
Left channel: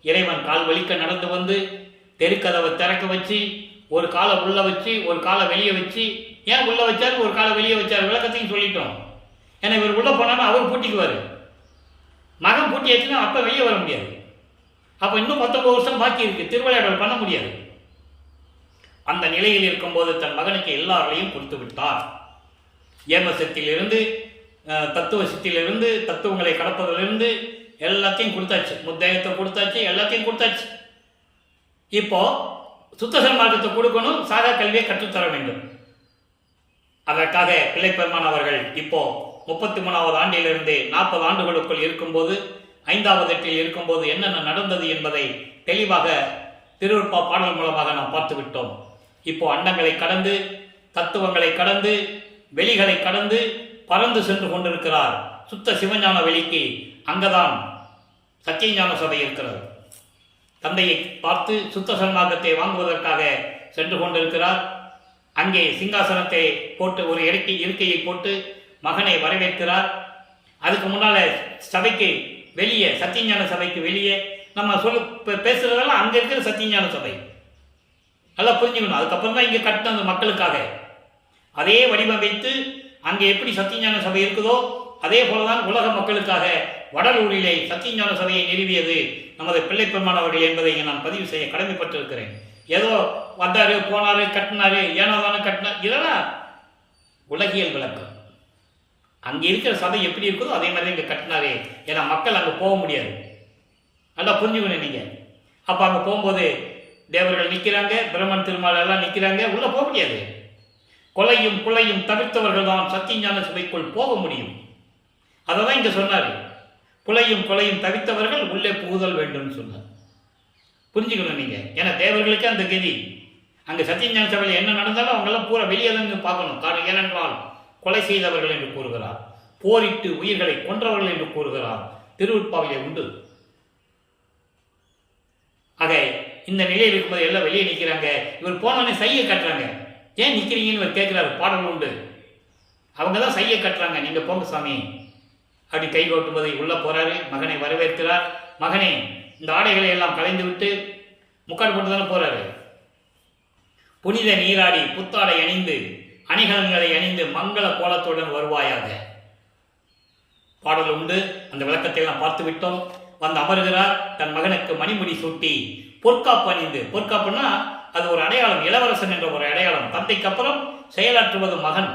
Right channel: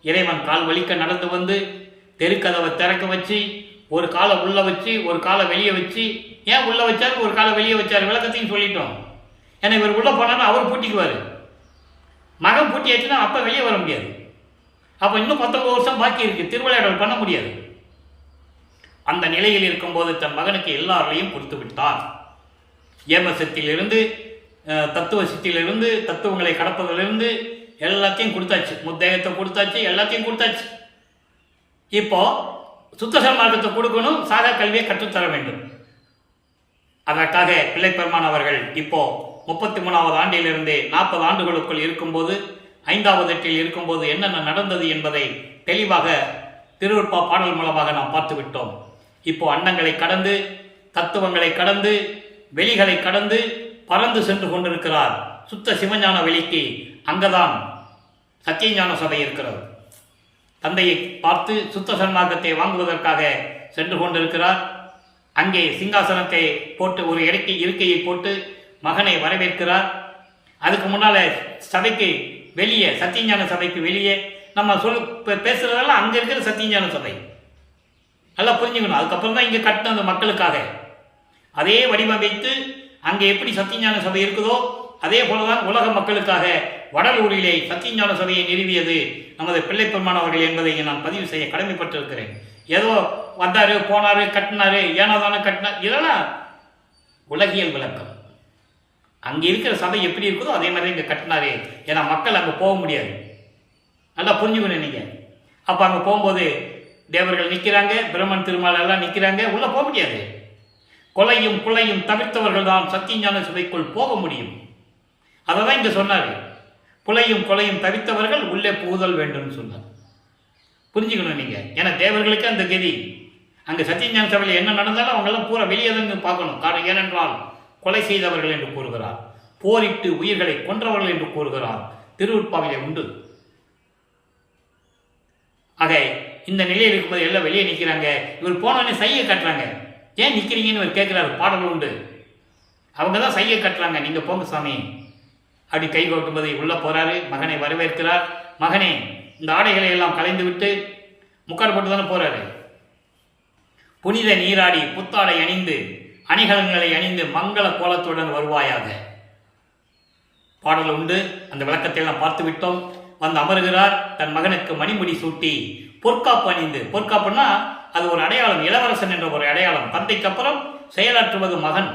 இறைவன் கால் வலிக்க நடந்து வந்து தெருக்கதவை திறக்க வச்சு, ஒரு காலை உள்ள வச்சு ஒரு காலை வெளியே வச்சு, ஏன் உள்ள வச்சாரு ஒரு காலை வெளியே வச்சாரு விளக்கத்தையும் சொல்லிட்டோம். ஏன்னா இவர் உள்ள போனாலும் அவர் பூட்டிக்குவார். மகன் பூட்டியாச்சுன்னா அப்போ வெளியே வர முடியாது. அப்போ இன்னும் 19 வருஷம் பாக்கி இருக்கு. திருவிளையாடல் பண்ண முடியாது. அந்த நிலையில் இருக்கும்போது தன் மகனுக்கு எல்லாரையும் கொடுத்து விட்டார். ஏமசத்திலிருந்து, தத்துவ சித்திலிருந்து, தத்துவங்களை கடப்பதிலிருந்து எல்லாத்தையும் கொடுத்தாச்சு. முத்தேகத்தை கொடுத்தாச்சு, எல்லாத்தையும் கொடுத்தாச்சு. இப்போ சுத்த சன்மார்க்கத்தை கொடுக்கணும், சாகா கல்வியை கற்றுத்தர வேண்டும். அதற்காக பிள்ளைப்பெருமான் அவர்கள் இப்போ 33வது ஆண்டிலிருந்து 40 ஆண்டுகளுக்குள் இருக்கும்போது, 5வது எட்டில் இருக்கும்போது என்னென்ன நடந்தது என்பதை தெளிவாக திருவருட்பா பாடல் மூலமாக நாம் பார்த்து விட்டோம். இப்போ அண்டங்களை கடந்து, தத்துவங்களை கடந்து, வெளிகளை கடந்து பறந்து சென்று கொண்டிருக்கிறார் சுத்த சிவஞான வெளிக்கு. அங்கதான் சத்தியஞான சபை இருக்கிறது. தந்தையை பார்த்து சுத்த சன்மார்க்கத்தை வாங்குவதற்காக சென்று கொண்டிருக்கிறார். அங்கே சிங்காசனத்தை போட்டு ஒரு இருக்கையை போட்டு மகனை வரவேற்கிறார். அதுக்கு முன்னால சபைக்கு வெளியே, சத்தியஞான சபைக்கு வெளியே நம்ம பேசுறதெல்லாம் அங்க இருக்கிற சத்தியஞான சபை. நல்லா புரிஞ்சுக்கணும். அதுக்கப்புறம் தான் இங்க கட்டினது மக்களுக்காக. அதே வடிவமைத்து அங்கே எப்படி சத்தியஞான சபை இருக்குதோ அதே போலதான் உலக மக்களுக்காக வடலூரிலே சத்தியஞான சபையை நிறுவியது நமது பிள்ளைப்பெருமான் அவர்கள் என்பதை நான் பதிவு செய்ய கடமைப்பட்டிருக்கிறேன். ஏதோ வந்தாரு, போனாரு, கட்டினாரு, ஏனாதானே கட்டினார், இதெல்லாம் உலகியல் விளக்கம். அங்கே இருக்கிற சபை எப்படி இருக்குதோ அதே மாதிரி இங்கே கட்டினாரு. ஏன்னா மக்கள் அங்கே போக முடியாது. நல்லா புரிஞ்சுக்கணும் நீங்க. அப்போ அங்கே போகும்போது தேவர்கள் நிற்கிறாங்க, பிரம்மன் திருமால் எல்லாம் நிற்கிறாங்க. உள்ள போக முடியாது. கொலையும் புலையும் தவிர்த்தவர்கள் தான் சத்தியஞான சபைக்குள் போக முடியும். அதை தான் இங்கே சொன்னார். புலையும் கொலையும் தவிர்த்தவர்கள் உள்ளே புகுதல் வேண்டும் சொன்னார். புரிஞ்சுக்கணும் நீங்க. ஏன்னா தேவர்களுக்கு அந்த கதி. அங்கே சத்தியஞான சபையில் என்ன நடந்தாலும் அவங்கெல்லாம் பூரா வெளியே தான் பார்க்கணும். காரணம் ஏனென்றால் கொலை செய்தவர்கள் என்று கூறுகிறார், போரிட்டு உயிர்களை கொன்றவர்கள் என்று கூறுகிறார். திருவுட்பாவிலே உண்டு. ஆக இந்த நிலையில் இருக்கும்போது எல்லாம் வெளியே நிற்கிறாங்க. இவர் போனவனே சையை கட்டுறாங்க. ஏன் நிற்கிறீங்கன்னு இவர் கேட்கிறாரு. பாடல் உண்டு. அவங்க தான் சையை கட்டுறாங்க. நீங்க போங்க சாமி, அப்படி கை கொட்டும்போது உள்ளே போகிறாரு, மகனை வரவேற்கிறார். மகனே, இந்த ஆடைகளை எல்லாம் கலைந்து விட்டு முக்காடு போட்டு தானே போகிறாரு. புனித நீராடி புத்தாடை அணிந்து அணிகலன்களை அணிந்து மங்கள கோலத்துடன் வருவாயாக. பாடல் உண்டு. அந்த விளக்கத்தை எல்லாம் பார்த்து விட்டோம். வந்து அமருகிறார். தன் மகனுக்கு மணிமுடி சூட்டி பொற்காப்பு அணிந்து, பொற்காப்புன்னா அது ஒரு அடையாளம், இளவரசன் என்ற ஒரு அடையாளம். தந்தைக்கு அப்புறம் செயலாற்றுவது மகன்.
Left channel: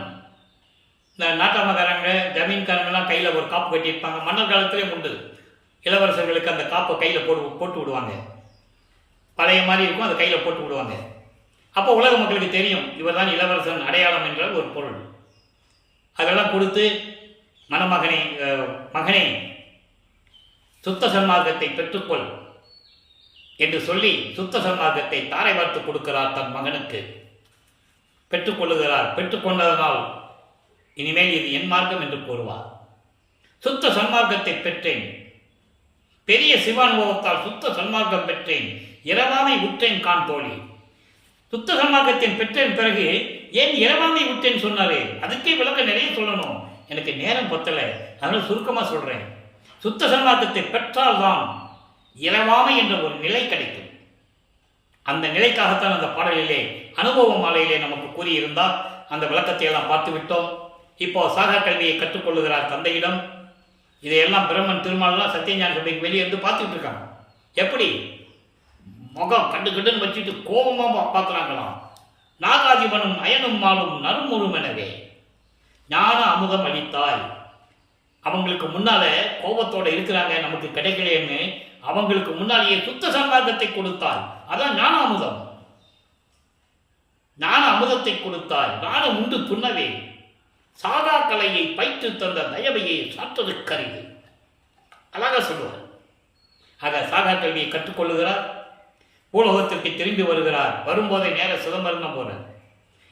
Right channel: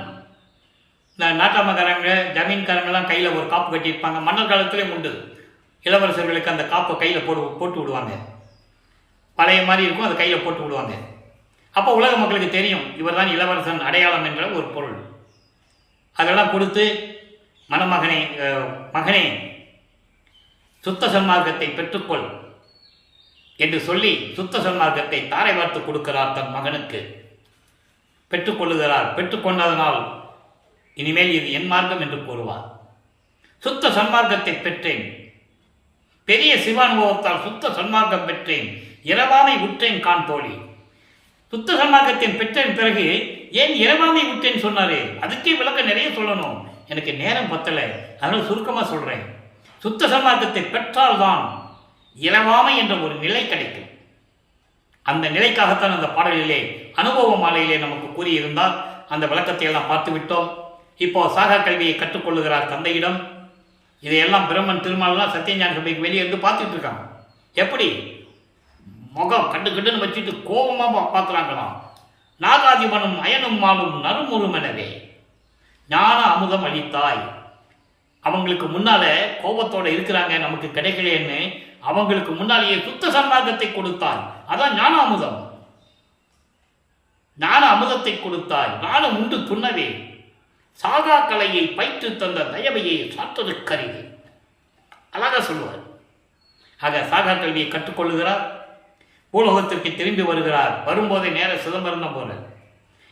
இந்த நாட்டாமக்காரங்க ஜமீன்காரங்கெல்லாம் கையில் ஒரு காப்பு கட்டியிருப்பாங்க. மன்னர் காலத்திலே உண்டு. இளவரசர்களுக்கு அந்த காப்பை கையில் போட்டு விடுவாங்க. பழைய மாதிரி இருக்கும், அதை கையில் போட்டு விடுவாங்க. அப்போ உலக மக்களுக்கு தெரியும் இவர் தான் இளவரசன் அடையாளம் என்ற ஒரு பொருள். அதெல்லாம் கொடுத்து மகனே சுத்த சன்மார்க்கத்தை பெற்றுக்கொள் என்று சொல்லி சுத்த சன்மார்க்கத்தை தாரை வார்த்து கொடுக்கிறார் தன் மகனுக்கு. பெற்றுக்கொள்ளுகிறார். பெற்றுக்கொண்டதனால் இனிமேல் இது என் மார்க்கம் என்று கூறுவார். சுத்த சன்மார்க்கத்தை பெற்றேன், பெரிய சிவானுபவத்தால் சுத்த சன்மார்க்கம் பெற்றேன், இரவாமை உற்றேன் கான் தோழி. சுத்த சன்மார்க்கத்தின் பெற்றேன் பிறகு ஏன் இரவாமை விட்டேன்னு சொன்னாரு? அதுக்கே விளக்க நிறைய சொல்லணும், எனக்கு நேரம் பத்தலை, அதனால் சுருக்கமாக சொல்கிறேன். சுத்த சன்மார்க்கத்தை பெற்றால்தான் இரவாமை என்ற ஒரு நிலை கிடைக்கும். அந்த நிலைக்காகத்தான் அந்த பாடலிலே அனுபவ மாலையிலே நமக்கு கூறியிருந்தால் அந்த விளக்கத்தை எல்லாம் பார்த்து விட்டோம். இப்போ சாகா கல்வியை கற்றுக்கொள்ளுகிறார் தந்தையிடம். இதையெல்லாம் பிரம்மன் திருமாலாம் சத்தியஞான சபைக்கு வெளியே இருந்து பார்த்துட்டு இருக்காங்க. எப்படி முகம் கண்டுன்னு வச்சுட்டு கோபமாக பார்க்குறாங்களாம். நாகாதிபனும் அயனும் மாலும் நறுமுறுமெனவே ஞான அமுதம் அளித்தாய். அவங்களுக்கு முன்னால கோபத்தோட இருக்கிறாங்க, நமக்கு கிடைக்கலைன்னு அவங்களுக்கு முன்னாலேயே சுத்த சன்மார்க்கத்தை கொடுத்தாய். அதான் ஞான அமுதம். ஞான அமுதத்தை கொடுத்தாய், நானும் உண்டு துண்ணவே சாகா கலையை பயிற்று தந்த தயவையை சாற்றது கருது. அழகா சொல்லுவார். ஆக சாகா கல்வியை கற்றுக்கொள்ளுகிறார். பூலோகத்திற்கு திரும்பி வருகிறார். வரும்போதே நேர சிதம்பரம் தான் போகிறார்.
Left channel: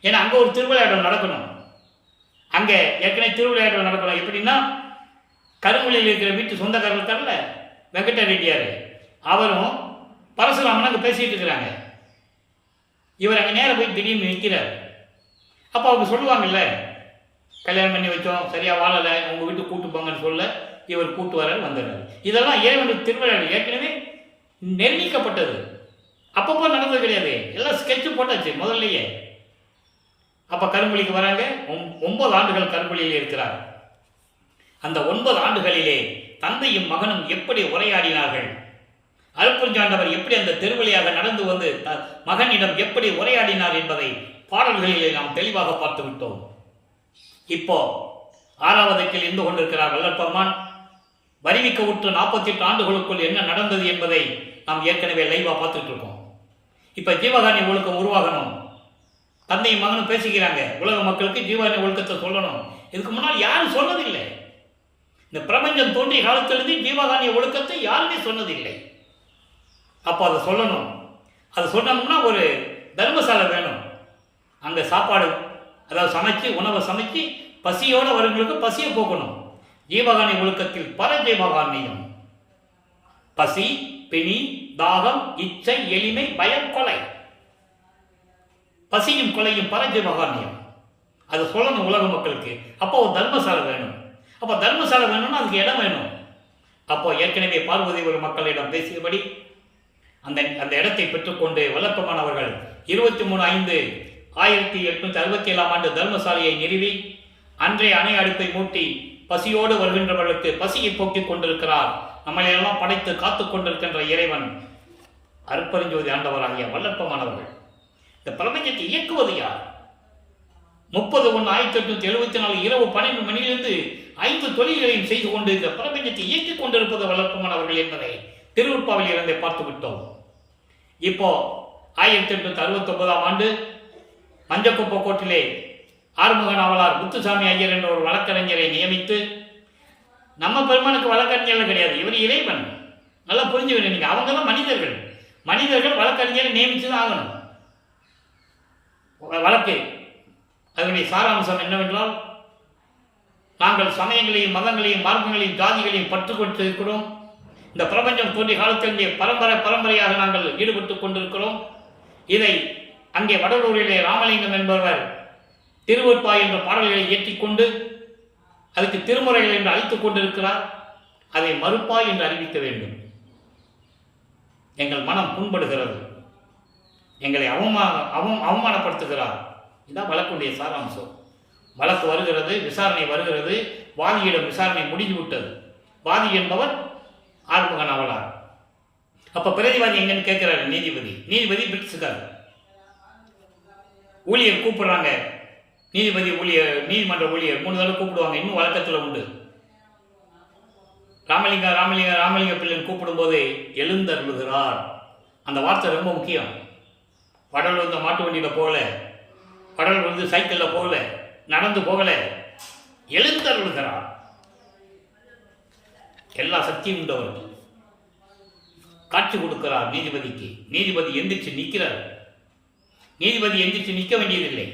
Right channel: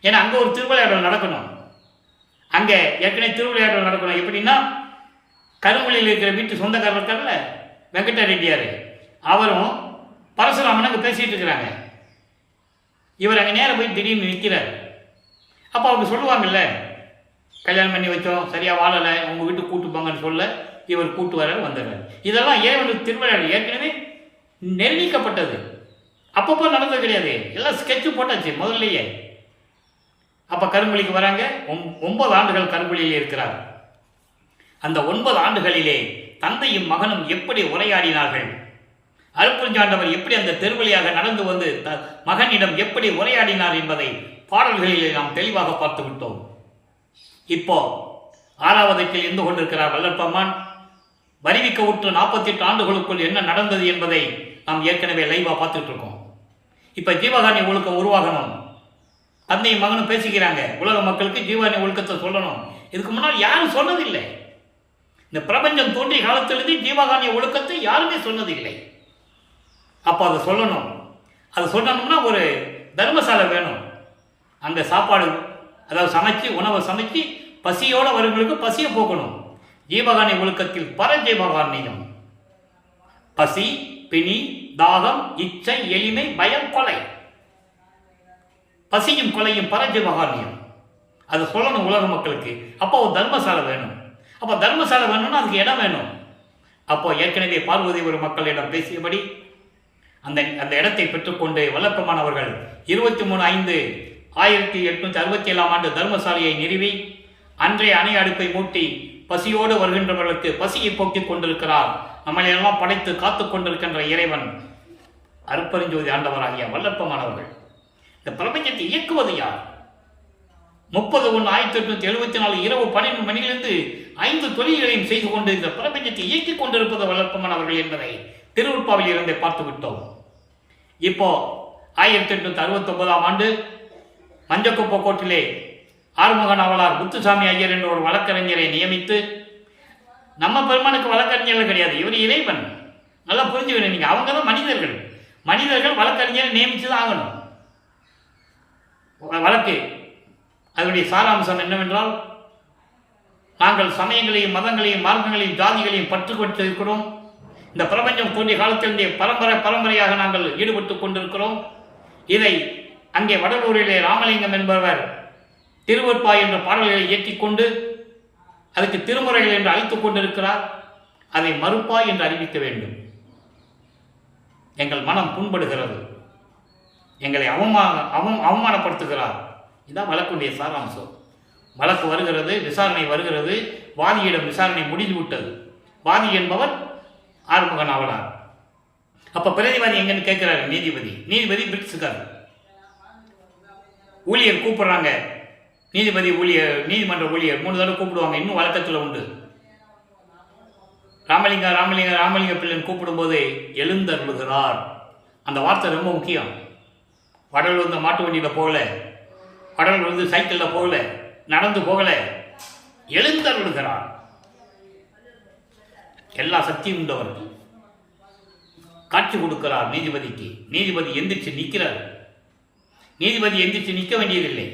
ஏன்னா அங்கே ஒரு திருவிளையாடல் நடக்கணும். அங்கே ஏற்கனவே திருவிளையாடல் நடக்கணும். எப்படின்னா, கருமொழியில் இருக்கிற வீட்டு சொந்தக்காரர் இருக்கார்ல வெங்கட ரெட்டியார், அவரும் பரசுராமன் அங்கே பேசிகிட்டு இருக்கிறாங்க. இவர் அங்கே நேரம் போய் திடீர்னு நிற்கிறார். அப்போ அவங்க சொல்லுவாங்கல்ல, கல்யாணம் பண்ணி வச்சோம், சரியாக வாழலை, உங்கள் வீட்டுக்கு கூட்டு போங்கன்னு சொல்ல இவர் கூட்டு வர வந்துடுறாரு. இதெல்லாம் இறைவனுக்கு திருவிளையாடல் ஏற்கனவே நிர்ணயிக்கப்பட்டது. அப்பப்போ நடந்தது கிடையாது, எல்லாம் ஸ்கெட்சு போட்டாச்சு முதல்லையே. அப்போ கரும்புலிக்கு வராங்க. 9 ஆண்டுகள் கரும்புலியில் இருக்கிறார். அந்த 9 ஆண்டுகளிலே தந்தையும் மகனும் எப்படி உரையாடினார்கள், அருட்பெருஞ்சாண்டவர் எப்படி அந்த தெருவழியாக நடந்து வந்து மகனிடம் எப்படி உரையாடினார் என்பதை பாடல்களிலே நாம் தெளிவாக பார்த்து விட்டோம். இப்போ 6வது இருந்து கொண்டிருக்கிறார் வல்லற்பம்மான். வருவிக்க உற்று 48 ஆண்டுகளுக்குள் என்ன நடந்தது என்பதை நாம் ஏற்கனவே லைவாக பார்த்துட்டு இருக்கோம். இப்போ ஜீவகாருண்ய ஒழுக்கம் உருவாகணும். தந்தையும் மகனும் பேசிக்கிறாங்க. உலக மக்களுக்கு ஜீவகாருண்ய ஒழுக்கத்தை சொல்லணும். இதுக்கு முன்னால் யாரும் சொன்னதில்லை. இந்த பிரபஞ்சம் தோன்றிய காலத்திலிருந்து ஜீவகாருண்ய ஒழுக்கத்தை யாருமே சொன்னதில்லை. அப்போ அதை சொல்லணும். அதை சொல்லணும்னா ஒரு தர்மசாலை வேணும். அங்கே சாப்பாடு, அதாவது சமைச்சு உணவை சமைச்சு பசியோடு வருங்களுக்கு பசியை போக்கணும். ஜீவகாருண்ய ஒழுக்கத்தில் பரஜீவகாருண்யம். பசி, பிணி, தாகம், இச்சை, எளிமை, பயம், கொலை. பசியும் கொலையும் பரஜீவகாருண்யம். அதை சொல்லணும் உலக மக்களுக்கு. அப்போ ஒரு தர்மசாலை வேணும். அப்போ தர்மசாலை வேணும்னா அதுக்கு இடம் வேணும். அப்போ ஏற்கனவே பார்வதி ஒரு மக்களிடம் பேசியபடி அந்த இடத்தை பெற்றுக்கொண்டு வல்லற்பமானவர்கள் 23/5/1867 தர்மசாலையை நிறுவி அன்றைய அணை அடுப்பை மூட்டி பசியோடு வருகின்றவர்களுக்கு பசியை போக்கிக் கொண்டிருக்கிறார். நம்மளையெல்லாம் படைத்து காத்து கொண்டிருக்கின்ற இறைவன் அருட்பெருஞ்சோதி ஆண்டவராகிய வல்லற்பமானவர்கள். இந்த பிரபஞ்சத்தை இயக்குவது யார்? 30/1/1874 இரவு 12 மணியிலிருந்து 5 தொழில்களையும் செய்து கொண்டு இந்த பிரபஞ்சத்தை இயக்கிக் கொண்டிருப்பது வல்லற்பமானவர்கள் என்பதை திருவுற்பாவில் இருந்தே பார்த்து விட்டோம். இப்போ 1869 மஞ்சக்குப்ப கோட்டிலே ஆறுமுக நாவலார் முத்துசாமி ஐயர் என்ற ஒரு வழக்கறிஞரை நியமித்து, நம்ம பெருமானுக்கு வழக்கறிஞர்கள் கிடையாது, இவர் இறைவன். நல்லா புரிஞ்சுக்கணும் நீங்க. அவங்க தான் மனிதர்கள் வழக்கறிஞரை நியமித்து தான் ஆகணும். வழக்கு அதனுடைய சாராம்சம் என்னவென்றால், நாங்கள் சமயங்களையும் மதங்களையும் மார்க்கங்களையும் ஜாதிகளையும் பற்று கொண்டிருக்கிறோம். இந்த பிரபஞ்சம் தோன்றிய காலத்திலிருந்தே பரம்பரையாக நாங்கள் ஈடுபட்டு கொண்டிருக்கிறோம். இதை அங்கே வடலூரிலே ராமலிங்கம் என்பவர் திருவொற்பாய் என்ற பாடல்களை இயற்றிக்கொண்டு அதுக்கு திருமுறைகள் என்று அழைத்துக் கொண்டிருக்கிறார். அதை மறுப்பாய் என்று அறிவிக்க வேண்டும். எங்கள் மனம் புண்படுகிறது, எங்களை அவமானப்படுத்துகிறார். இதுதான் வழக்குடைய சாராம்சம். வழக்கு வருகிறது, விசாரணை வருகிறது, வாதியிடம் விசாரணை முடிந்துவிட்டது. வாதி என்பவர் ஆறுமுக நாவலார். அப்ப பிரதிவாதி எங்கன்னு கேட்கிறாரு நீதிபதி பிரிட்ஸுக்கார். ஊழியர் கூப்பிடுறாங்க, நீதிமன்ற ஊழியர் 3 தடவை கூப்பிடுவாங்க, இன்னும் வழக்கத்தில் உண்டு. ராமலிங்க பிள்ளைன்னு கூப்பிடும்போது எழுந்தருளுகிறார். அந்த வார்த்தை ரொம்ப முக்கியம். வடல் வந்து மாட்டு வண்டியில் போகல, வடல் வந்து சைக்கிளில் போகல, நடந்து போகல, எழுந்தருளுகிறார். எல்லா சக்தியும் உண்டவர் காட்சி கொடுக்கிறார் நீதிபதிக்கு. நீதிபதி எந்திரிச்சு நிற்கிறார். நீதிபதி எந்திரிச்சு நிற்க வேண்டியதில்லை.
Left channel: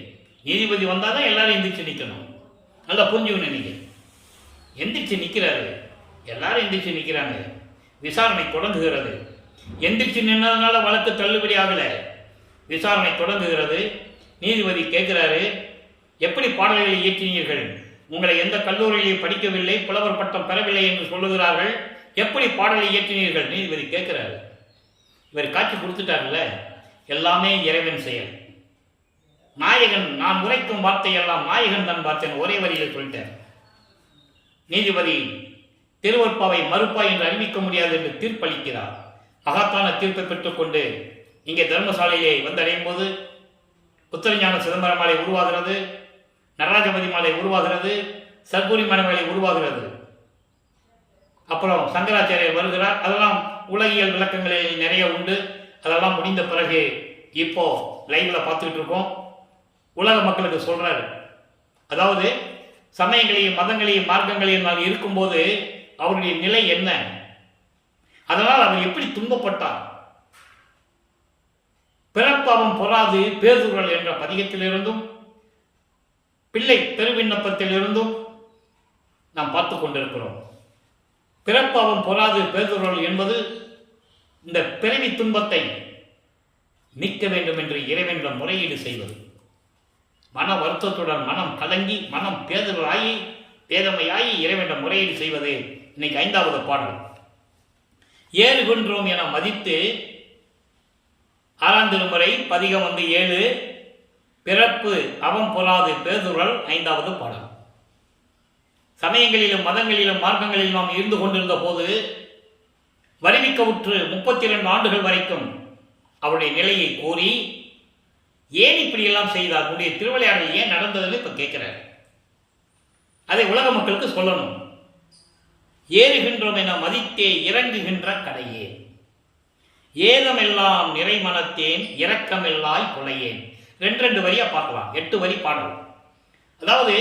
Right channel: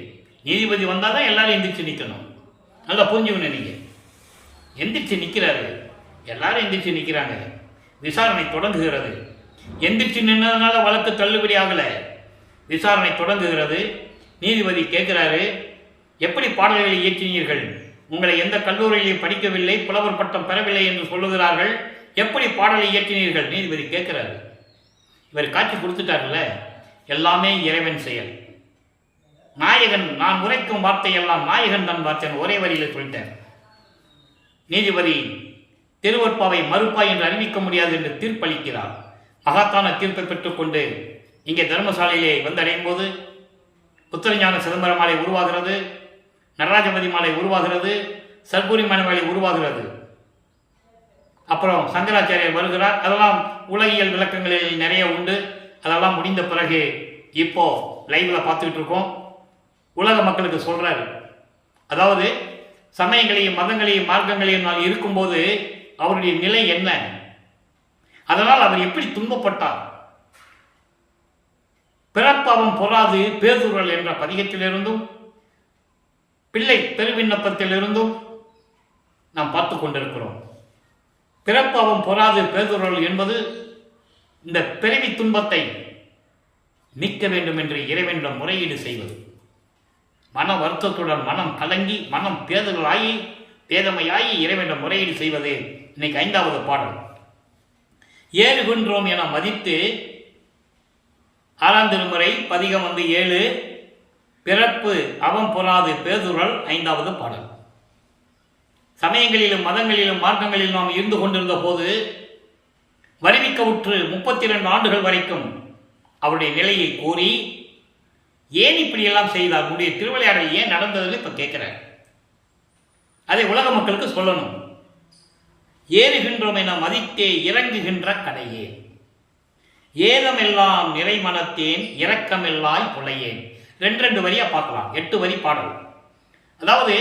நீதிபதி வந்தால் தான் எல்லாரும் எந்திரிச்சு நிற்கணும். நல்லா புரிஞ்சுக்கணும். நீங்க எந்திரிச்சு நிற்கிறாரு, எல்லாரும் எந்திரிச்சு நிற்கிறாங்க. விசாரணை தொடங்குகிறது. எந்திரிச்சு நின்னதுனால வழக்கு தள்ளுபடி ஆகலை. விசாரணை தொடங்குகிறது. நீதிபதி கேட்கிறாரு, எப்படி பாடல்களை இயற்றினீர்கள்? உங்களை எந்த கல்லூரியிலையும் படிக்கவில்லை, புலவர் பட்டம் பெறவில்லை என்று சொல்லுகிறார்கள், எப்படி பாடலை இயற்றினீர்கள்? நீதிபதி கேட்கிறாரு. இவர் காட்சி கொடுத்துட்டார்ல, எல்லாமே இறைவன் செயல். நாயகன் நான் உரைக்கும் வார்த்தையெல்லாம் நாயகன் தன் வார்த்தைன்னு ஒரே வரியில் சொல்லிட்டார். நீதிபதி திருவற்பாவை மறுப்பாய் என்று அறிவிக்க முடியாது என்று தீர்ப்பளிக்கிறார். மகாத்தான தீர்ப்பை பெற்றுக்கொண்டு இங்கே தர்மசாலையிலே வந்தடையும் போது புத்தரஞான சிதம்பர மாலை உருவாகிறது, நடராஜபதி மாலை உருவாகிறது, சர்க்குரி மாலை உருவாகிறது. அப்புறம் சங்கராச்சாரியர் வருகிறார். அதெல்லாம் உலகியல் விளக்கங்களில் நிறைய உண்டு. அதெல்லாம் முடிந்த பிறகு இப்போ லைவ்ல பார்த்துக்கிட்டு இருக்கோம். உலக மக்களுக்கு சொல்றாரு, அதாவது சமயங்களையும் மதங்களையும் மார்க்கங்களையும் நான் இருக்கும்போது அவருடைய நிலை என்ன, அதனால் அவர் எப்படி துன்பப்பட்டார். பிறப்பாவம் பொறாது பேதுரல் என்ற பதிகத்திலிருந்தும் பிள்ளை பெருவிண்ணப்பத்திலிருந்தும் நாம் பார்த்து கொண்டிருக்கிறோம். பிறப்பாவம் பொறாது பேதுரல் என்பது இந்த பிறவி துன்பத்தை நீக்க வேண்டும் என்று இறைவனிடம் முறையீடு செய்வது. மன வருத்தத்துடன் மனம் கலங்கி மனம் பேதமையாகி இறைவனிடம் முறையீடு செய்வது. இன்னைக்கு 5வது பாடல். ஏறுகின்றோம் என மதித்து 6ஆம் திருமுறை பதிகம் 7 பிறப்பு அவம் பொறாது பேதுரல் 5வது பாடல். சமயங்களிலும் மதங்களிலும் மார்க்கங்களிலும் நாம் இருந்து கொண்டிருந்த போது வருவிக்க உற்று 32 ஆண்டுகள் வரைக்கும் அவருடைய நிலையை கூறி ஏன் இப்படியெல்லாம் செய்தார், உங்களுடைய திருவிளையாடல் ஏன் நடந்ததுன்னு இப்ப கேட்கிறார். அதை உலக மக்களுக்கு சொல்லணும். ஏறுகின்றோம் என மதித்தே இறங்குகின்ற கடையே, ஏதமெல்லாம் நிறைமனத்தேன் இரக்கமெல்லாய் புலையேன். 2 வரியா பார்க்கலாம். 8 வரி பாடல். அதாவது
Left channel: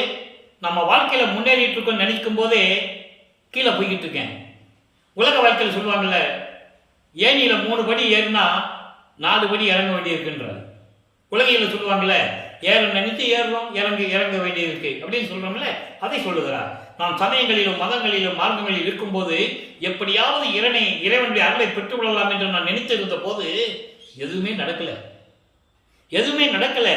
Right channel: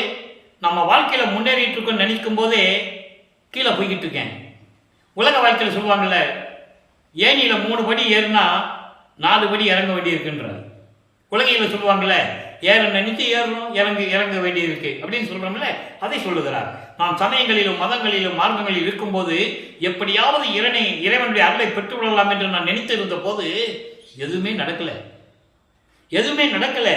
நம்ம வாழ்க்கையில முன்னேறிட்டு இருக்கோம் நினைக்கும் போதே கீழே போய்கிட்டு இருக்கேன். உலக வாழ்க்கையில் சொல்லுவாங்கல்ல, ஏனியில 3 படி ஏறுனா 4 படி இறங்க வேண்டியிருக்குன்றது. உலகையில் சொல்லுவாங்கல்ல, ஏற நினைத்து ஏறுறோம், இறங்க வேண்டியிருக்கு அப்படின்னு சொல்றோம்ல, அதை சொல்லுகிறார். நான் சமயங்களிலும் மதங்களிலும் மார்க்கங்களில் இருக்கும்போது எப்படியாவது இறைவனுடைய அருளை பெற்றுவிடலாம் என்று நான் நினைத்திருந்த போது எதுவுமே நடக்கல.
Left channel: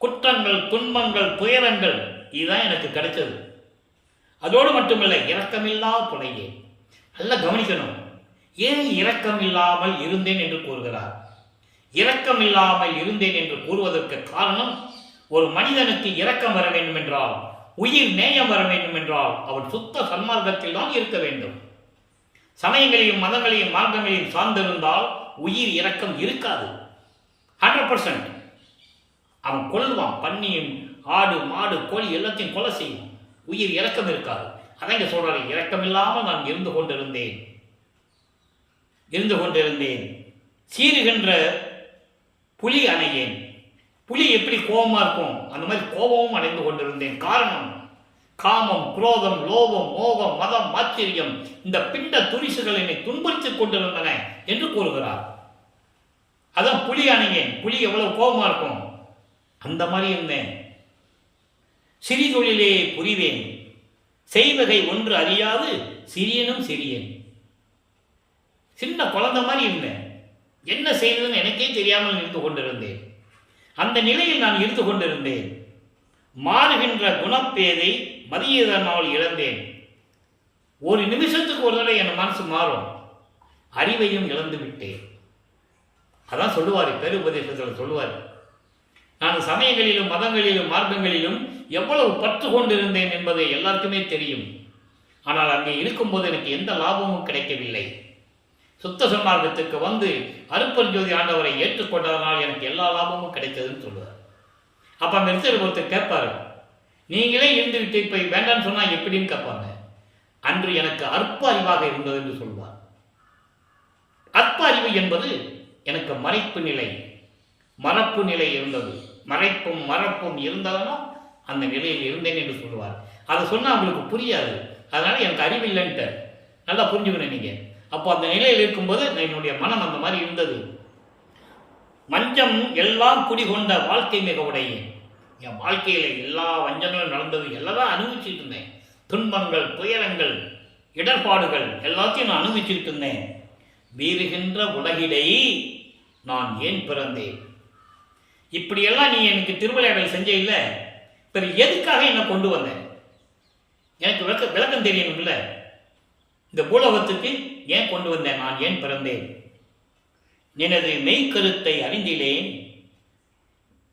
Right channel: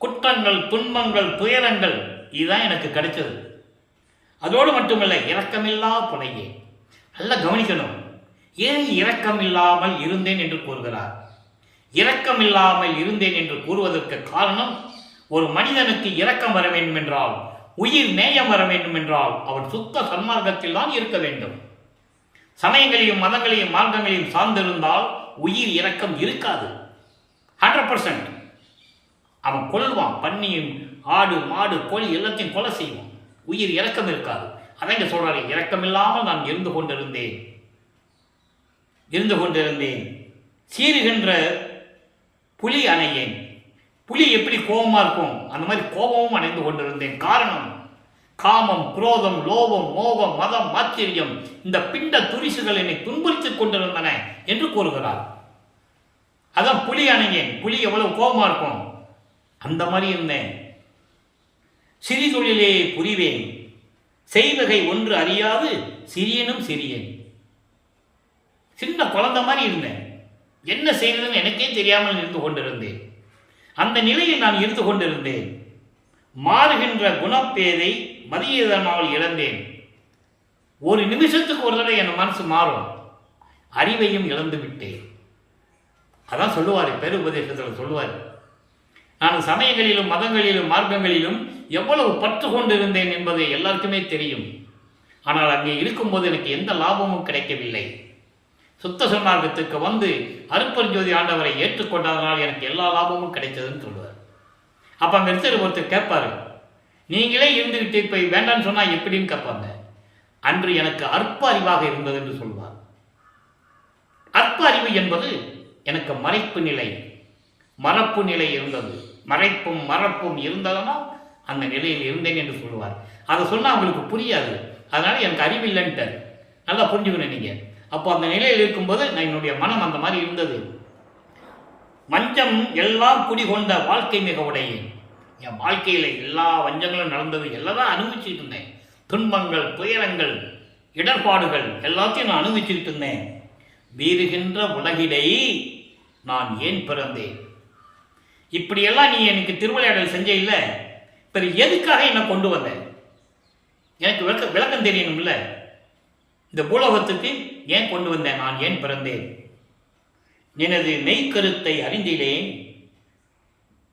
குற்றங்கள், துன்பங்கள், துயரங்கள், இதுதான் எனக்கு கிடைச்சது. அதோடு மட்டுமல்ல, இரக்கமில்லா புலையே. நல்லா கவனிக்கணும். ஏன் இரக்கம் இல்லாமல் இருந்தேன் என்று கூறுகிறார். இரக்கம் இல்லாமல் இருந்தேன் என்று கூறுவதற்கு காரணம், ஒரு மனிதனுக்கு இரக்கம் வர வேண்டும் என்றால், உயிர் நேயம் வர வேண்டும் என்றால் அவன் சுத்த சன்மார்க்கத்தில் தான் இருக்க வேண்டும். சமயங்களையும் மதங்களையும் மார்க்கங்களையும் சார்ந்திருந்தால் உயிர் இரக்கம் இருக்காது. 100%. அவன் கொல்வான். பன்னியும் ஆடு மாடு கோழி எல்லாத்தையும் கொலை செய்வான். உயிர் இரக்கம் இருக்காது. அதான் இங்க சொல்றாரு, இரக்கம் இல்லாமல் நான் இருந்து கொண்டிருந்தேன். சீறுகின்ற புலி அணையேன். புலி எப்படி கோபமா இருக்கும், அந்த மாதிரி கோபமும் அடைந்து கொண்டிருந்தேன். காரணம், காமம், குரோதம், லோபம், மோகம், மதம், ஆச்சரியம், இந்த பிண்ட துரிசுகள் என்னை துன்புறுத்திக் கொண்டிருந்தன என்று கூறுகிறார். அதான் புலி அணையேன். புலி எவ்வளவு கோபமா இருக்கும், அந்த மாதிரி இருந்தேன். சிறிதொழிலே புரிவேன், செய்வகை ஒன்று அறியாது சிறியனும் சிறியன். சின்ன குழந்தை மாதிரி இருந்தேன். என்ன செய்வதுன்னு எனக்கே தெரியாமல் இருந்து கொண்டிருந்தேன். அந்த நிலையில் நான் இருந்து கொண்டிருந்தேன். மாறுகின்ற குணப்பேதை மதியதனால் இழந்தேன். ஒரு நிமிஷத்துக்கு ஒரு தடவை என் மனசு மாறும். அறிவையும் இழந்து விட்டேன். அதான் சொல்லுவார், பெரு உபதேசத்தில் சொல்லுவார். நான் சமயங்களிலும் மதங்களிலும் மார்க்கங்களிலும் எவ்வளவு பற்று கொண்டிருந்தேன் என்பது எல்லாருக்குமே தெரியும். ஆனால் அங்கே இருக்கும்போது எனக்கு எந்த லாபமும் கிடைக்கவில்லை. சுத்த சன்மார்க்கத்துக்கு வந்து அருட்பெருஞ்சோதி ஆண்டவரை ஏற்றுக்கொண்டதனால் எனக்கு எல்லா லாபமும் கிடைத்ததுன்னு சொல்லுவார். அப்போ அங்கே இருக்கிற ஒருத்தர் கேட்பாரு, நீங்களே இருந்துகிட்டு இப்போ வேண்டான்னு சொன்னால் எப்படின்னு கேட்பாங்க. அன்று எனக்கு அற்ப அறிவாக இருந்தது என்று சொல்வார். அற்ப அறிவு என்பது எனக்கு மறைப்பு நிலை, மறப்பு நிலை இருந்தது. மறைப்பும் மறப்பும் இருந்ததுன்னா அந்த நிலையில் இருந்தேன் என்று சொல்லுவார். அதை சொன்னால் அவங்களுக்கு புரியாது. அதனால் எனக்கு அறிவில்லைன்ட்டார். நல்லா புரிஞ்சுக்கணும் நீங்கள். அப்போ அந்த நிலையில் இருக்கும்போது நான் என்னுடைய மனம் அந்த மாதிரி இருந்தது. வஞ்சம் எல்லாம் குடிகொண்ட வாழ்க்கை மிக உடையேன். என் வாழ்க்கையில் எல்லா வஞ்சங்களும் நடந்தது, எல்லாம் அனுபவிச்சுக்கிட்டு இருந்தேன். துன்பங்கள், துயரங்கள், இடர்பாடுகள் எல்லாத்தையும் நான் அனுபவிச்சுக்கிட்டு இருந்தேன். வீறுகின்ற உலகிடை நான் ஏன் பிறந்தேன்? இப்படியெல்லாம் நீ எனக்கு திருவிளையாடல் செஞ்ச இல்லை, இப்போ எதுக்காக என்னை கொண்டு வந்தேன்? எனக்கு விளக்கம் தெரியணும்ல. இந்த பூலோகத்துக்கு ஏன் கொண்டு வந்தேன்? நான் ஏன் பிறந்தேன்? எனது மெய்க்கருத்தை அறிந்திலேன்.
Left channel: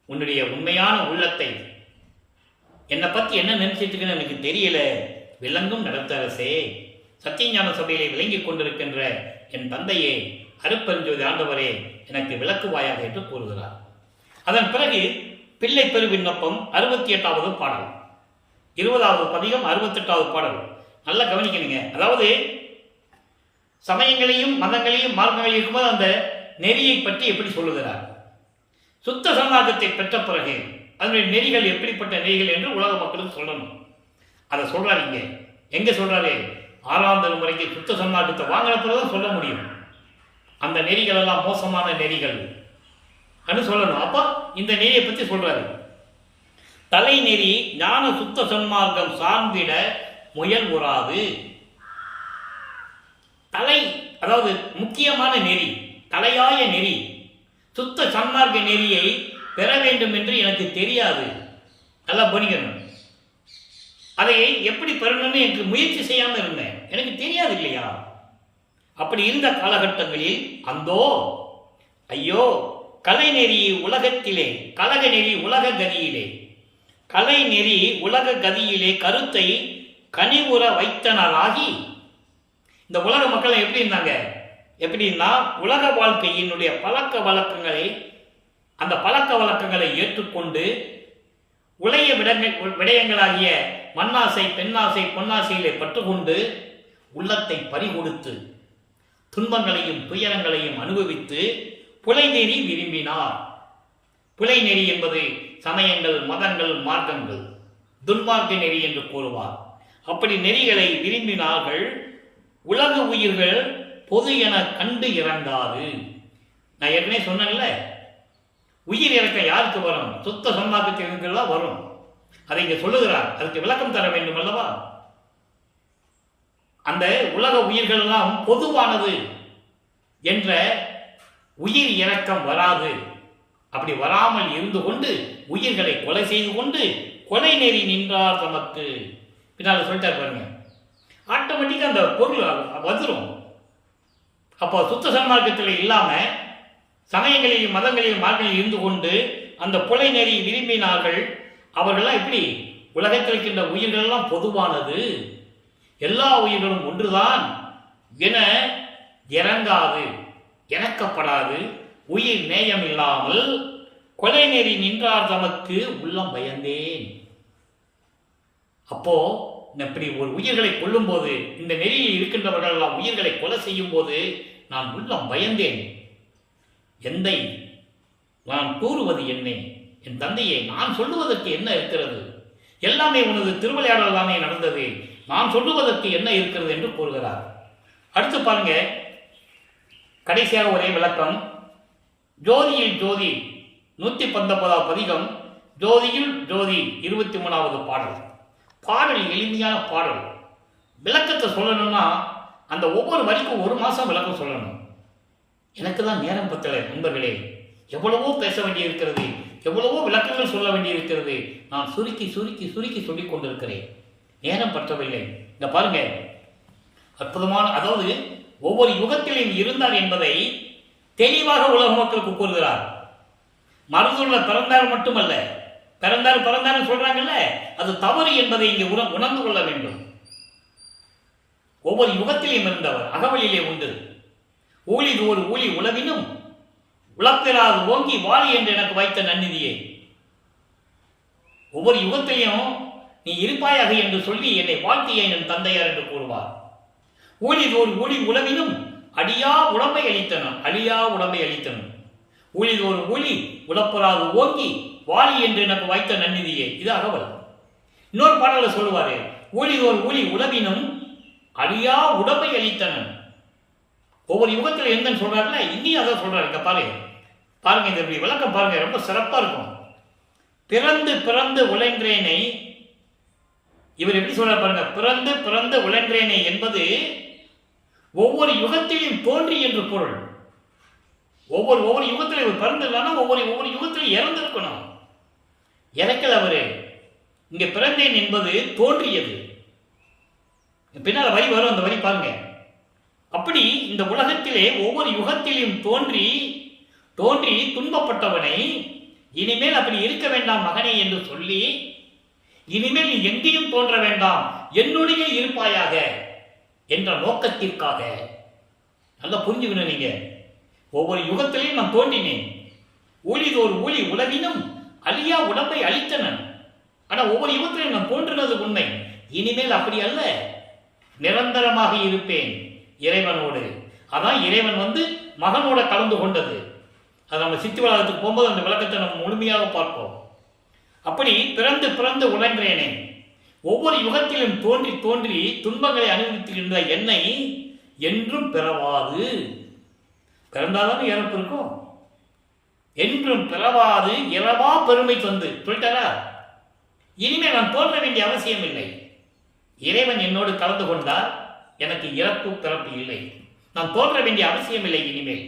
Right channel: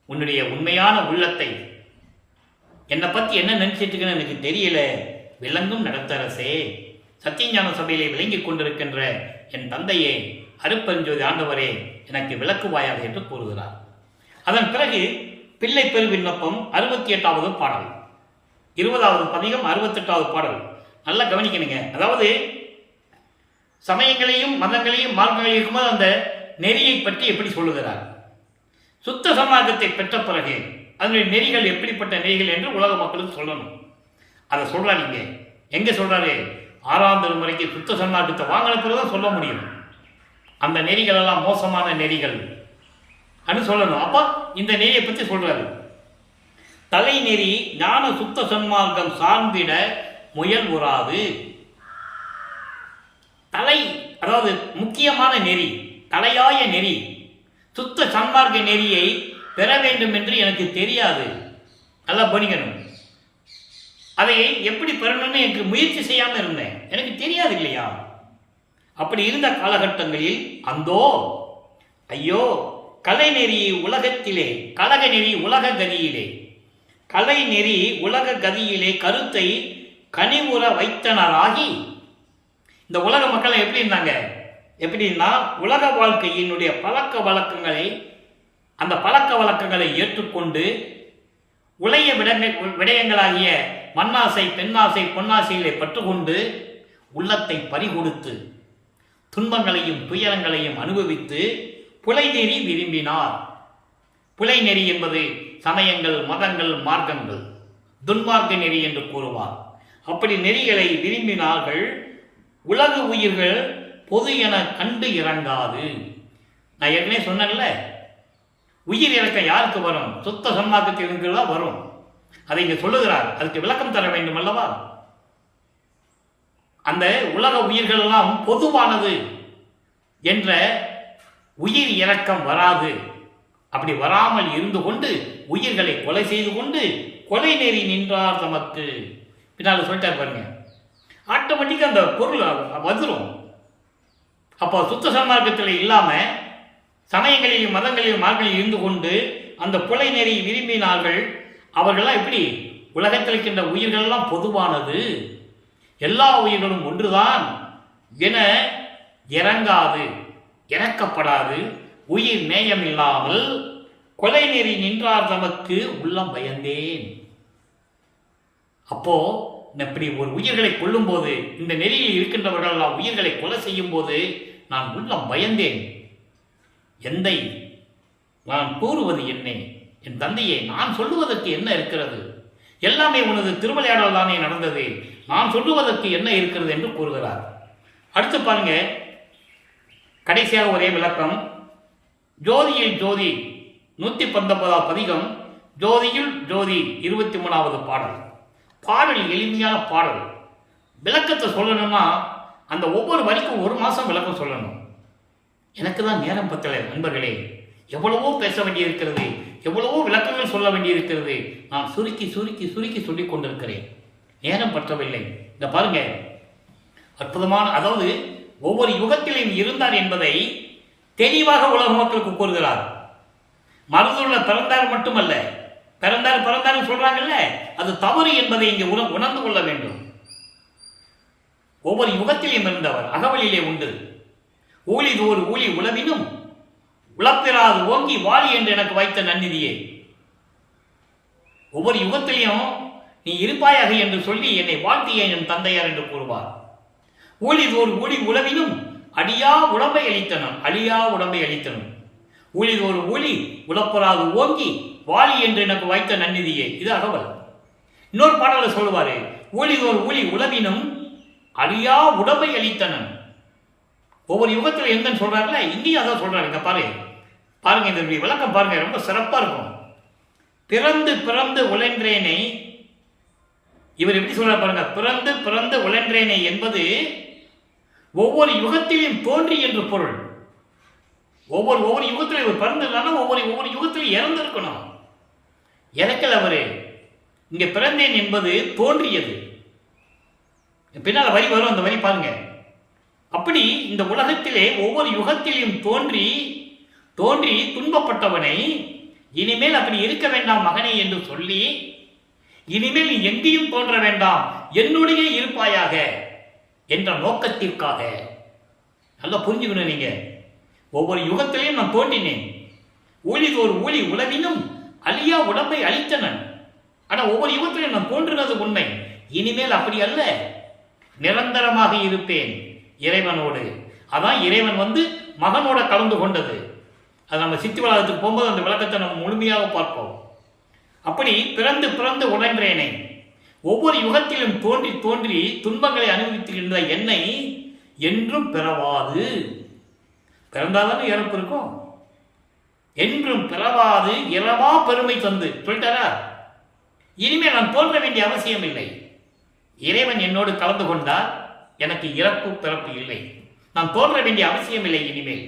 உன்னுடைய உண்மையான உள்ளத்தை, என்னை பற்றி என்ன நினைச்சிட்டுக்குன்னு எனக்கு தெரியல. விளங்கும் நடத்தரசே, சத்தியஞான சபையிலே விளங்கி கொண்டிருக்கின்ற என் தந்தையே, அருட்பெருஞ்சோதி ஆண்டவரே, எனக்கு விளக்குவாயாக என்று கூறுகிறார். அதன் பிறகு பிள்ளை பெரு விண்ணப்பம் 68வது பாடல், 20வது பதிகம், 68வது பாடல். நல்லா கவனிக்கணுங்க. அதாவது சமயங்களையும் மதங்களையும் மார்க்கங்களையும் இருக்கும்போது அந்த நெறியை பற்றி எப்படி சொல்லுகிறார். சுத்த சமார்க்கத்தை பெற்ற பிறகு அதனுடைய நெறிகள் எப்படிப்பட்ட நெறிகள் என்று உலக மக்களுக்கு சொல்லணும். அதை சொல்றாரு. இங்க எங்க சொல்றாரு? 6ஆம் திருமுறைக்கு சுத்த சன்மார்க்கத்தை வாங்கின பிறகுதான் சொல்ல முடியும். அந்த நெறிகள் எல்லாம் மோசமான நெறிகள் அனு சொல்லணும். அப்போ இந்த நெறியை பற்றி சொல்றாரு. தலை நெறி ஞான சுத்த சன்மார்க்கம் சார்ந்திட முயல் உறாது. தலை, அதாவது முக்கியமான நெறி, தலையாய நெறி, சுத்த சன்மார்க்க நெறியை பெற வேண்டும் என்று எனக்கு தெரியாது. நல்லா கவனிக்கணும். அதை எப்படி பெறணும்னு எனக்கு முயற்சி செய்யாமல் இருந்தேன். எனக்கு தெரியாது இல்லையா? அப்படி இருந்த காலகட்டங்களில் அந்தோ ஐயோ, கலை நெறி உலகத்திலே, கலக நெறி உலக கதியிலே, கலை நெறி உலக கதியிலே கருத்தை கனிவுற வைத்தனராகி, இந்த உலக மக்கள் எப்படி இருந்தாங்க? எப்படின்னா, உலக வாழ்க்கையினுடைய பழக்க வழக்கங்களை, அந்த பழக்க வழக்கங்களை ஏற்றுக்கொண்டு உலக விடயங்களாகிய மண்ணாசை, பெண்ணாசை, பொன்னாசையிலே பற்றுக்கொண்டு உள்ளத்தை பறிகொடுத்து துன்பங்களையும் துயரங்களையும் அனுபவித்து புலை நெறி விரும்பினார். புலை நெறி என்பது சமயங்கள், மதங்கள், மார்க்கங்கள், துன்மார்க்க நெறி என்று கூறுவார். அப்படி நெறிகளை விரும்பினார்கள். உலக உயிர்கள் பொது என கண்டு இறங்காது. நான் ஏற்கனவே சொன்னேன்ல, உயிர் இறக்கம் யாருக்கு வரும்? சுத்த சன்மார்க்கத்தில் இருக்கிறதா வரும். அதை இங்கே சொல்லுகிறார். அதுக்கு விளக்கம் தர வேண்டும் அல்லவா? அந்த உலக உயிர்கள் எல்லாம் பொதுவானது என்ற உயிர் இறக்கம் வராது. அப்படி வராமல் இருந்து கொண்டு உயிர்களை கொலை செய்து கொண்டு கொலை நெறி நின்றார் தமக்கு. பின்னால் சொல்லிட்டார் பாருங்க. ஆட்டோமேட்டிக்காக அந்த பொருள் வந்துடும். அப்போ சுத்த சன்மார்க்கத்தில் இல்லாமல் சமயங்களிலும் மதங்களிலும் மார்க்கங்களில் இருந்து கொண்டு அந்த புலை நெறி விரும்பினார்கள். அவர்கள்லாம் எப்படி? உலகத்தில் இருக்கின்ற உயிர்களெல்லாம் பொதுவானது, எல்லா உயிர்களும் ஒன்றுதான் என இறங்காது, இறக்கப்படாது, உயிர் நேயம் இல்லாமல் கொலை நெறி நின்றார் தமக்கு உள்ளம் பயந்தேன். அப்போ இப்படி ஒரு உயிர்களை கொல்லும் போது, இந்த நெறியில் இருக்கின்றவர்கள் எல்லாம் உயிர்களை கொலை செய்யும் போது நான் உள்ளம் பயந்தேன். எந்தை, நான் கூறுவது என்ன? என் தந்தையே, நான் சொல்லுவதற்கு என்ன இருக்கிறது? எல்லாமே உனது திருவிளையாடல் தானே நடந்தது. நான் சொல்லுவதற்கு என்ன இருக்கிறது என்று கூறுகிறார். அடுத்து பாருங்க, கடைசியாக ஒரே விளக்கம். ஜோதியில் ஜோதி 119வது பதிகம், ஜோதியில் ஜோதி 23வது பாடல். பாடல் எளிமையான பாடல். விளக்கத்தை சொல்லணும்னா அந்த ஒவ்வொரு வரிக்கும் 1 மாதம் விளக்கம் சொல்லணும். எனக்கு தான் நேரம் பத்தலை நண்பர்களே. எவ்வளவோ பேச வேண்டியிருக்கிறது, எவ்வளவோ விளக்கங்கள் சொல்ல வேண்டியிருக்கிறது. நான் சுருக்கி சுருக்கி சுருக்கி சொல்லிக் கொண்டிருக்கிறேன். நேரம் பற்றவில்லை. இந்த பாருங்க, அற்புதமான, அதாவது ஒவ்வொரு யுகத்திலும் இருந்தார் என்பதை தெளிவாக உலக மக்களுக்கு கூறுகிறார். மருந்துள்ள பிறந்தார் மட்டுமல்ல, பிறந்தார் சொல்றாங்கல்ல, அது தவறு என்பதை இங்கே உணர்ந்து கொள்ள வேண்டும். ஒவ்வொரு யுகத்திலும் இருந்தவர் அகவலிலே உண்டு. ஊழிதோறு ஊழி உளவினும் உளப்பெறாது ஓங்கி வாழி என்று எனக்கு வைத்த நன்னிதியே. ஒவ்வொரு யுகத்திலையும் நீ இருப்பாயாக என்று சொல்லி என்னை வாழ்த்திய என் தந்தையார் என்று கூறுவார். ஊழிதோறு ஊழி உளவினும் அழியா உடம்பை அளித்தனும் ஊழிதோறு ஊழி உளப்பெறாது ஓங்கி வாழி என்று எனக்கு வைத்த நன்னிதியே. இது அகவல். இன்னொரு பாடலை சொல்லுவாரு, ஊழிதோறு ஊழி உளவினும் அழியா உடம்பை அளித்தனன். ஒவ்வொரு யுகத்தில் எந்த சொல்றாருல, இன்னும் அதான் சொல்றாரு. இங்க பாருங்க இந்த விளக்கம் பாருங்க, ரொம்ப சிறப்பா இருக்கும். பிறந்து உழன்றேனை, இவர் எப்படி சொல்றாரு பாருங்க, பிறந்து உழன்றேனை என்பது ஒவ்வொரு யுகத்திலும் தோன்றி என்று பொருள். ஒவ்வொரு யுகத்திலும் இவர் பிறந்திருந்தானா ஒவ்வொரு யுகத்திலும் இறந்திருக்கணும். இறக்கல் அவரு. இங்க பிறந்தேன் என்பது தோன்றியது. பின்னால வரி வரும், அந்த வரி பாருங்க. அப்படி இந்த உலகத்திலே ஒவ்வொரு யுகத்திலும் தோன்றி துன்பப்பட்டவனை இனிமேல் அப்படி இருக்க வேண்டாம் மகனே என்று சொல்லி, இனிமேல் நீ எங்கேயும் தோன்ற வேண்டாம், என்னுடைய இருப்பாயாக என்ற நோக்கத்திற்காக. நல்லா புரிஞ்சுக்கணும் நீங்க. ஒவ்வொரு யுகத்திலையும் நான் தோன்றினேன். ஊழிதோர் ஊழி உளவினும் அழியா உடம்பை அளித்தனன். ஆனா ஒவ்வொரு யுகத்திலையும் நான் தோன்றினது உண்மை. இனிமேல் அப்படி அல்ல, நிரந்தரமாக இருப்பேன் இறைவனோடு. அதான் இறைவன் மகனோட கலந்து கொண்டது. அது நம்ம சித்தி வளாகத்துக்கு போகும்போது அந்த விளக்கத்தை நம்ம முழுமையாக பார்ப்போம். அப்படி பிறந்து உழன்றேனை, ஒவ்வொரு யுகத்திலும் தோன்றி துன்பங்களை அனுபவித்திருந்த என்னை என்றும் பிறவாது, பிறந்தாதானே இறப்பு இருக்கும், என்றும் பிறவாது இறவா பெருமை தந்து சொல்லிட்டாரா. இனிமேல் நான் தோன்ற வேண்டிய அவசியம் இல்லை. இறைவன் என்னோடு கலந்து கொண்டார், எனக்கு இறப்பு பிறப்பு இல்லை, நான் தோன்ற வேண்டிய அவசியம் இல்லை. இனிமேல்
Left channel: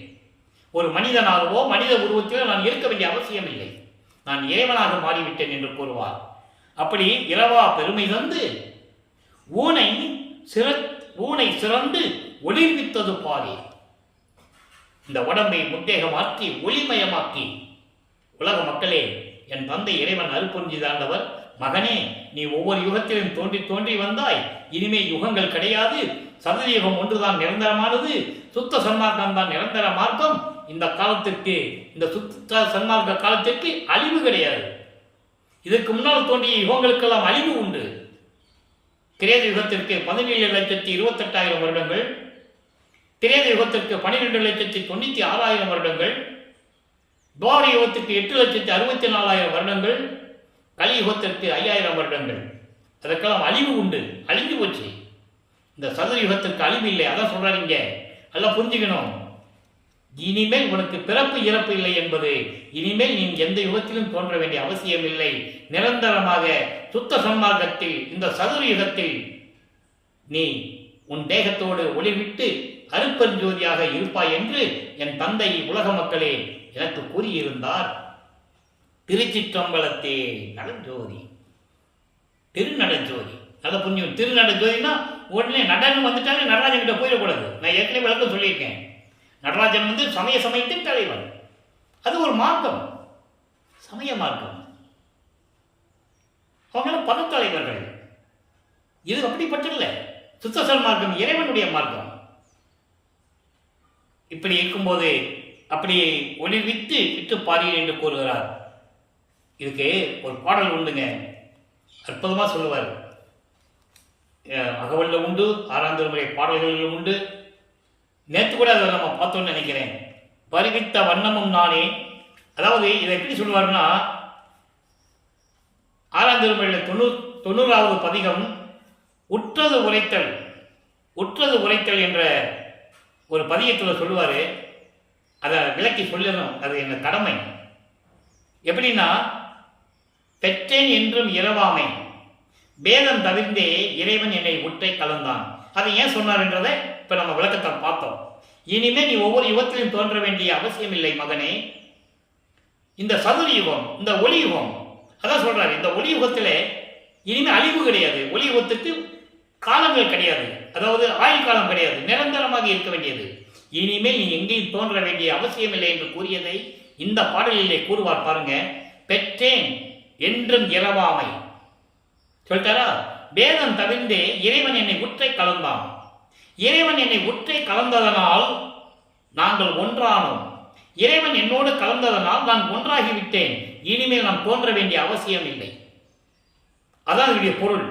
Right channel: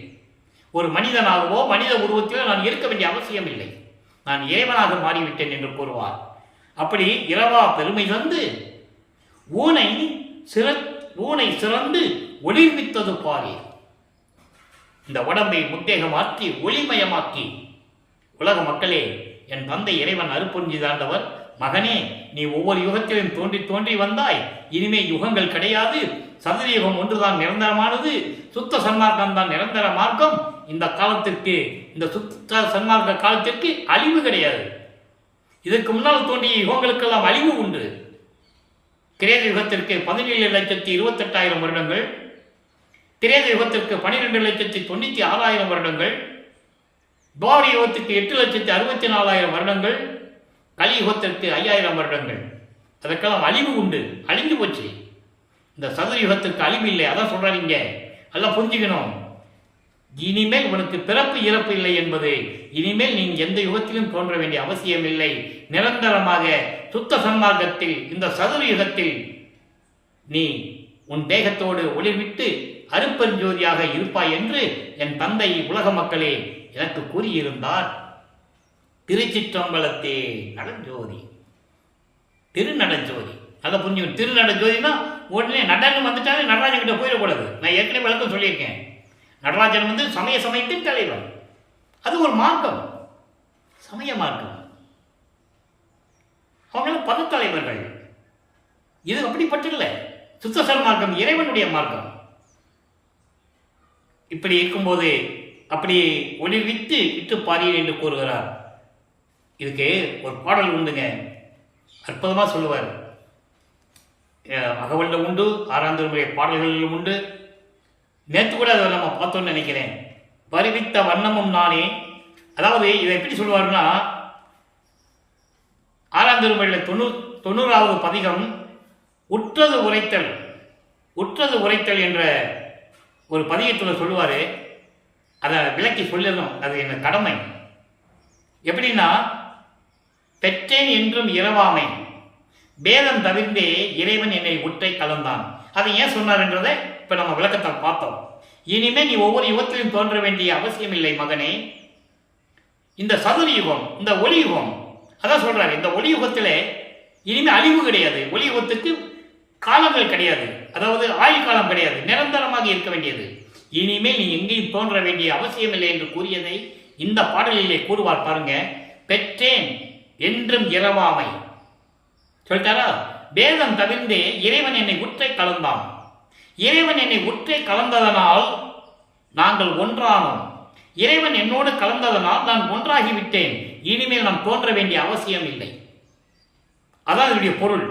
ஒரு மனிதனாகவோ மனித உருவத்திலோ நான் இருக்க வேண்டிய அவசியம் இல்லை, நான் இறைவனாக மாறிவிட்டேன் என்று கூறுவார். அப்படி இரவா பெருமை தந்து ஊனை சிறந்து ஒளிர்வித்தது பாரீர். இந்த உடம்பை முத்தேக மாற்றி ஒளிமயமாக்கி, உலக மக்களே, என் தந்தை இறைவன் அருப்பொஞ்சிதாண்டவர், மகனே நீ ஒவ்வொரு யுகத்திலும் தோன்றி வந்தாய், இனிமே யுகங்கள் கிடையாது, சதுரயுகம் ஒன்றுதான் நிரந்தரமானது, சுத்த சன்மார்க்கம் தான் நிரந்தர மார்க்கம். இந்த காலத்திற்கு, இந்த சுத்த சன்மார்க்க காலத்திற்கு அழிவு கிடையாது. இதற்கு முன்னால் தோன்றிய யுகங்களுக்கெல்லாம் அழிவு உண்டு. கிரேத யுகத்திற்கு 17,28,000 வருடங்கள், கிரேத யுகத்திற்கு 12,96,000 வருடங்கள், துவாபர யுகத்திற்கு 8,64,000 வருடங்கள், கலியுகத்திற்கு 5,000 வருடங்கள். அதற்கெல்லாம் அழிவு உண்டு, அழிஞ்சு போச்சு. இந்த சதுரயுகத்திற்கு அழிவு இல்லை. அதான் சொல்றாரு இங்க. எல்லாம் புரிஞ்சுக்கணும். இனிமேல் உனக்கு பிறப்பு இறப்பு இல்லை என்பது, இனிமேல் நீ எந்த யுகத்திலும் தோன்ற வேண்டிய அவசியம் இல்லை. நிரந்தரமாக சுத்த சன்மார்க்கத்தில், இந்த சதுரயுகத்தில் நீ உன் தேகத்தோடு ஒளிவிட்டு அருப்பெருஞ்சோதியாக இருப்பாய் என்று என் தந்தை உலக மக்களே எனக்கு கூறியிருந்தார். திருச்சிற்றம்பலத்தே நடஞ்சோதி, திருநடஞ்சோதி. அதை புரிஞ்சுக்கணும். திருநடஞ்சோதினா உடனே நடனம் வந்துட்டாலே நடராஜன் கிட்ட போயிடக்கூடாது. நான் ஏற்கனவே விளக்கம் சொல்லியிருக்கேன். நடராஜன் சமயத்தின் தலைவன். அது ஒரு மார்க்கம், சமய மார்க்கம். அவங்கள பதத்தலைவர்கள். இது அப்படிப்பட்டில்லை. சுத்த மார்க்கம் இறைவனுடைய மார்க்கம். இப்படி இருக்கும்போது அப்படி விட்டு பாரியர் என்று கூறுகிறார். இதுக்கு ஒரு பாடல் உண்டுங்க, அற்புதமாக சொல்லுவார். அகவல்ல உண்டு, 6ஆம் திருமுறை பாடல்களிலும் உண்டு. நேற்று கூட அதை நம்ம பார்த்தோன்னு நினைக்கிறேன். பரிவித்த வண்ணமும் நானே. அதாவது இதை எப்படி சொல்லுவாருன்னா, 6ஆம் திருமுறையில் 90வது பதிகம் உற்றது உரைத்தல் என்ற ஒரு பதிகத்தில் சொல்லுவார். அதை விளக்கி சொல்லணும், அது என்ன கடமை. எப்படின்னா, பெற்றேன் என்றும் இரவாமை, பேதம் தவிர்ந்தே இறைவன் என்னை உற்றை கலந்தான். அதை ஏன் சொன்னார் என்றதை இப்போ நம்ம விளக்கத்தை பார்த்தோம். இனிமே நீ ஒவ்வொரு யுகத்திலும் தோன்ற வேண்டிய அவசியம் இல்லை மகனே. இந்த சதுர யுகம், இந்த ஒளி யுகம், அதான் சொல்றாரு. இந்த ஒளி யுகத்திலே இனிமேல் அழிவு கிடையாது. ஒலியுகத்துக்கு காலங்கள் கிடையாது, அதாவது ஆயுள் காலம் கிடையாது, நிரந்தரமாக இருக்க வேண்டியது. இனிமேல் நீ எங்கேயும் தோன்ற வேண்டிய அவசியமில்லை என்று கூறியதை இந்த பாடலிலே கூறுவார் பாருங்க. பெற்றேன் என்றும் இறவாமை சொல்லிட்டாரா? வேதம் தவிர்ந்தே இறைவன் என்னை உற்றை கலந்தான். இறைவன் என்னை உற்றை கலந்ததனால் நாங்கள் ஒன்றானோம். இறைவன் என்னோடு கலந்ததனால் நான் ஒன்றாகிவிட்டேன். இனிமேல் நான் தோன்ற வேண்டிய அவசியம் இல்லை. அதான் இதனுடைய பொருள்.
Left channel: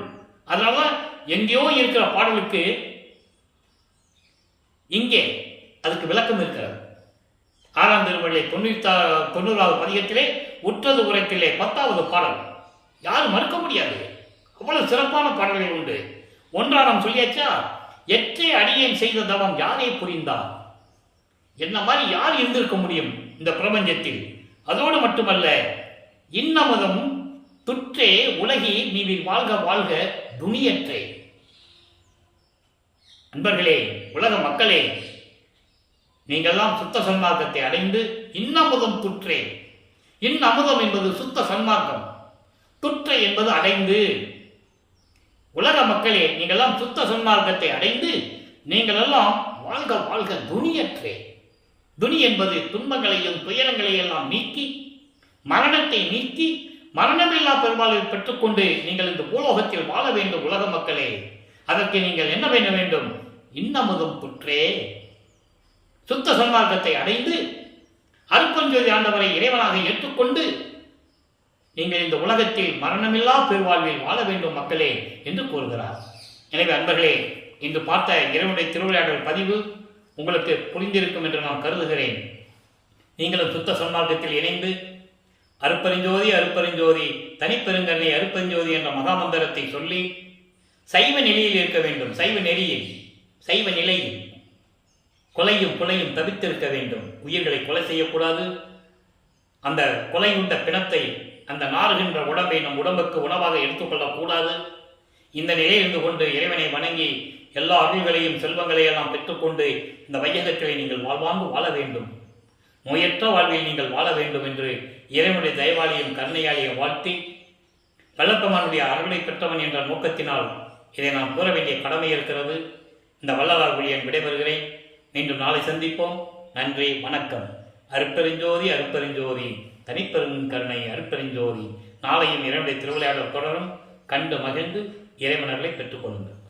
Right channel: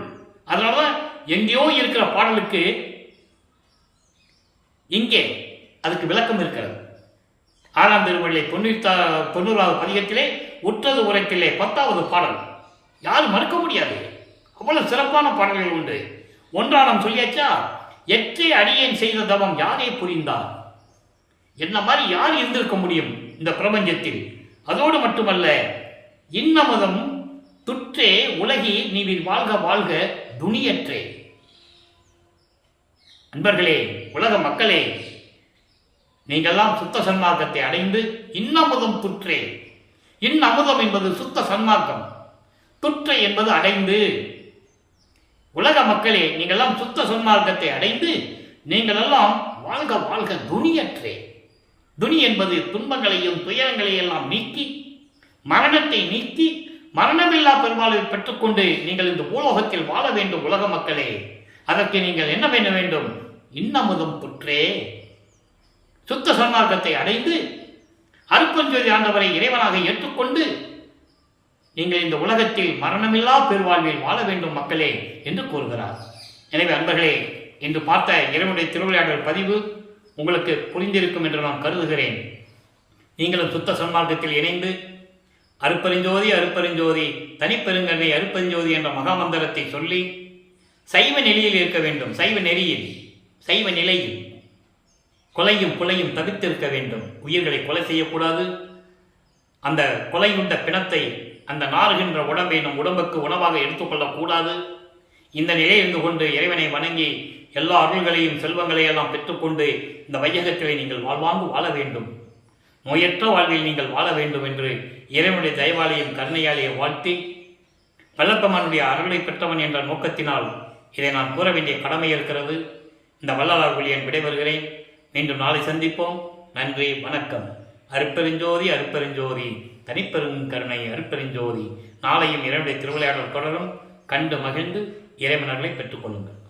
அதனாலதான் எங்கேயோ இருக்கிற பாடலுக்கு இங்கே அதுக்கு விளக்கம் இருக்கிறது. 6ஆம் திருமொழியை 90வது பதிகத்திலே உற்றது உரைத்திலே 10வது பாடல். யாரும் மறுக்க முடியாது, அவ்வளவு சிறப்பான பாடல்கள் உண்டு. ஒன்றானம் சொல்லியாச்சா? எற்றே அடியேன் செய்த தவம் யாரே புரிந்தார். என்ன மாதிரி யார் இருந்திருக்க முடியும் இந்த பிரபஞ்சத்தில்? அதோடு மட்டுமல்ல, இன்னமுதம் துற்றே உலகி நீவிர் வாழ்க வாழ்க துணியற்றே. அன்பர்களே, உலக மக்களே, நீங்கள்லாம் சுத்த சன்மார்க்கத்தை அடைந்து இன்னமுதம் துற்றே. இன்னமுதம் என்பது சுத்த சன்மார்க்கம், துற்றை என்பது அடைந்து. உலக மக்களே, நீங்கள்லாம் சுத்த சன்மார்க்கத்தை அடைந்து நீங்களெல்லாம் வாழ்க வாழ்க துணியற்றே. துணி என்பது துன்பங்களையும் துயரங்களையும் எல்லாம் நீக்கி, மரணத்தை நீக்கி, மரணமில்லா பெருவாழ்வை பெற்றுக்கொண்டு நீங்கள் இந்த பூலோகத்தில் வாழ வேண்டும். உலக மக்களே, அதற்கு நீங்கள் என்ன பண்ண வேண்டும்? இன்னமுதம் துற்றே. சுத்த சன்மார்க்கத்தை அடைந்து அருட்பெருஞ்சோதி ஆண்டவரை இறைவனாக ஏற்றுக்கொண்டு நீங்கள் இந்த உலகத்தில் மரணமில்லா பெருவாழ்வில் வாழ வேண்டும் மக்களே என்று கூறுகிறார். எனவே அன்பர்களே, இன்று பார்த்த இறைவனுடைய திருவிளையாடல் பதிவு உங்களுக்கு புரிந்திருக்கும் என்று நான் கருதுகிறேன். நீங்களும் சுத்த சன்மார்க்கத்தில் இணைந்து அருட்பெருஞ்சோதி அருட்பெருஞ்சோதி தனிப்பெருங்கண்ணை அருட்பெருஞ்சோதி என்ற மகாமந்திரத்தை சொல்லி சைவ நிலையில் இருக்க வேண்டும். சைவ நெறியில், சைவ நிலையில் கொலையும் கொலையும் தவிர்த்திருக்க வேண்டும். உயிர்களை கொலை செய்யக்கூடாது. அந்த கொலையுண்ட பிணத்தை, அந்த நாறுகின்ற உடம்பை நம் உடம்புக்கு உணவாக எடுத்துக்கொள்ளக்கூடாது. இந்த நிலையிலிருந்து கொண்டு இறைவனை வணங்கி எல்லா அருள்களையும் செல்வங்களையெல்லாம் பெற்றுக்கொண்டு இந்த வையகத்திலே நீங்கள் வாழ்வாங்கு வாழ வேண்டும். நோயற்ற வாழ்வில் நீங்கள் வாழ வேண்டும் என்று இறைவனுடைய தயவாலையும் கருணையாலையும் வாழ்த்தி, வல்லப்பெருமானுடைய அருளை பெற்றவன் என்ற நோக்கத்தினால் இதை நான் கூற வேண்டிய கடமை இருக்கிறது. இந்த வள்ளலார் ஒளியன் விடைபெறுகிறேன். மீண்டும் நாளை சந்திப்போம். நன்றி, வணக்கம். அருட்பெருஞ்சோதி அருட்பெருஞ்சோதி தனிப்பெருங்கருணை அருட்பெருஞ்சோதி. நாளையும் இறைவனுடைய திருவிளையாடல் தொடரும். கண்டு மகிழ்ந்து இறைவனர்களை பெற்றுக்கொள்ளுங்கள்.